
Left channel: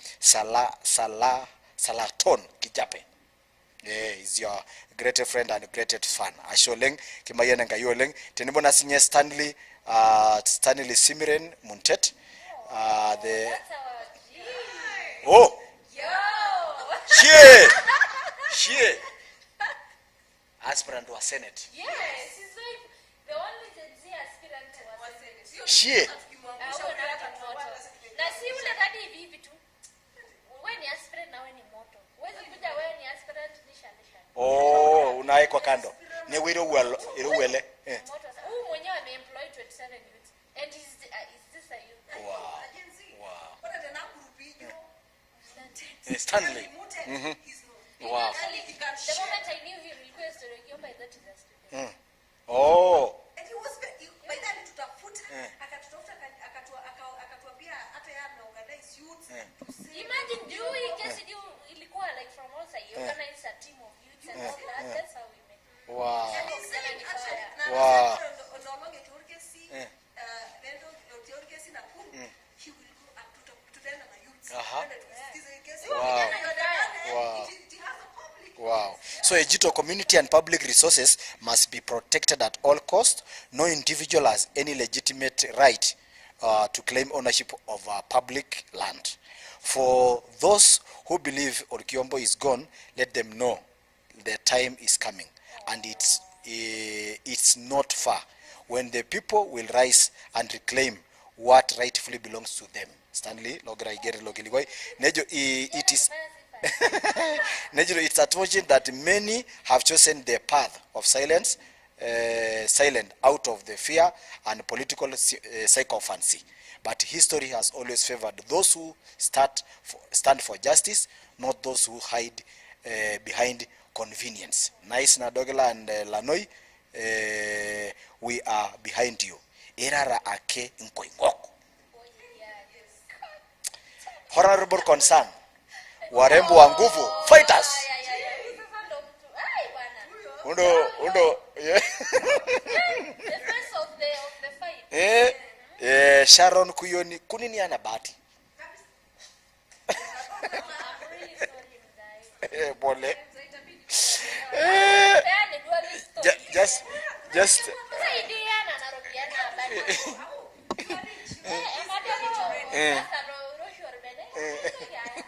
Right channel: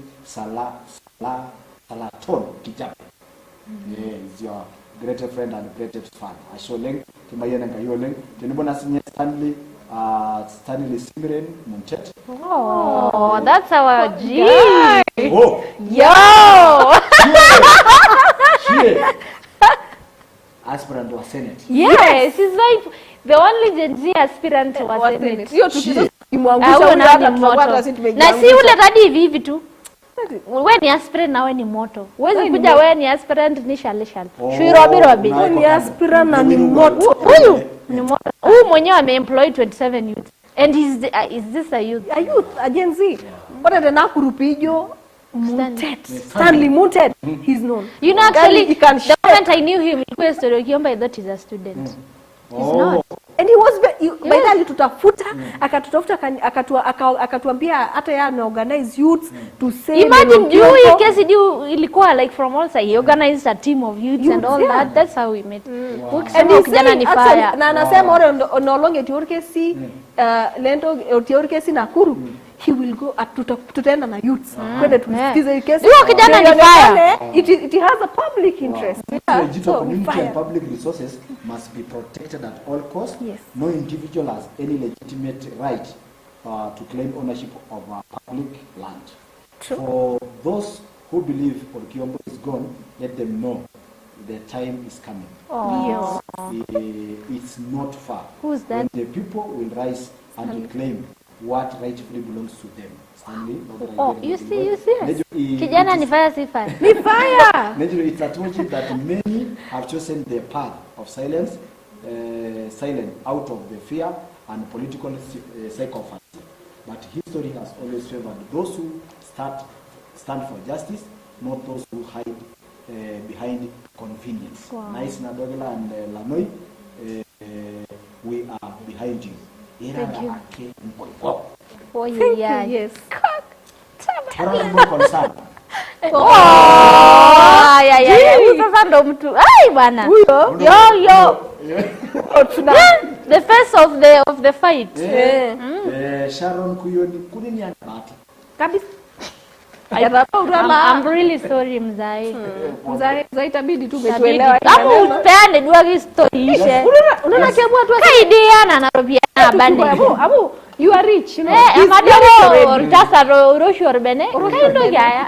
Salaton Kijape. Is your great friend and great fan. Ashweleng kimayena ngayoleng tenibona sinye Stanley Simiren Muntet. Oh, that's our G. Oh. Yo. She. Aspirant was Senate. Yes, he's like the only Gen Z aspirant to was Senate. Na si ule tadi hivi tu. Wewe ni aspirant na wewe ni moto. Wewe kuja wewe ni aspirant ni shale. Robi. Ni aspirant na ni moto. Huyu ni moto. Huyu mwenyewe ameemploy 27 youth. And is this a youth? A youth, a Gen Z. But the Nakurupijo Stanley Muntet, he's known. You know, actually, the moment I knew him, I thought he's a student. Oh. And he was by then tutafuta akatutafuta akatuambia hata yeye anaorganize youth to say. Imagine you case ilikuwa like from all sides. He organized a team of youths and all that. That's how we met. And kijana ni fire. Na anasema ore no longe tiorkesi lento tiorkesi Nakuru. He will go tutaenda na youths kwenda tusikize kesi. Huyo kijana ni fire. It has a public interest. So Ejito community and public resources must be protected at all costs. Yes. No individual has any legitimate right to claim ownership of public land. For those who believe Olkiombo is gone, let them know the time is coming. And it's not far. Who's that? When the people will rise and reclaim what rightfully belongs to them. Stanley, you see. Kijana ni fire, si fire. Ni fire. It's unfortunate that many have chosen the path of silence, silent out of the fear and political sycophancy. But history has always favored those who stand for justice, not those who hide behind convenience. Wow. Nice NAADOKILA and LANOI, we are behind you. Ake Thank you. Yes. Honorable concern. Sasa ndo mtu. Ai bwana. Yo. The face of the fight. Sharon Kuyoni kunini ana bahati. Kabisa. I'm really sorry mzai. Mzai itabidi tu tuelewe. Hapo peane dua story ile. Unaona kiamua tu kaidiana na robiana bandi. Abu you are rich, you know. Amadero sasa roshor bene. Kaido gaya.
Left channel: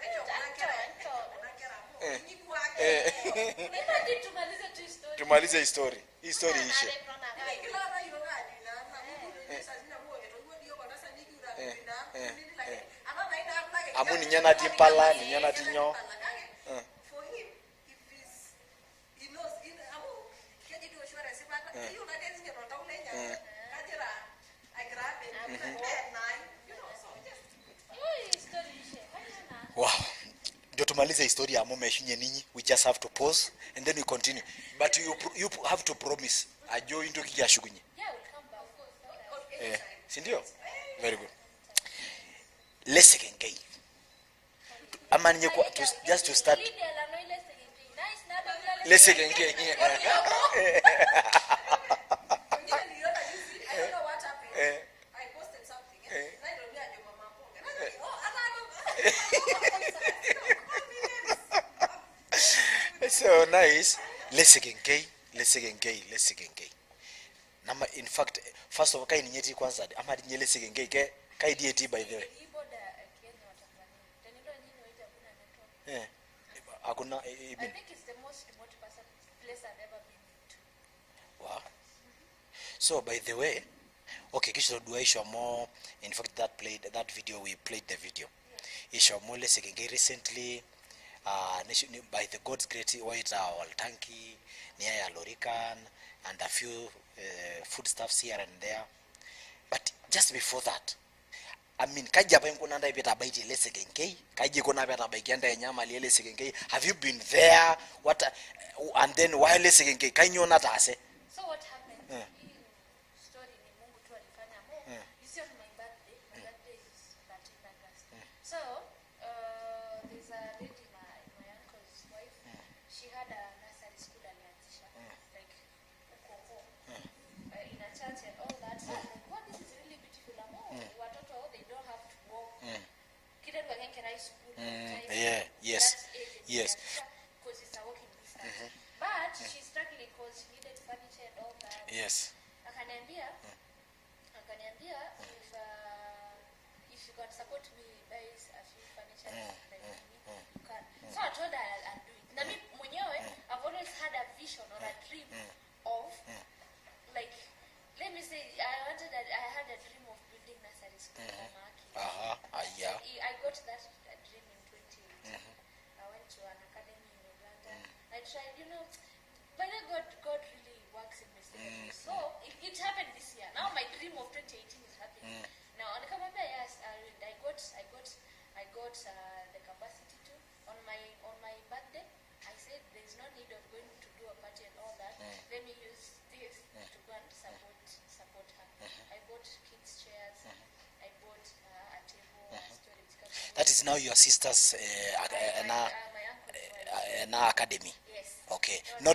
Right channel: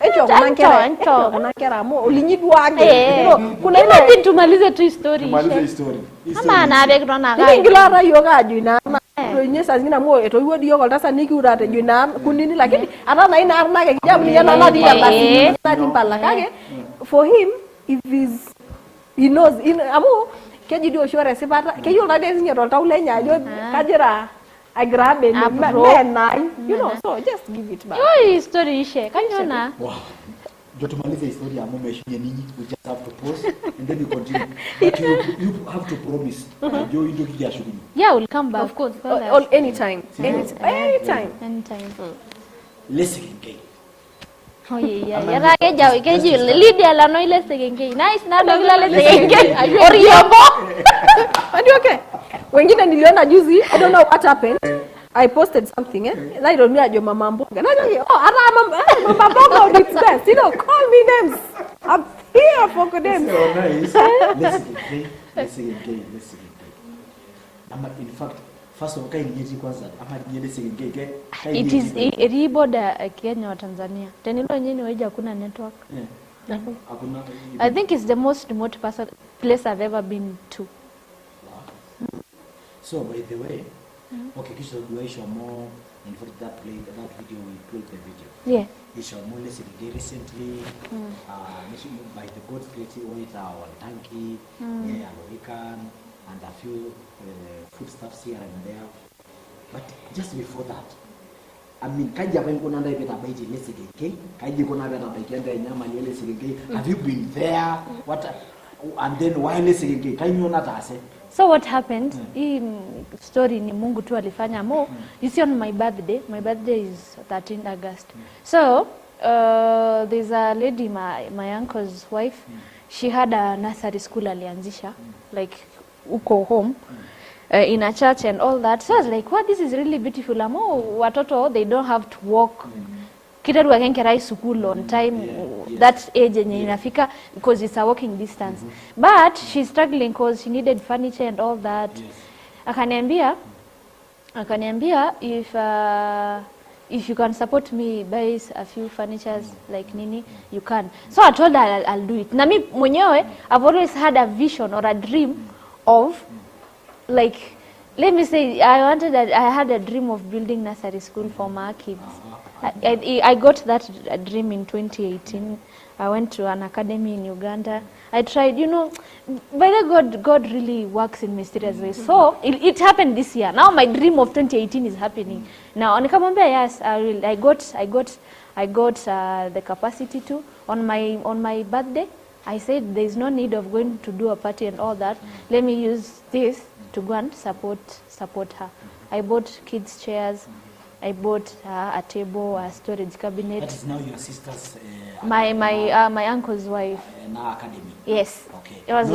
Ejo kunankera mo ulinyidwage. Kuna ile tumalize tu story. Tumalize story. Ama na background na gaya. Ngilala yoga juina. Nyesa zingina mo eto yodi yoga tasa niki urate juina kunini lakini ana na ina arna ke jamu yana na dia basi na timpala kage. For him if he knows in amu keji dio shore sipata keyo na desi nyero taule nyajo kajira agrabe na you know, so just give it back. Yo story ishe kanyona. Wow. Ndio tumalize historia ya mume shinye ninyi. We just have to pause and then we continue. But you have to promise. Ndio ndio kijasho kunyi. Yeah, we'll come back. Of course. Anytime. Let's get Oh yeah. Yara keji LYDIA LANOI let's get. Nice NAADOKILA let's get. Oriombo. Are you okay? Wengine niliona juzi, I don't know what happened. I posted something, na I don't know your mama mboga. Na mama mboga is best. You know, call me names. I'm here for them. So nice. Let's get gay. Nama in fact, first of all, kai nyeti kwanza. Ama let's get gay. Kai nyeti. It is border Kenya or Tanzania. Tenilo nyeni waje hakuna network. Hakuna. I think it's the most remote place I've ever been to. Wow. So by the way, okay, kisha duaisha more. In fact, that video we played the video. Yeah. Isha more let's get recently. By the God's grace, white on Tanki, near Lorican, and a few foodstuffs here and there. But just before that, I mean, kaja pa mkuna na ibeta baiti let's get gay. Kaji kuna beta baikenda nyama let's get gay. Have you been there? What? And then why let's get gay? Kanyona tase. So what happened? Hii story ni Mungu tu alifanya mo. You see on my birthday is 13 August. So there's a lady, my uncle's wife. She had a nursery school alianzisha, like uko home, in a church and all that. So I was like, what, this is really beautiful. Amo watoto, they don't have to walk. Kitaru akenkerai school on time, that age yenye inafika because it's a walking distance. But she's struggling because she needed furniture and all that. Akaniambia if you can support me buy a few furnitures like nini, you can. So I told her I'll do it. Na mi mwenyewe I've always had a vision or a dream of, like, let me say, I had a dream of building nursery school for my kids. I got that dream in 2018. I went to an academy in Uganda. I tried, you know, by the God really works in mysterious ways. So it happened this year. Now my dream of 2018 is happening. Now, nikamwambia, yes, I will. I got the capacity to. On my birthday, I said there's no need of going to do a party and all that. Let me use this to go and support her. I bought kids chairs. I bought a table, a storage cabinet. That is now your sister's... my uncle's wife. Academy? Yes. Okay. It was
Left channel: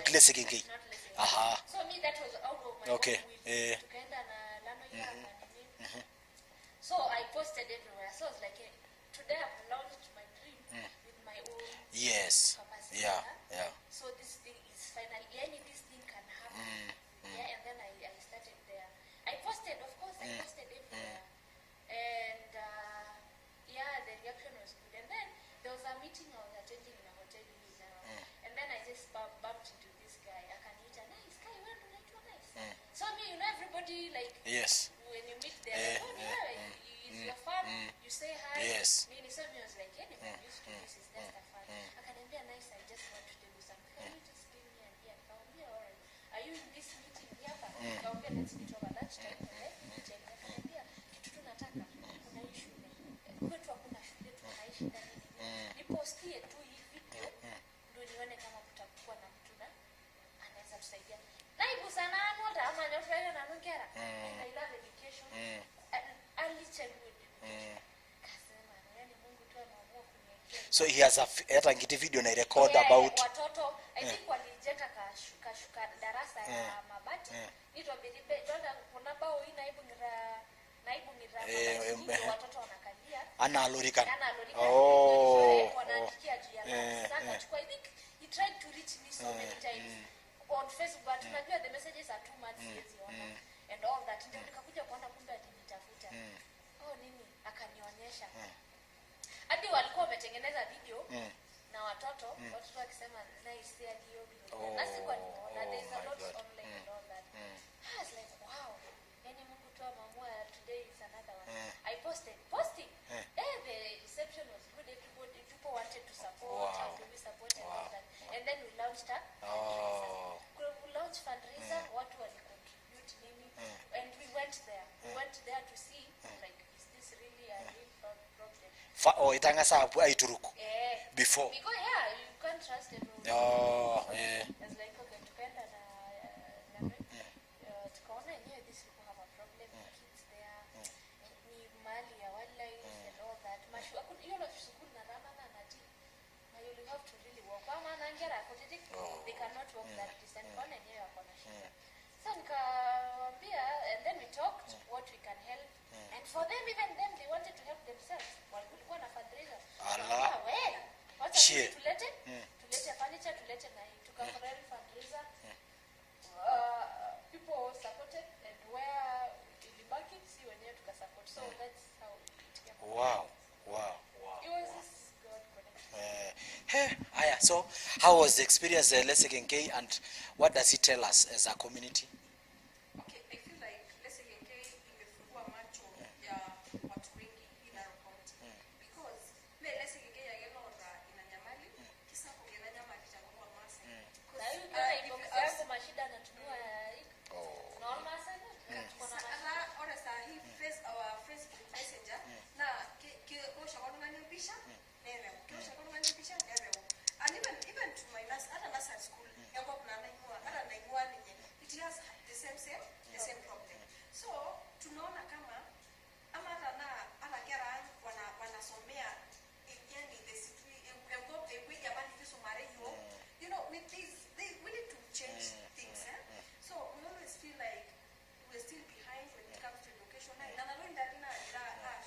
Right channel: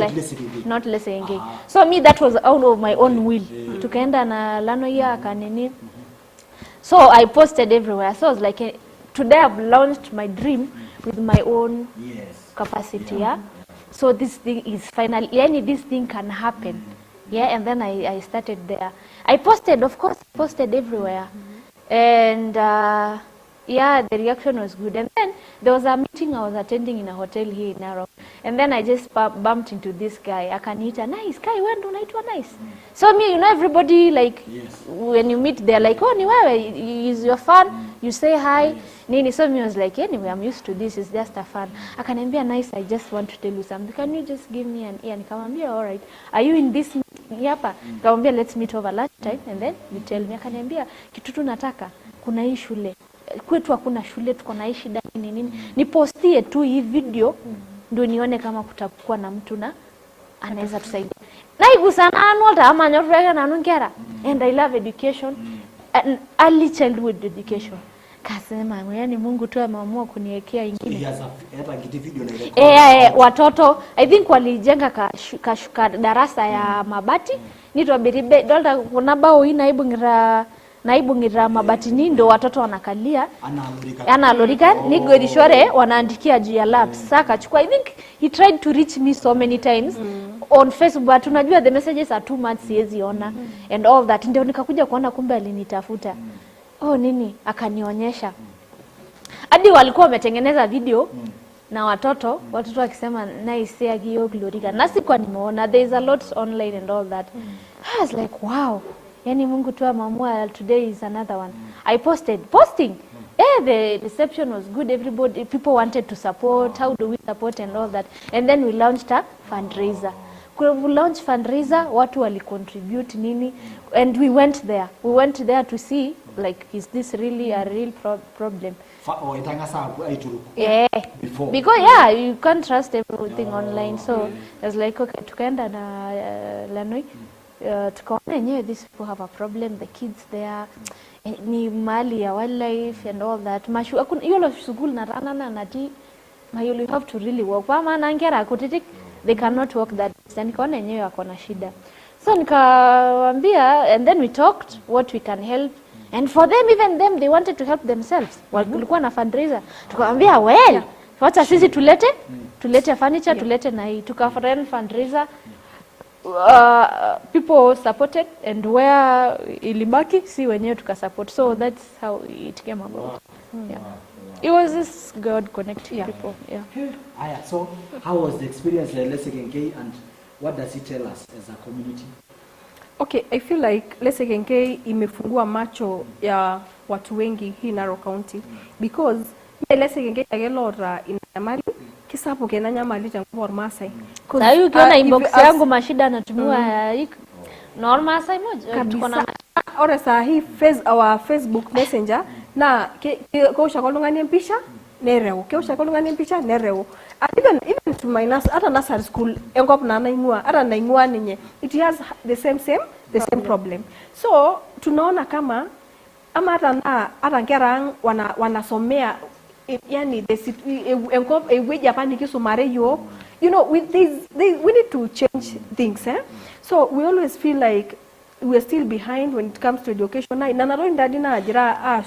Not less engaged. So me, that was out of my own will. Tukaenda na LANOI akanini. So I posted everywhere. So I was like, today I've launched my dream with my own capacity. Yeah. So this thing is finally, this thing can happen. Yeah, and then I started there. I posted, of course, everywhere. And the reaction was good. And then there was a meeting I was attending in a hotel here in Narok. And then I just bumped into this guy. Akaniita, nice guy, when do unaitwa nice? So me, you know, everybody, like, when you meet, they're like, oh, ni wewe, is your fan? You say hi. Nini. So me was like, anyway, I'm used to this. It's just a fun. Akaniambia, nice, I just want to tell you something. Can you just give me an ear? Nikamwambia, all right. Are you in this meeting hapa? Nikamwambia, let's meet over lunchtime. And then you tell me. Akaniambia, kitu tu nataka, kuna hii shule. Kwetu hakuna shule, tuko na hii shida nini. Nipostie tu hii video, ndio nione kama kutakuwa na mtu na anaweza tusaidia. Naigusana anwalta ama nyorwega na nungera. And I love education, and early childhood education. Kasema yani Mungu tu ameamua kuniwekea ingine. So he has a kiti video na record. Watoto I think walijenga kashuka darasa ya mabati nitwa biribe dolda kuna bao naibu ngira mabati ndo watoto wanakalia analorika nigo edishore wanaandikia juu ya labs saka chukua. I think he tried to reach me so many times on Facebook, but unajua the messages are too much, siwezi ona and all that. Ndio nikakuja kuona kumbe alinitafuta nini akanionyesha hadi walikuwa wametengeneza video na watoto wakisema nice ya hiyo glorika na sikuwa nimeona. There is a lot online and all that. I was like wow, yani Mungu tu ameamua, today is another one. I posting the reception was good, people wanted to support. How do we support and all that, and then we launched a fundraiser. We launched fundraiser, watu wali contribute nini, and we went there to see like is this really a real problem. Yeah, before, because you can't trust everything online. So I was like okay, tukaenda na LANOI tukaona yenyewe these people have a problem, the kids there ni mali ya wildlife and all that. Mashu hiyo lo school na rana na ti you have to really work kwa maana ngera kutitik they cannot work that distance. Nikaona yenyewe wako na shida, so nikawaambia, and then we talked what we can help, and for them, even them, they wanted to help themselves. Walikuwa na fundraiser, tukawaambia well wacha sisi tulete furniture, tulete na hii, tukafanya fundraiser. People supported, and where ilibaki si wenyewe tukasupport. So that's how it came about. Wow. It was this God connecting people. So how was the experience LSKK, and what does it tell us as a community? Okay, I feel like LSKK imefungua macho ya watu wengi hii Narok County, because LSKK agelora inamali kisapo kena nyamali tangu Masai. Sasa ukiona inbox yangu mashida anatumiwa normal Masai moja tuko na ora saa hii our Facebook Messenger na ko shakolungani mpisha nereo ke shakolungani mpisha nereo, even to my nursery school engop na naingua naingua ninye, it has the same problem. So tunaona kama ama hata ngera wanasomea yani engop eweji hapa nikisomare yo, you know, we need to change things. So we always feel like we are still behind when it comes to education. Na naro ndadi na ajira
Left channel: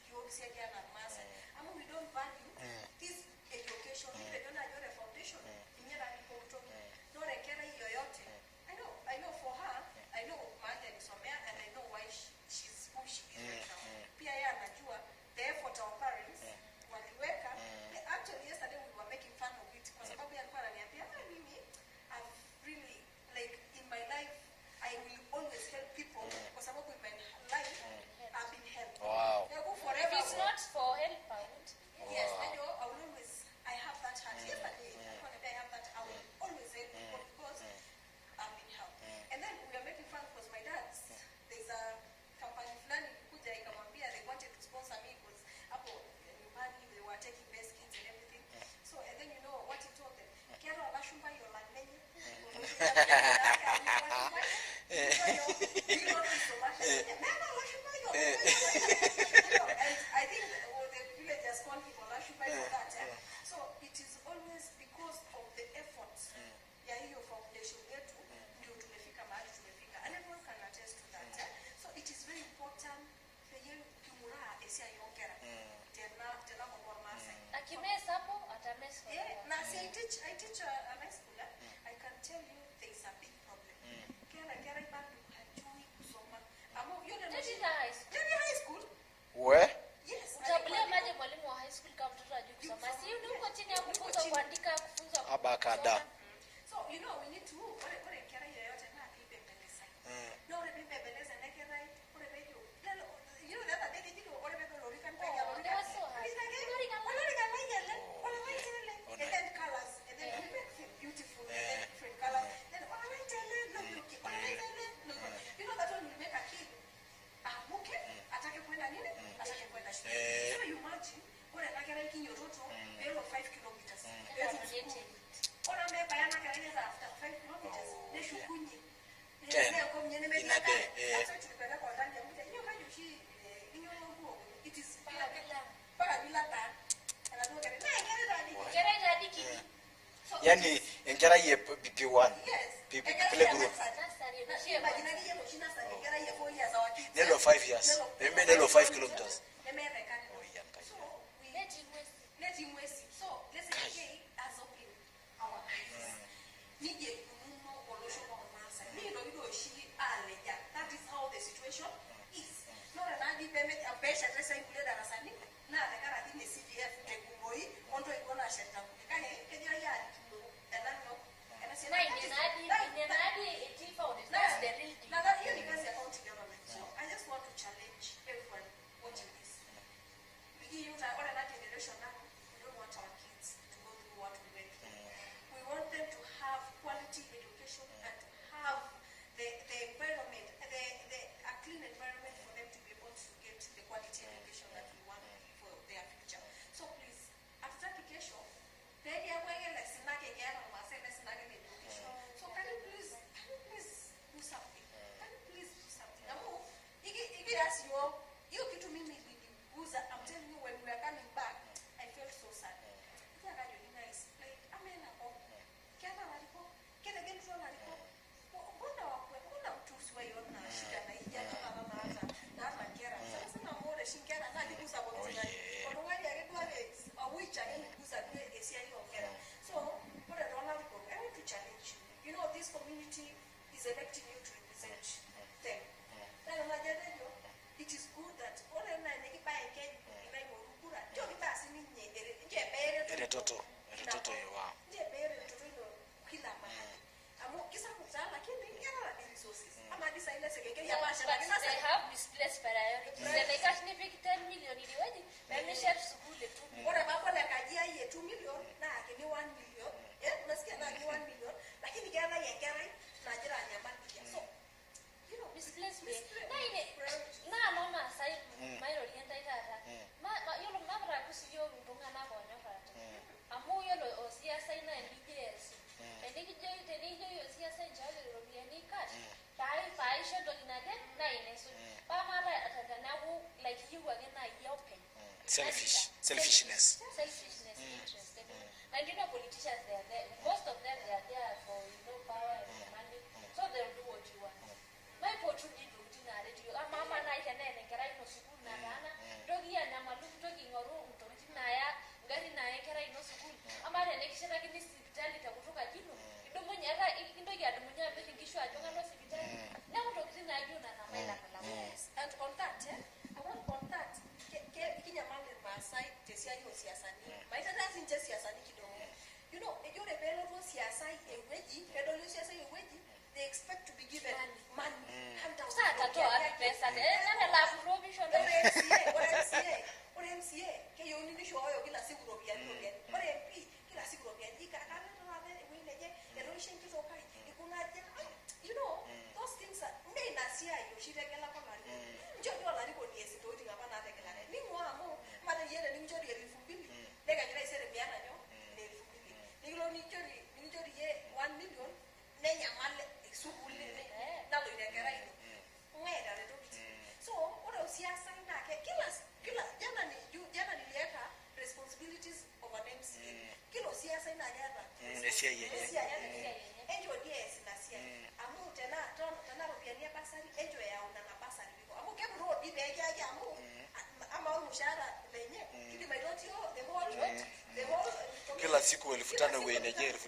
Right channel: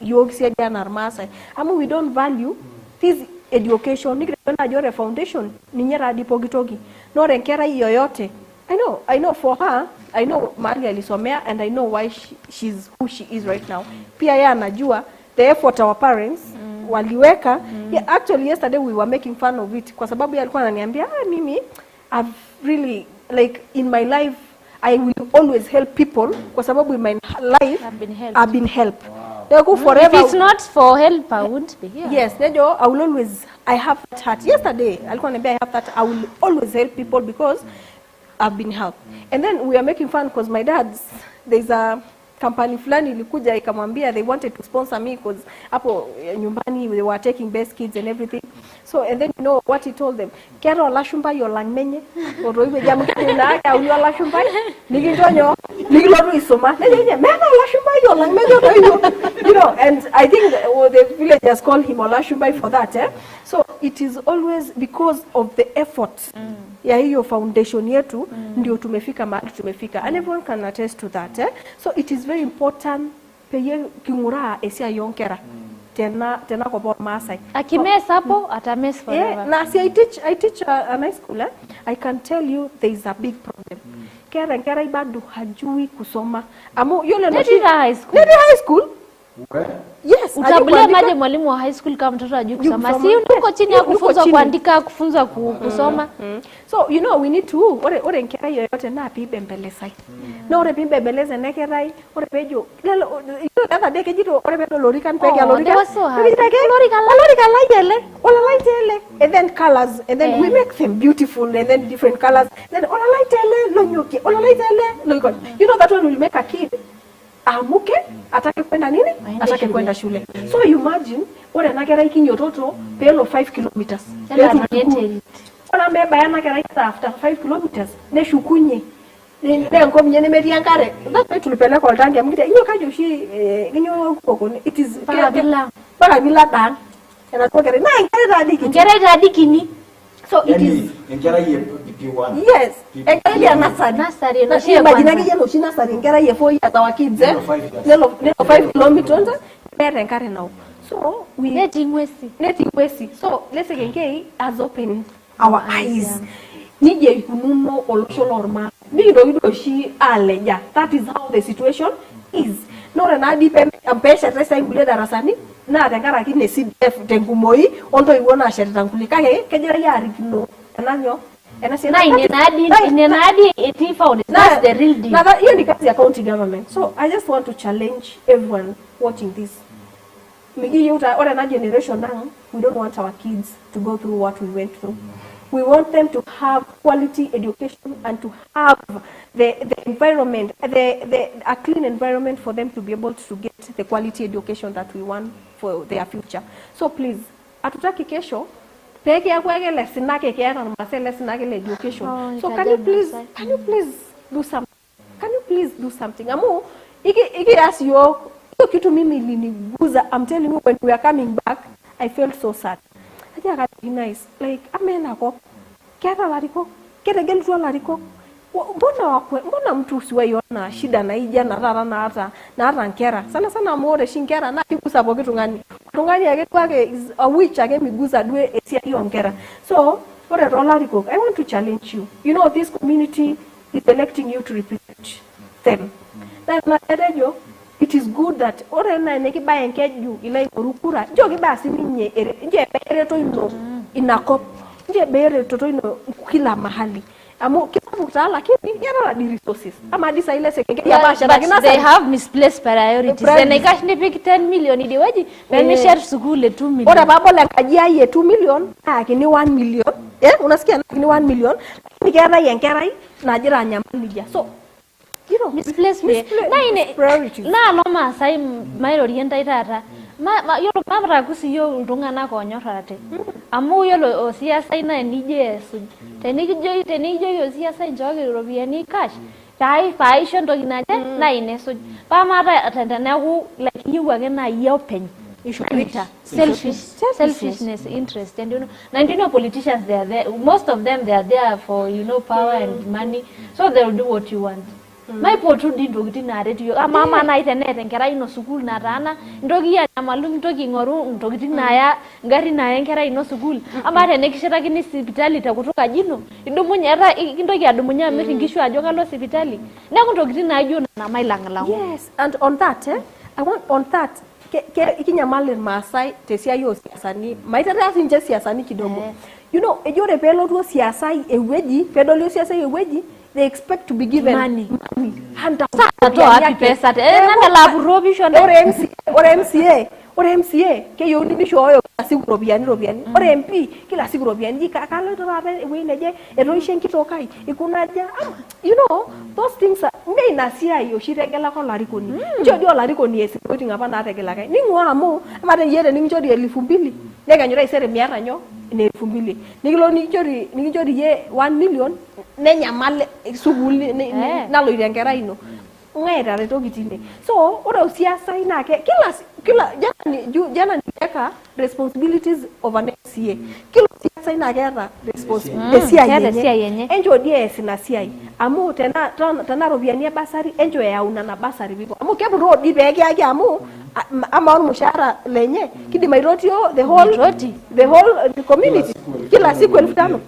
yogsia jana armasa. We don't value this education. Nikirena jore foundation ninyera dipogitogi. No renkera yoyote. I know for her, I know mali alisomea, and I know why she's who she is right now. Pia ya anajua the effort our parents waliweka. Yeah, actually yesterday we were making fun of it kwa sababu alikuwa ananiambia mimi I've really, like, in my life I will always help people kwa sababu in my life I've been helped. Wow. Forever. If it's not for help, I won't be here. Yes, I have that heart. Yesterday alikuwa ananiambia I have that, I will always help people because I've been helped. And then we are making fun because my there's a company fulani ilikuja ikamwambia they wanted to sponsor me because hapo nyumbani they were taking best kids and everything. So and then you know what he told them, kero lashumba yo langmenye oroiwe jamu kina ya ulio lashumba nigidonyo nigiloru isoma nenye mema lashumba yo langmenye, you know, and I think the villagers call him Olashumba for that. So it is always because of the effort ya hiyo foundation yetu ndio tumefika mahali tumefika, and everyone can attest to that. So it is very important peye kingura esia yonkera tena kwa bor Masai akimes hapo atames forever. Na si I teach a high school. I can tell you there is a big problem. Kera ibadu hajui kusoma amu yule no high school. Where? Yes, utabulia maje mwalimu wa high school kama mtoto ajui kusoma, si uko chini ya kufunza kuandika, kufunza kusoma. So you know we need to ore nkera yoyote na pibe mbelesai no ore pibe mbeleze nekerai ore pejo lelo other day kejito ore pedo lorikan pege lorikan lorikan laitele and then colors, and then we make them beautiful, and then different colors, then laitele lonyoki laitele loikon, you know, that one will make a kid amuke atake kwenda nini, atake kwenda shule. So you imagine ore nakera ikinyo toto pelo 5 kilometers ona meba yana kera after 5 kilometers ne shukunye Ndengo mnyene mediankare. That's why tulipeleka kwa tangi amkita. Iyo kajo shi kinyo koko it is para bila dan. Na kwa na ngere radiki ni. So it is ngera ye PP1. Yes. Ngera ye nasari na shi imagine ngi yelo shi nasari ngera ye 4 years our kids. Nelo 5 kilometers. Pere ngare now. So we netting wesi. So let's say has opened our eyes. Nije ikununo olosho normal. Nido shi aleja. That is how the situation is. No na depend ampesha tresa ingule darasani na tengara kine CDF tengumoi onto iwona shere tangulika he kejera yari kino. Enanyo na inenadi eti found that's the real deal. Na hiyo ni kazi ya county government. So I just want to challenge everyone watching this. Migi yuta ora na generation now, we don't want our kids to go through what we went through. We want them to have quality education and to have the environment, a clean environment for them to be able to get the quality education that we want for their future. So please, atutaki kesho, peke ya kwege lesson nake kaya na mase lesson nake education. So can you please do something? Can you please do something? Amu, iki as yo kitu mimi iliniguza. I'm telling you, when we are coming back, I felt so sad. I think nice. Like, amena ko. Kera lariko. Kera geltua lariko. Mbona mtu usiwaiona shida na ija na rara na hata nkera. Sana muore shinkera na kikusa po kitu ngani. Tungani yake kwake is a witch age miguza dwe esia hiyo nkera. So, ore lariko, I want to challenge you. You know, this community is electing you to represent them. Na yo, it is good that ore na neki ba enkeju ile orukura jo ki ba siminye nje bere to ino inakop nje bere to ino kila mahali amu kisabu kutala lakini yana la resources ama disa ile sekenge ya basha but they have misplaced priorities and ikash ni pick 10 million idewaji na share school 2 million ora babo la kajia ye 2 million lakini 1 million unasikia lakini 1 million lakini kera yenkera na jira nyamalija so you know misplaced priorities na no masai mairo orienta itata yolo mabra kusiyo ntungana konyorate amu yolo osiasa ina nije su tenijo yo siasa njoge robiani cash tai faisho ndo ginaje na ineso pa mata atendana ku like you again na open selfishness interest and you know politicians they are there most of them they are there for power and money so they will do what you want. My potu di ndogi na radio mama na internet ngera ino school na rana ndogi ya malum ndogi ngoru ndogi na ya ngari na ngera ino school amare nekishira kini hospitali takutoka jino idumunya ra ndogi adumunya miringisho ajo kalo hospitali na ndogi na ajo na mailangala. Yes, and on that I want on that ikinyamale Masai tesia yo siasani maitara sinje siasani kidogo. You know ejore pelo tu siasa eweji pedolio siasa eweji they expect to be given money. Sato happy pesa nanga labu robisho or MCA ke yo ni shoyo kila siku robiani or MP kila siku robiani kakalo to rabe we neje eroishen kitokai ikunaja those things ngai nasia yo shiregela ko larikoni njodi olarikoni esipoti ngapa na regela kai ningwa amu amate yere ningjodi 2000 nega nyora isere miara nyo ne 2000 nigilo ningjodi ye 1 million nenya male suguli nalo irengera ino ngera reto gitile so ora usiasa inake kila jana niweka responsibilities of an MCA kila siasa inake ra responsibility yenye enjo DS na CI amu tena robiania basari enjo ya una na basari bibo amu kebu road ibege yake amu ama mushara lenye kidi mairotio the whole community kila siku 1500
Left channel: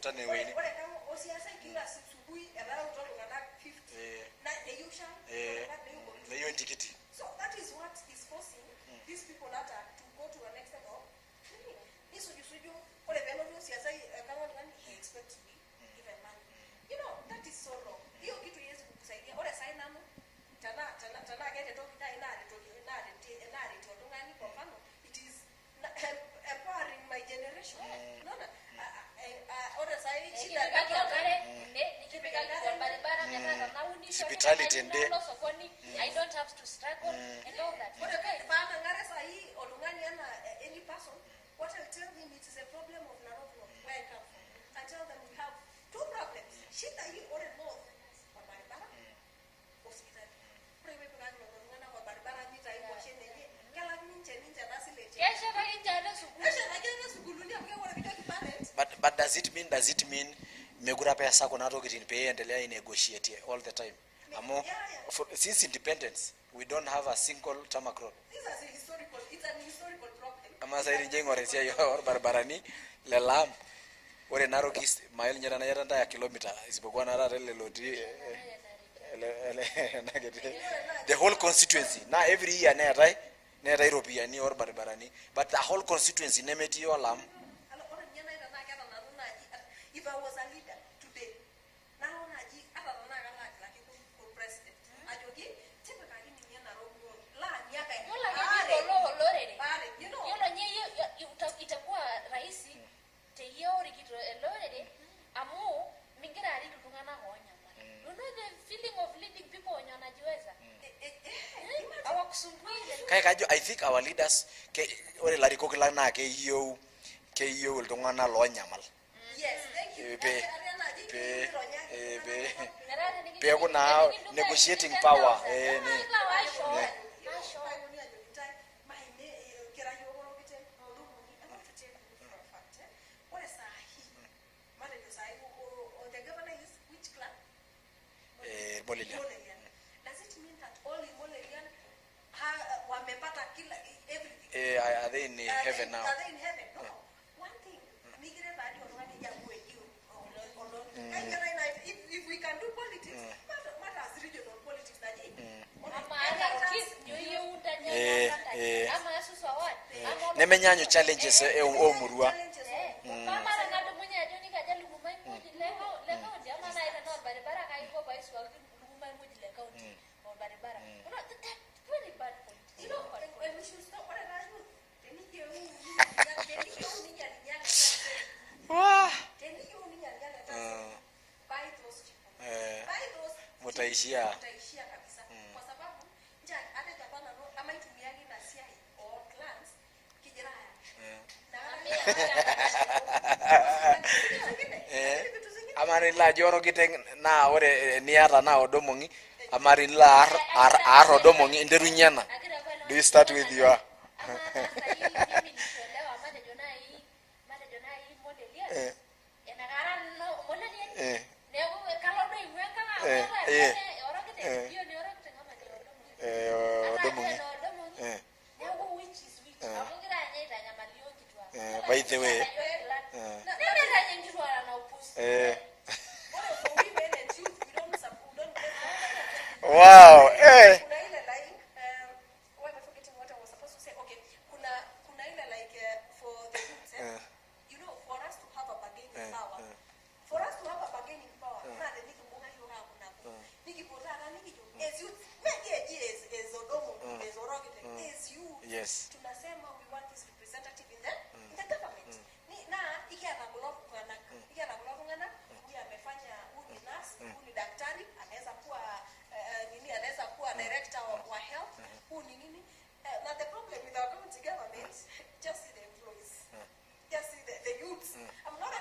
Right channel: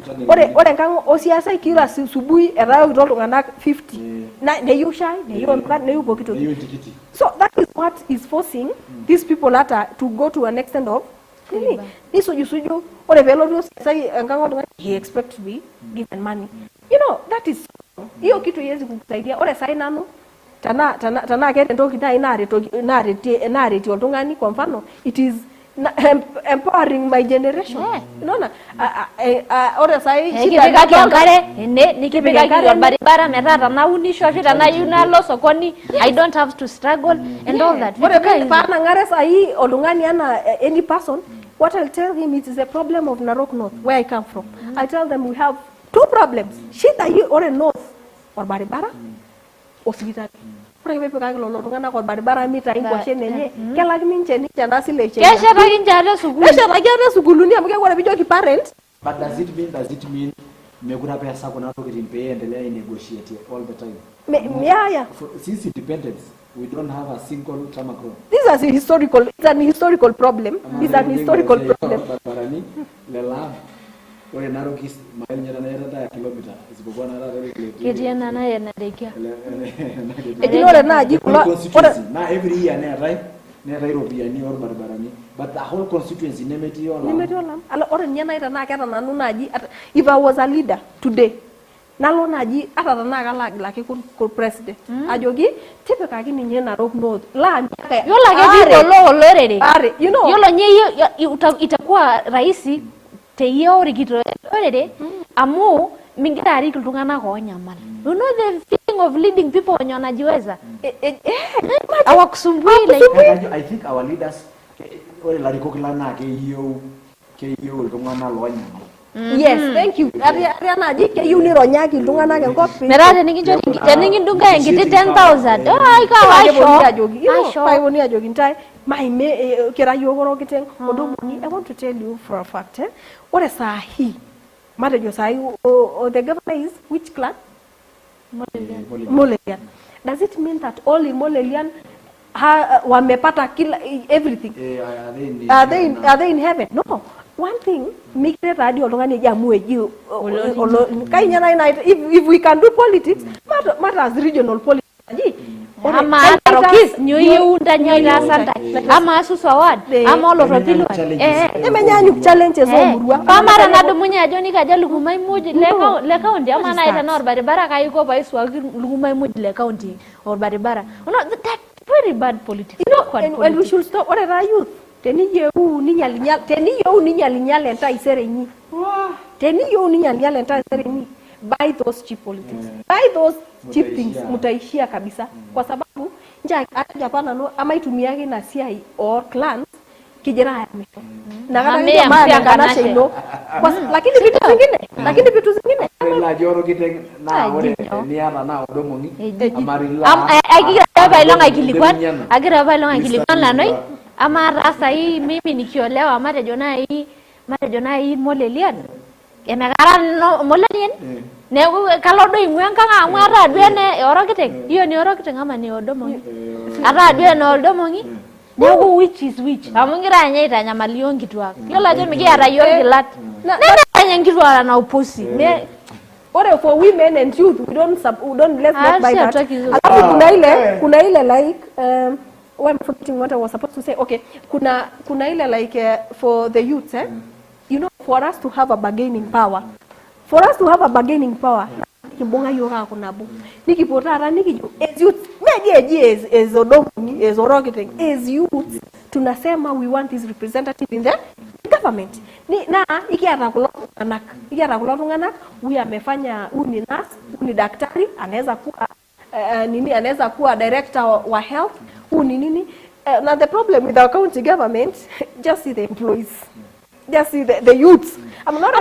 ore ngango osiasa kila subui era utolungana 50 na neyushai neyo kito so that is what is forcing these people to go to an extent of suju ore velo sai ngango he expect to be given money that is hiyo kitu yezi kukusaidia ore sai nano tana kete ndoki dai nareti oltungani kwa mfano it is empowering my generation unaona ora sai shida ngare nikipiga kile barabara metata na unisho shida na yunalo sokoni I don't have to struggle and all that ora pana ngare sai olungani ana any person what I'll tell him it is a problem of Narok North where I come from. I tell them we have two problems shida you or north orbaribara hospitali. Ore pepikaki lolo tung'anak orbaribara mitai nkwashen enye kelaki ninche ena sile enche. Keshetaki ninche ate sukuul. Keshetaki ate sukuuluni amu ore pijoki parents. But does it mean mekura pesa kuna tokitin pay endelea negotiate all the time? Yeah. Since independence, we don't have a single tarmac road. It's an historical problem. It's an historical problem. Barani lelam ore narokis mayo nyara na yata ya kilomita isipokuwa na rata ile Etiana na yenadekia. Ignore na the whole constituency na every year ne atai European or barbarani, but the whole constituency nemeti yo alam. Ala ore nyana ita na keta nanu naji if I was a leader today nalo naji ata na kala laki kun president ajogi tipikaki ninye Narok North la miaka Yola ke olorere are you know yolo nye itakuwa rahisi te hiyo rigito olorere amu mingira ari kulungana ko nyamal you know the feeling of leading people when wanajiweza awakusumbui like I think our leaders ore lariko kilana ke hiyo lungana lo nyamal. Yes, thank you. Ariana ji ke yuni ronyaki lungana ke kopi. Merade ningi dunga ngiti 10,000. Ai ka sure. Pai woni ajogi ntai mai me kera yogoro kiteng odomoni. I want to tell you for a fact what is sahi matejo sahi the governor is which clan? Molelian. Does it mean that all in Molelian wamepata kila everything? Are they in heaven? No. One thing, mikre radio olongani jamueji if we can do politics, matters regional politics aji. Ama Narokis nyoyo unda nyoya santa ama asusu award ama olopapilo emenyanyu challenges omurwa kamara nado munya joni kaja lugumai muji le county ama na ita nor baribara kayiko baiswa lugumai muji le county or baribara that very bad politics, you know, and we should stop. What are youth? Teni you ni nyalinyal enta iserenyi. Teni you ni nyalinyal enta iserenyi. Buy those cheap politics. Buy those cheap things. Mutaishia kabisa. Kwa sababu nja Japan no ama itumiage na CI or clans kijana haya misho. Na kama ndio maana kana shelo. Lakini vitu zingine. Amarila joro kiteng na ore niala na odomongi. Amarila. Agira bailonga gilikuwa LANOI. Ama rasa hii mimi nikiolewa mara hii molelian. Emekara no molelian. Ne kalodo imwenga ngara dwene orokiteng. Hiyo ni orokiteng ama ni odomongi. Ata dwene odomongi. Nyangu which is which. Amungira nyaita nyamalio ngitwa. Yola je migi ara yogilat. Nena ngitwa na upusi. Or for women and youth let's not buy that. Kuna ile like I'm forgetting what I was supposed to say. Okay, kuna ile like for the youth you know, for us to have a bargaining power. Kibonga yoga kunabu. Nikipotara nikijo as youth meje as odomu as orokiting as youth tunasema we want this representative in the government. Na ikiata kulotungana huyu amefanya ni nurse, ni daktari, anaweza kuwa anaweza kuwa director wa health, nini. Now the problem with our county government, just see the employees. Just see the youths. I'm not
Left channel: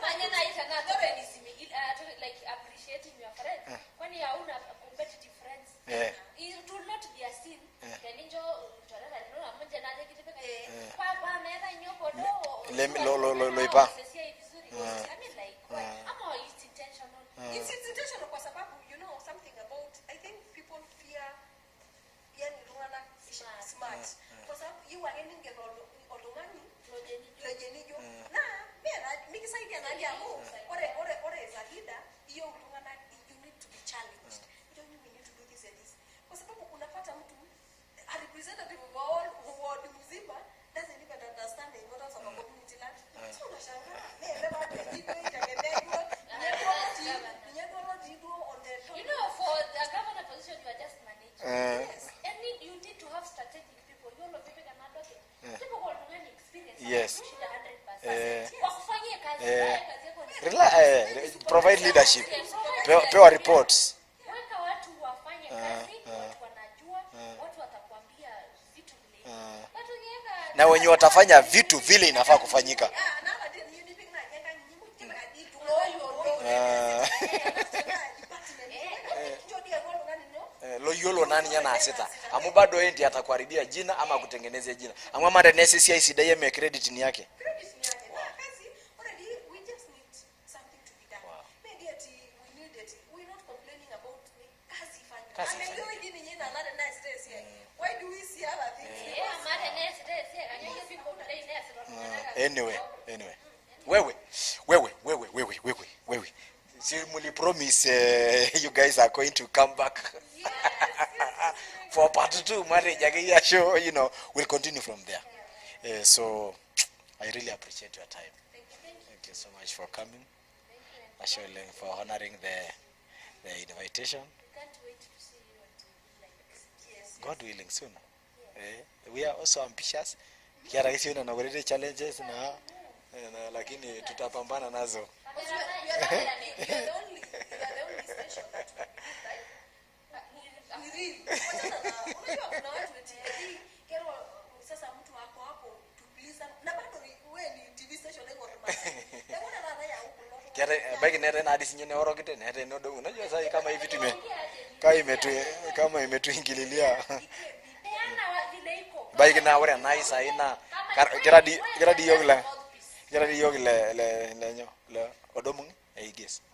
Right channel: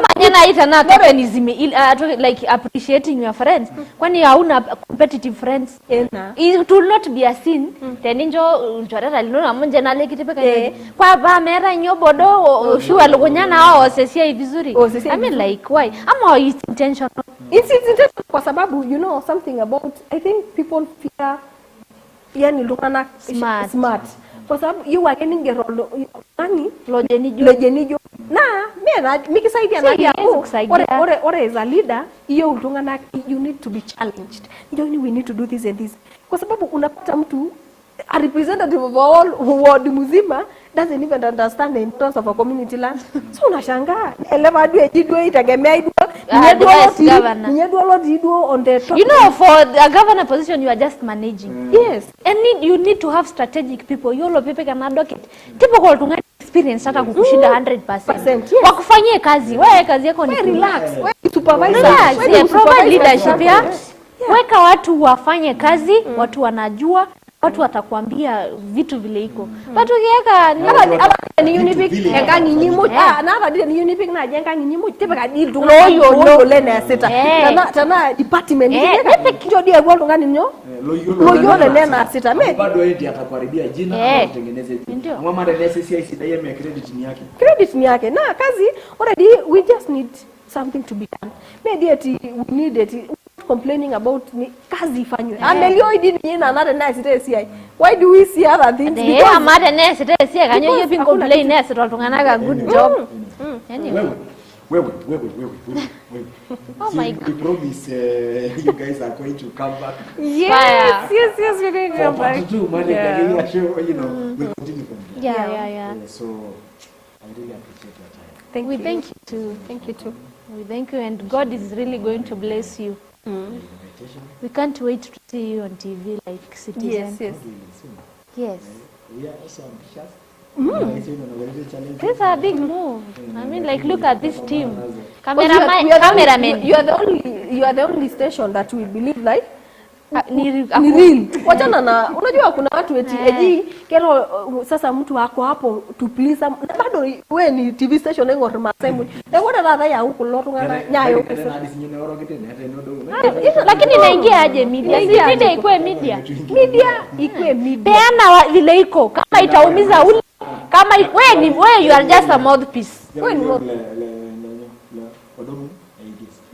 like appreciating your friends. Kwani hauna competitive friends. It will not be a sin. Teninjo chorera lino munje na leki tepeka. Kwa ba mera nyobodo shua lukunyana o sesia vizuri. I mean like why? Ama it's intentional. It's intentional kwa sababu you know something about I think people fear yani lukana smart. Kwa sababu you are getting a role nani lojenijo na mena mikisaidia na yako ore as a leader hiyo utungana you need to be challenged. We need to do this and this. Kwa sababu unapata mtu a representative of all ward mzima doesn't even understand the importance of a community land. So unashangaa eleva due jidwe itagemea idwo on the top. You know, for a governor position you are just managing. Yes, and you need to have strategic people. Yolo pepe kana docket typical tunga experience hata kukushinda 100%. Wakufanyie kazi wewe kazi yako ni relax, wewe supervisor, provide leadership ya weka watu wafanye kazi, watu wanajua watu watakwambia vitu vile iko. But ukiweka na watu watafanya vitu vile na hadi ni unique na jenga nyimu tebeka deal loyo lene seta tana department ndio dia kwa ngani nyo loyo lene seta me bado enti atakuharibia jina au kutengeneza jina mama ndio necessary sida yeye credit ni yake na kazi already we just need something to be done maybe we need it complaining about kazi ifanywe amelio idi ni na another nice day CI why do we see other things because amada nice day CI kanyo you been complain nice to tungana ga good job wewe see we promise you guys are going to come back yes we're going to come back part 2 manager show we'll continue from there yeah so I really appreciate your time thank you too we thank you and God is really going to bless you. Invitation. We can't wait to see you on TV like Citizen. Yes. Soon. Yes. We are also ambitious. Challenges. This is a big move. I mean, like, look at this team. Cameraman. You are the only station that we believe like ni real. Wachana na unajua kuna watu eti kero sasa mtu wako hapo to please na bado wewe ni TV station ngo masemu. Ngona dada ya huko lotu nyayo. Lakini inaingia aje media? Media ikuwe media. Peana vile iko kama itaumiza ule kama wewe you are just a mouthpiece.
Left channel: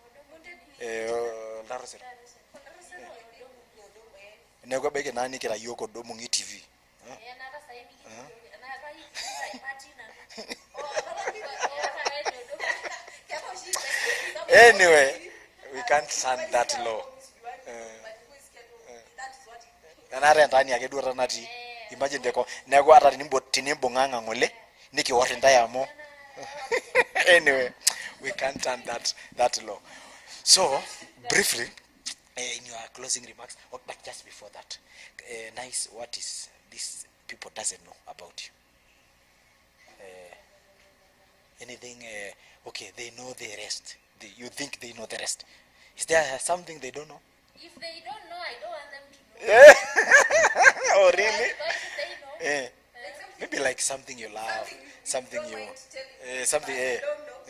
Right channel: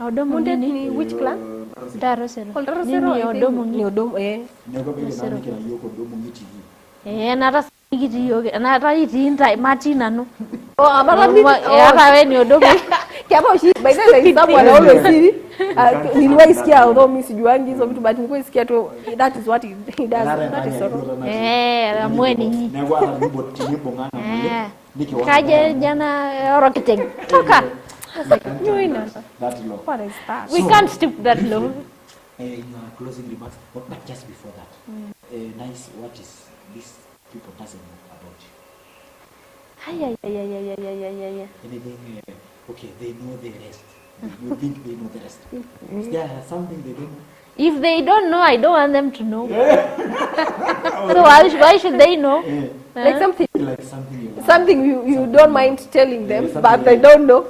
Odomo ni which clan? Darosero. Ni odomo Nego bege nani kila yoko odomo TV. Nara sigiti yoke nara itinda machina no. Amara hapa wewe ni odomo. Kiama shi by the way sababu anaona siri. Niliwaisikia odomo mimi sijuangi hizo vitu but nilikuwa tu that is what he does. Ramweni. Nego hata nilimbo nganga mole. Nikiona kaje jana rocketeng. We can't turn that low. What is that? We can't stoop that low. In your closing remarks, but just before that, nice. What is this people doesn't know about you? Anything? Okay, they know the rest. You think they know the rest? Is there something they don't know? If they don't know, I don't want them to know. So why should they know? Like something you love. Something you don't mind telling them, but they don't know.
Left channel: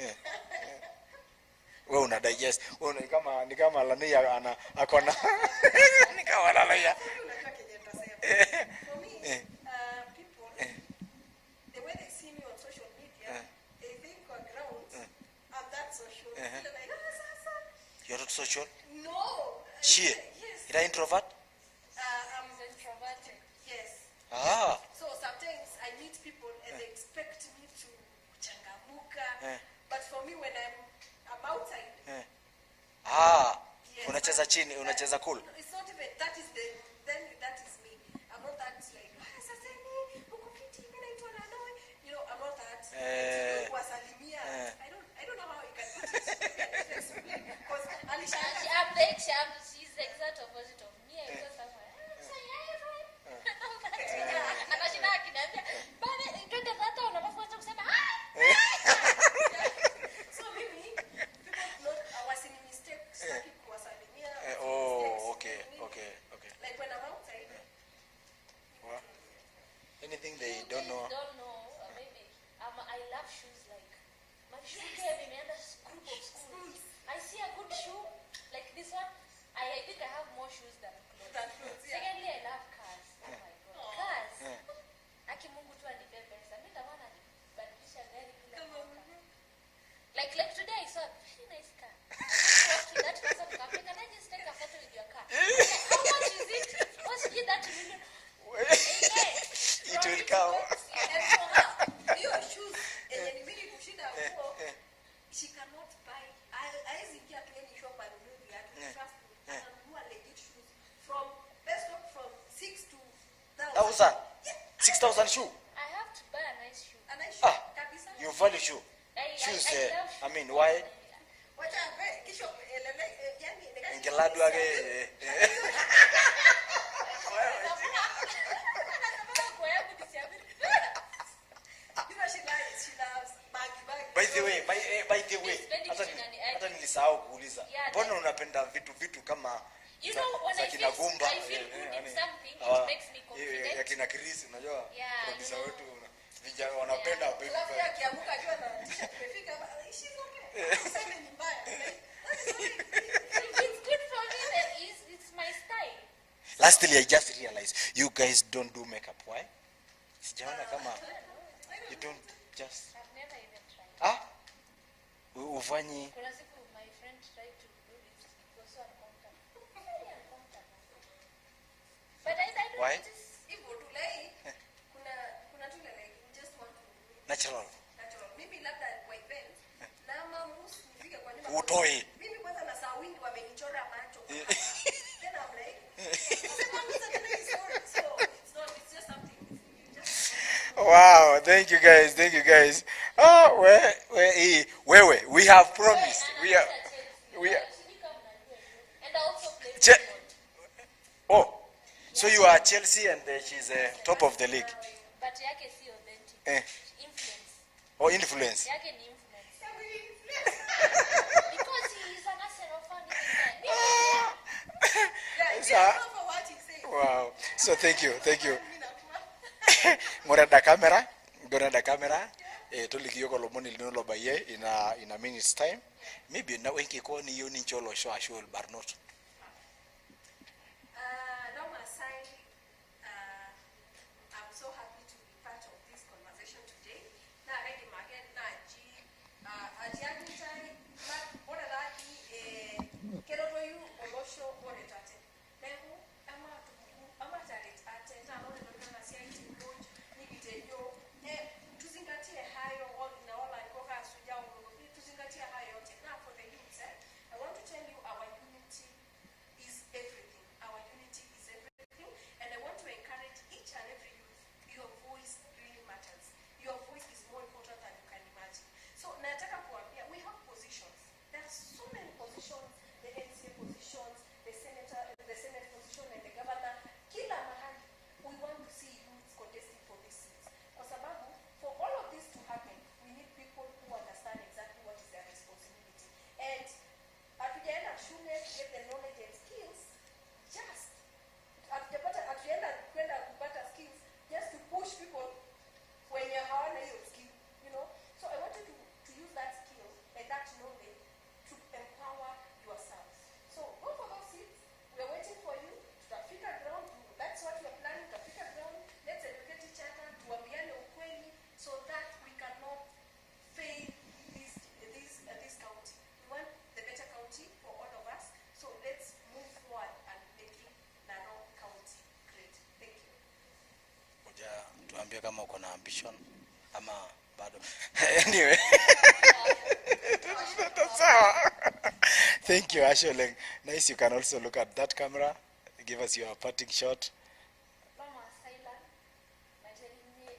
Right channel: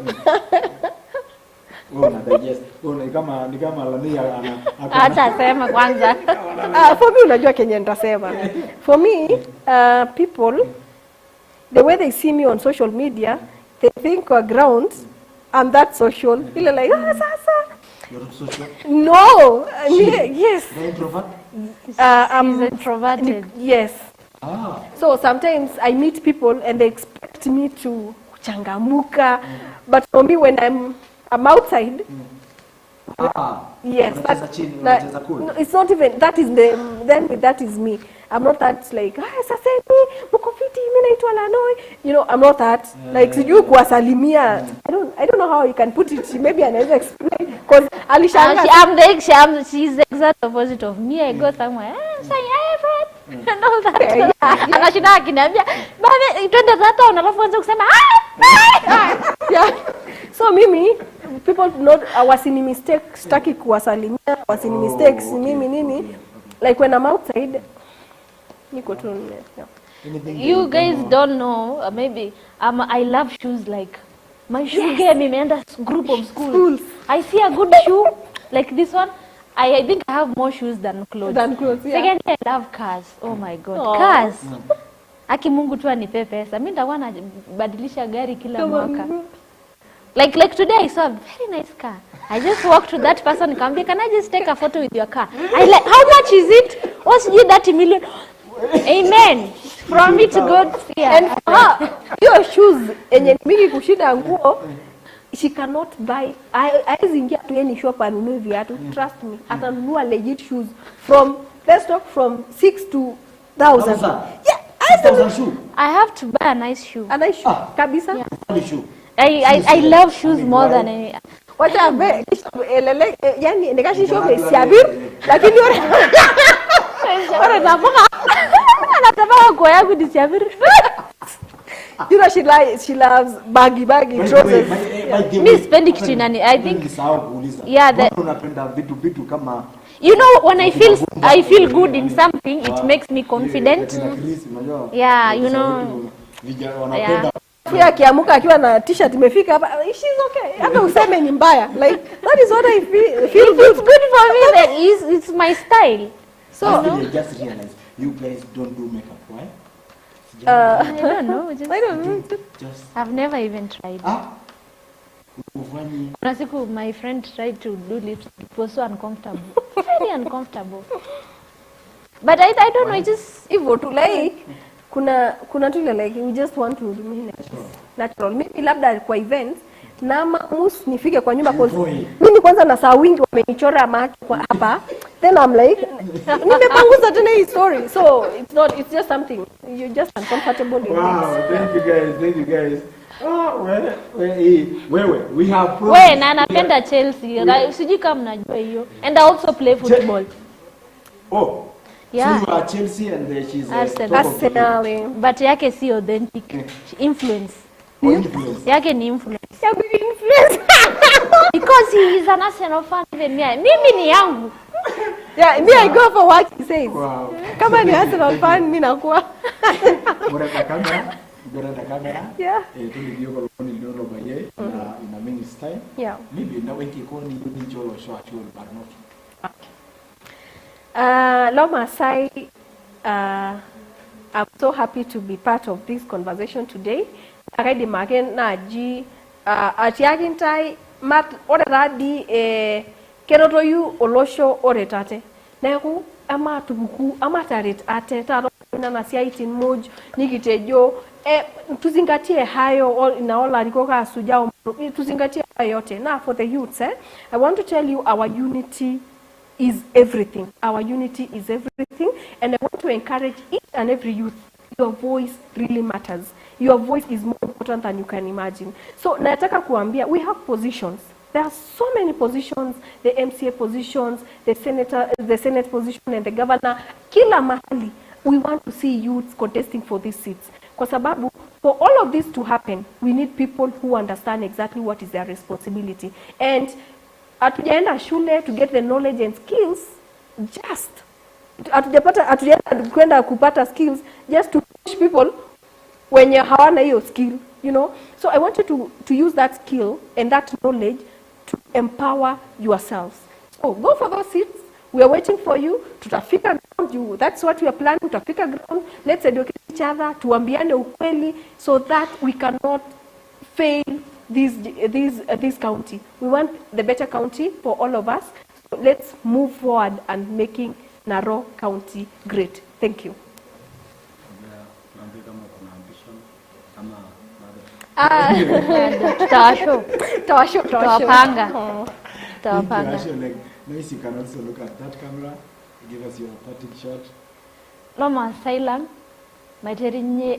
Una digest. Ni kama LANOI Acha sema kwanza. For me unajua Kenya nitasema. For me, people the way they see me on social media, they think on ground I'm that social. Feel like sasa. You're not social? No. Yes. You're introvert? I'm introverted. Yes. So sometimes I meet people and they expect me to changamuka, but for me when I'm outside. Yes. Unacheza cool. It's not even that is that is me. I'm not that like sasa hivi mko fiti mimi naitwa LANOI. I'm not that like sijui kuwasalimia. I don't know how you can put it. Maybe anaweza explain because alishanga she's the exact opposite of me. I go somewhere say hi friend and all that. Anashinda akiniambia baba twende tata unalafu anza kusema yeah. So mimi people not wasini mistake staki kuwasalimia wasini mistakes mimi nini like when I'm outside niko tu you guys don't know maybe I love shoes like my shoe game imeenda group of schools. I see a good shoe like this one. I think I have more shoes than clothes. Secondly, I love cars. Oh my God, cars. Aki Mungu tu anipe pesa. Mimi nitakuwa nabadilisha gari kila mwaka. Like today I saw a very nice car. I just walked to that person and come, can I just take a photo with your car? I like, how much is it? What's that million? Amen. From me to God. And your shoes enye mingi kushinda nguo she cannot buy. I zingia tu any shop anunue viatu. Trust me. Atanunua legit shoes from best stock from 6 to 1,000. Yeah. 6,000 shoe. I have to buy a nice shoe. A nice shoe. Kabisa. Yeah. Funny shoe. I love shoes more than any. Wacha be yani nikashi shope siabir lakini ora naboka anataka kwa yangu disiabir You know, she loves baggy trousers. Mi sipendi kitu inani. I think yeah, you know, when I feel good in something, it makes me confident. Yeah, you know. Yeah. Pia akiamuka akiwa na t-shirt imefika hapa, she's okay. Hata useme ni mbaya. Like that is what I feel. It's good for me. That is, it's my style. Last thing I just realized, you guys don't do makeup, why? I don't know. I don't know. I've never even tried. Ufanyi. Kuna siku my friend tried to do lips. It was so uncomfortable. Very uncomfortable. But I don't know. It just hivyo tu like kuna tu like we just want to remain natural. Maybe labda kwa event na mus nifike kwa nyumba cause mimi kwanza na saa wingi wamenichora macho kwa hapa. Then I'm like nimepanguza tena hii story. So it's just something you're just uncomfortable. Wow, thank you guys. Oh, we have problems. Wewe na napenda Chelsea. Sijui kama mnajua hiyo. And I also play football. Oh. Yeah. So you are Chelsea and she's top of the league. But yake si authentic. Influence. Oh, influence. Yake ni influence. Because he is an Arsenal fan even me. Mimi ni yangu. Yeah, me I go for what he says. Wow. Kama ni Arsenal fan mimi nakuwa. Mora camera. Got the camera. Yeah. Tulivyo kwa lomoni linono baye in a minute's time. Yeah. Maybe now wengi koni yuni njolo shwashul barnot. Loma Sai, I'm so happy to be part of this conversation today. Already magen na ji atiagintai mat oradi keroto yu olosho oretate. Neku ama tubuku ama tarit ate taro na siaitin moj nikitejo tuzingatie hayo inaola rikoka sujao tuzingatie hayo yote. Now for the youths, I want to tell you our unity is everything. Our unity is everything. And I want to encourage each and every youth. Your voice really matters. Your voice is more important than you can imagine. So, nataka kuambia, we have positions. There are so many positions, the MCA positions, the Senate position, and the governor. Kila mahali, we want to see youths contesting for these seats. Kwa sababu, for all of this to happen, we need people who understand exactly what is their responsibility. And hatujaenda shule to get the knowledge and skills, just hatujaenda kwenda kupata skills just to push people wenye hawana hiyo skill, you know. So I want you to use that skill and that knowledge to empower yourselves. So go for those seats. We are waiting for you. Tutafika ground. That's what we are planning. Tutafika ground. Let's educate each other. Tuambiane ukweli so that we cannot fail this county. We want the better county for all of us. So let's move forward and making Narok County great. Thank you. Tuambie kama uko na ambition ama bado. Tawapanga. Thank you, Ashley. Nice, you can also look at that camera. Give us your parting shot. Loma Asylum, Materinye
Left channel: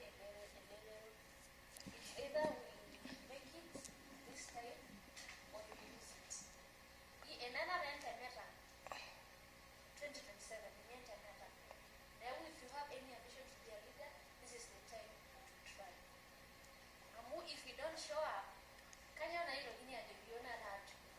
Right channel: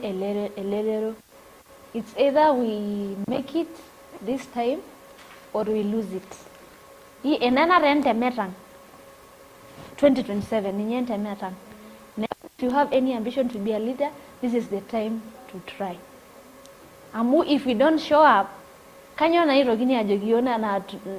Elero. It's either we make it this time or we lose it. Hii enana rente metang 2027 ni rente metang. If you have any ambition to be a leader, this is the time to try. Amu if we don't show up, kanyo na iro gini ajogiona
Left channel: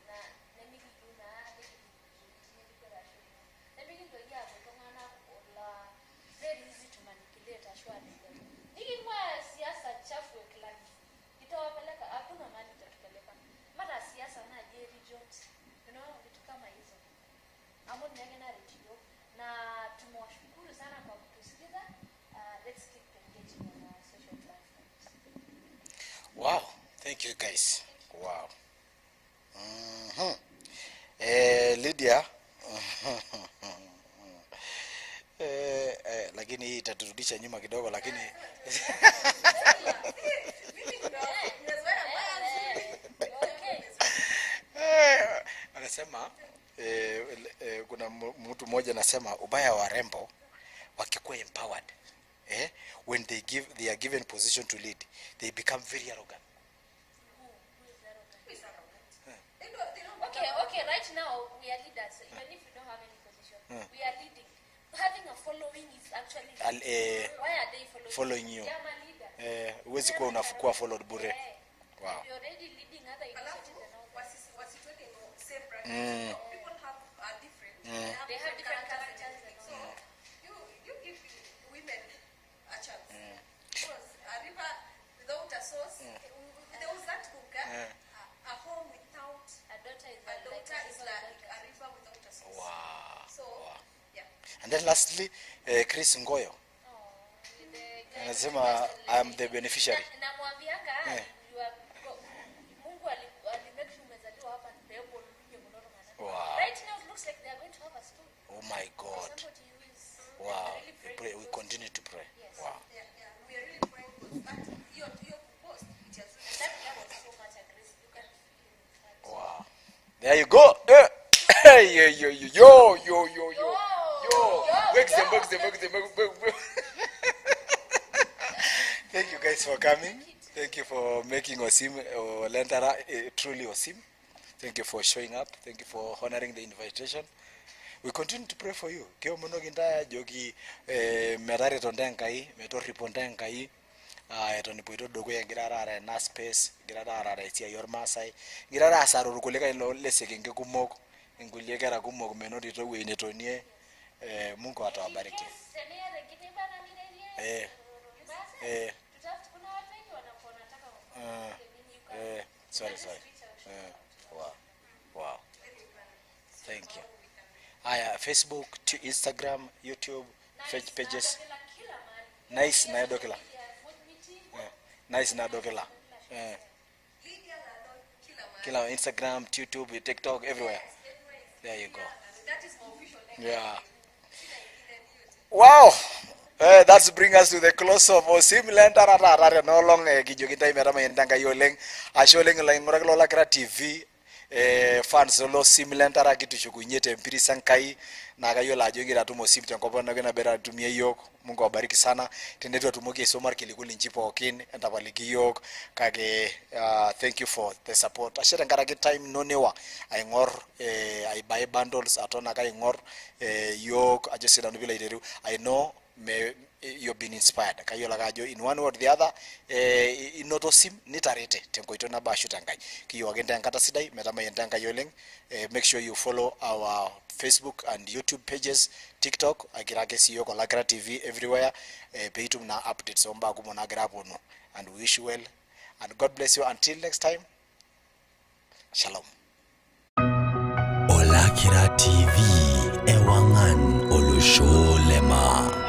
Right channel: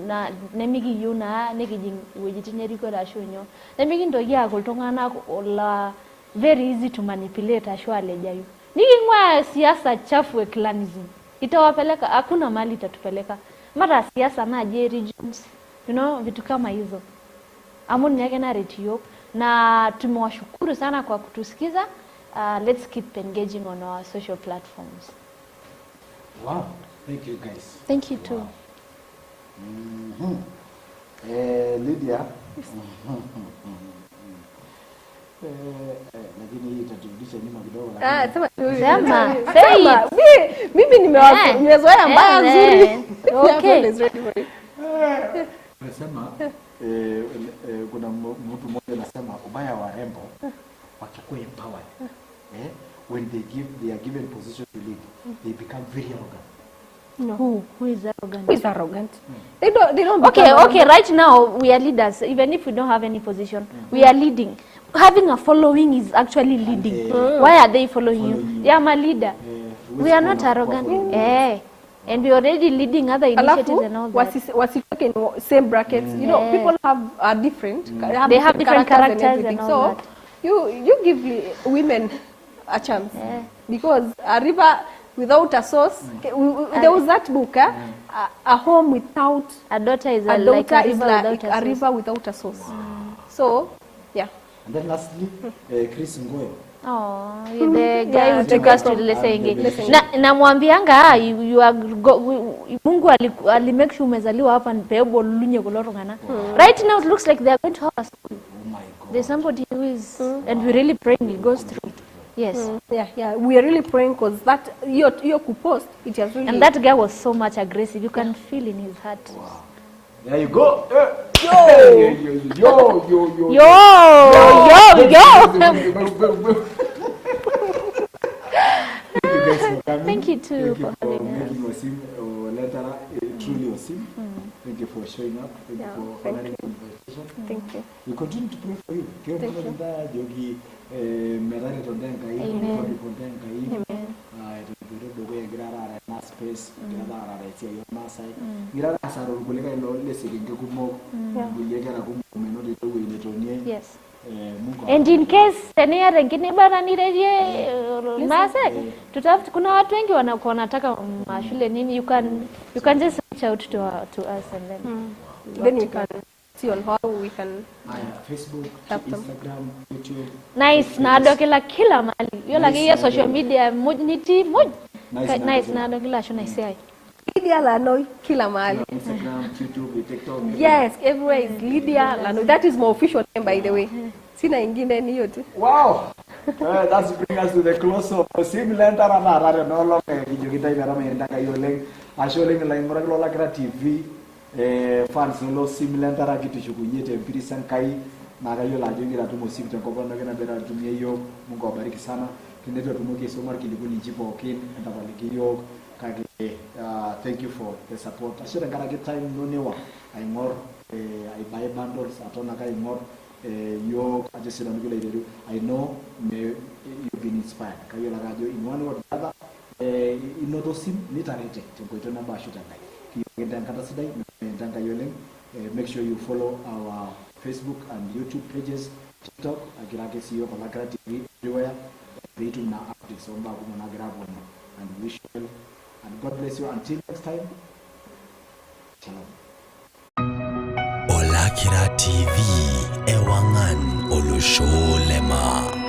na nemigi yuna negijing wejitinyeri ko rashonyo. Nemigi ndogi akoltongana la very easy to manipulate ashwale jayu. Nikingwa siasa chafu clanism. Itawapeleka hakuna mali itatupeleka. Mara siasa na je regions. You know vitu kama hizo. Amuni yake na retio na tumewashukuru sana kwa kutusikiza. Let's keep engaging on our social platforms. Wow, thank you guys. Thank you too. Lydia. Lakini hii itaturudisha nyuma kidogo lakini. Sema. Mimi nimezoea mbaya nzuri. Okay. Anasema kuna mtu mmoja anasema ubaya wa rembo wakikuwa empowered. When they are given position to lead, they become very arrogant. No. Who is arrogant? Who is arrogant? They don't Okay, right now we are leaders. Even if we don't have any position, we are leading. Having a following is actually leading. Why are they following you? Yeah, I'm a leader. We are not arrogant. And we already leading other initiatives and all that. Wasitoke in same brackets. You know, people are different. They have different characters and everything. all So that. you give women a chance. Because a river without a source, there was that book, a home without a daughter is like a river without a source. So, yeah. And then lastly, Chris Ngoyo. Oh, the guy who took us to the namwambianga you are Mungu ali make sure umezaliwa hapa mpebo lunye kulorongana. Right now it looks like they are going to have a school. Oh my God. There's somebody who is and we really praying it goes through. Yes. Yeah. We are really praying because that your post it has really. And that guy was so much aggressive. You can feel in his heart. Wow. There you go. Yo. Thank you guys for coming. Thank you too. Thank you for making OSIM Lentara truly OSIM. Thank you for showing up. Thank you for honoring the invitation. Thank you. We continue to pray for you. Jogi medari tondengai, metori pondengai. Tonipuito dogo ya girara na space, girara itia yor masai. Girara asaro kulega ilo leseke ngekumo. Nguliyega kumo kumenori to we netonie. Yes. And in case any other ngine bana ni reje mase tutafuta kuna watu wengi wanataka mashule nini you can just reach out to us and then we can see on how we can Facebook, Instagram, YouTube. Nice NAADOKILA kila mahali hiyo lakini social media niti nice NAADOKILA should I say LYDIA LANOI kila mahali. Instagram, YouTube, TikTok, everywhere. Yes, everywhere is LYDIA LANOI. That is my official name, by the way. Sina ingine ni hiyo tu. Wow! That's bring us to the close of OSIM Lentara la no long kijogita ibara mendanga yoleng asholeng la imraklo la gra TV fans lo OSIM Lentara kitushukunyete mpirisa nkai na kayo la jogira tu OSIM tenkopa na kana bera tumia yo Mungu awabariki sana tendetwa tumuke somar kilikuli njipo okin atabaliki yo kage thank you for the support ashira ngara ke time no newa I ngor I buy bundles atona kai ngor yo ajisira nubila ideru I know you've been inspired kayo lagajo in one way or the other inoto sim nitarete tenko itona ba shutangai kiyo agenda ngata sidai metama yendanga yoleng make sure you follow our Facebook and YouTube pages, TikTok, Agirake CEO, Kolakra TV, everywhere. Peitum na updates on Bagumona Grabono. And wish well. And God bless you. Until next time, Shalom. Olakira TV, Ewangan Olusholema.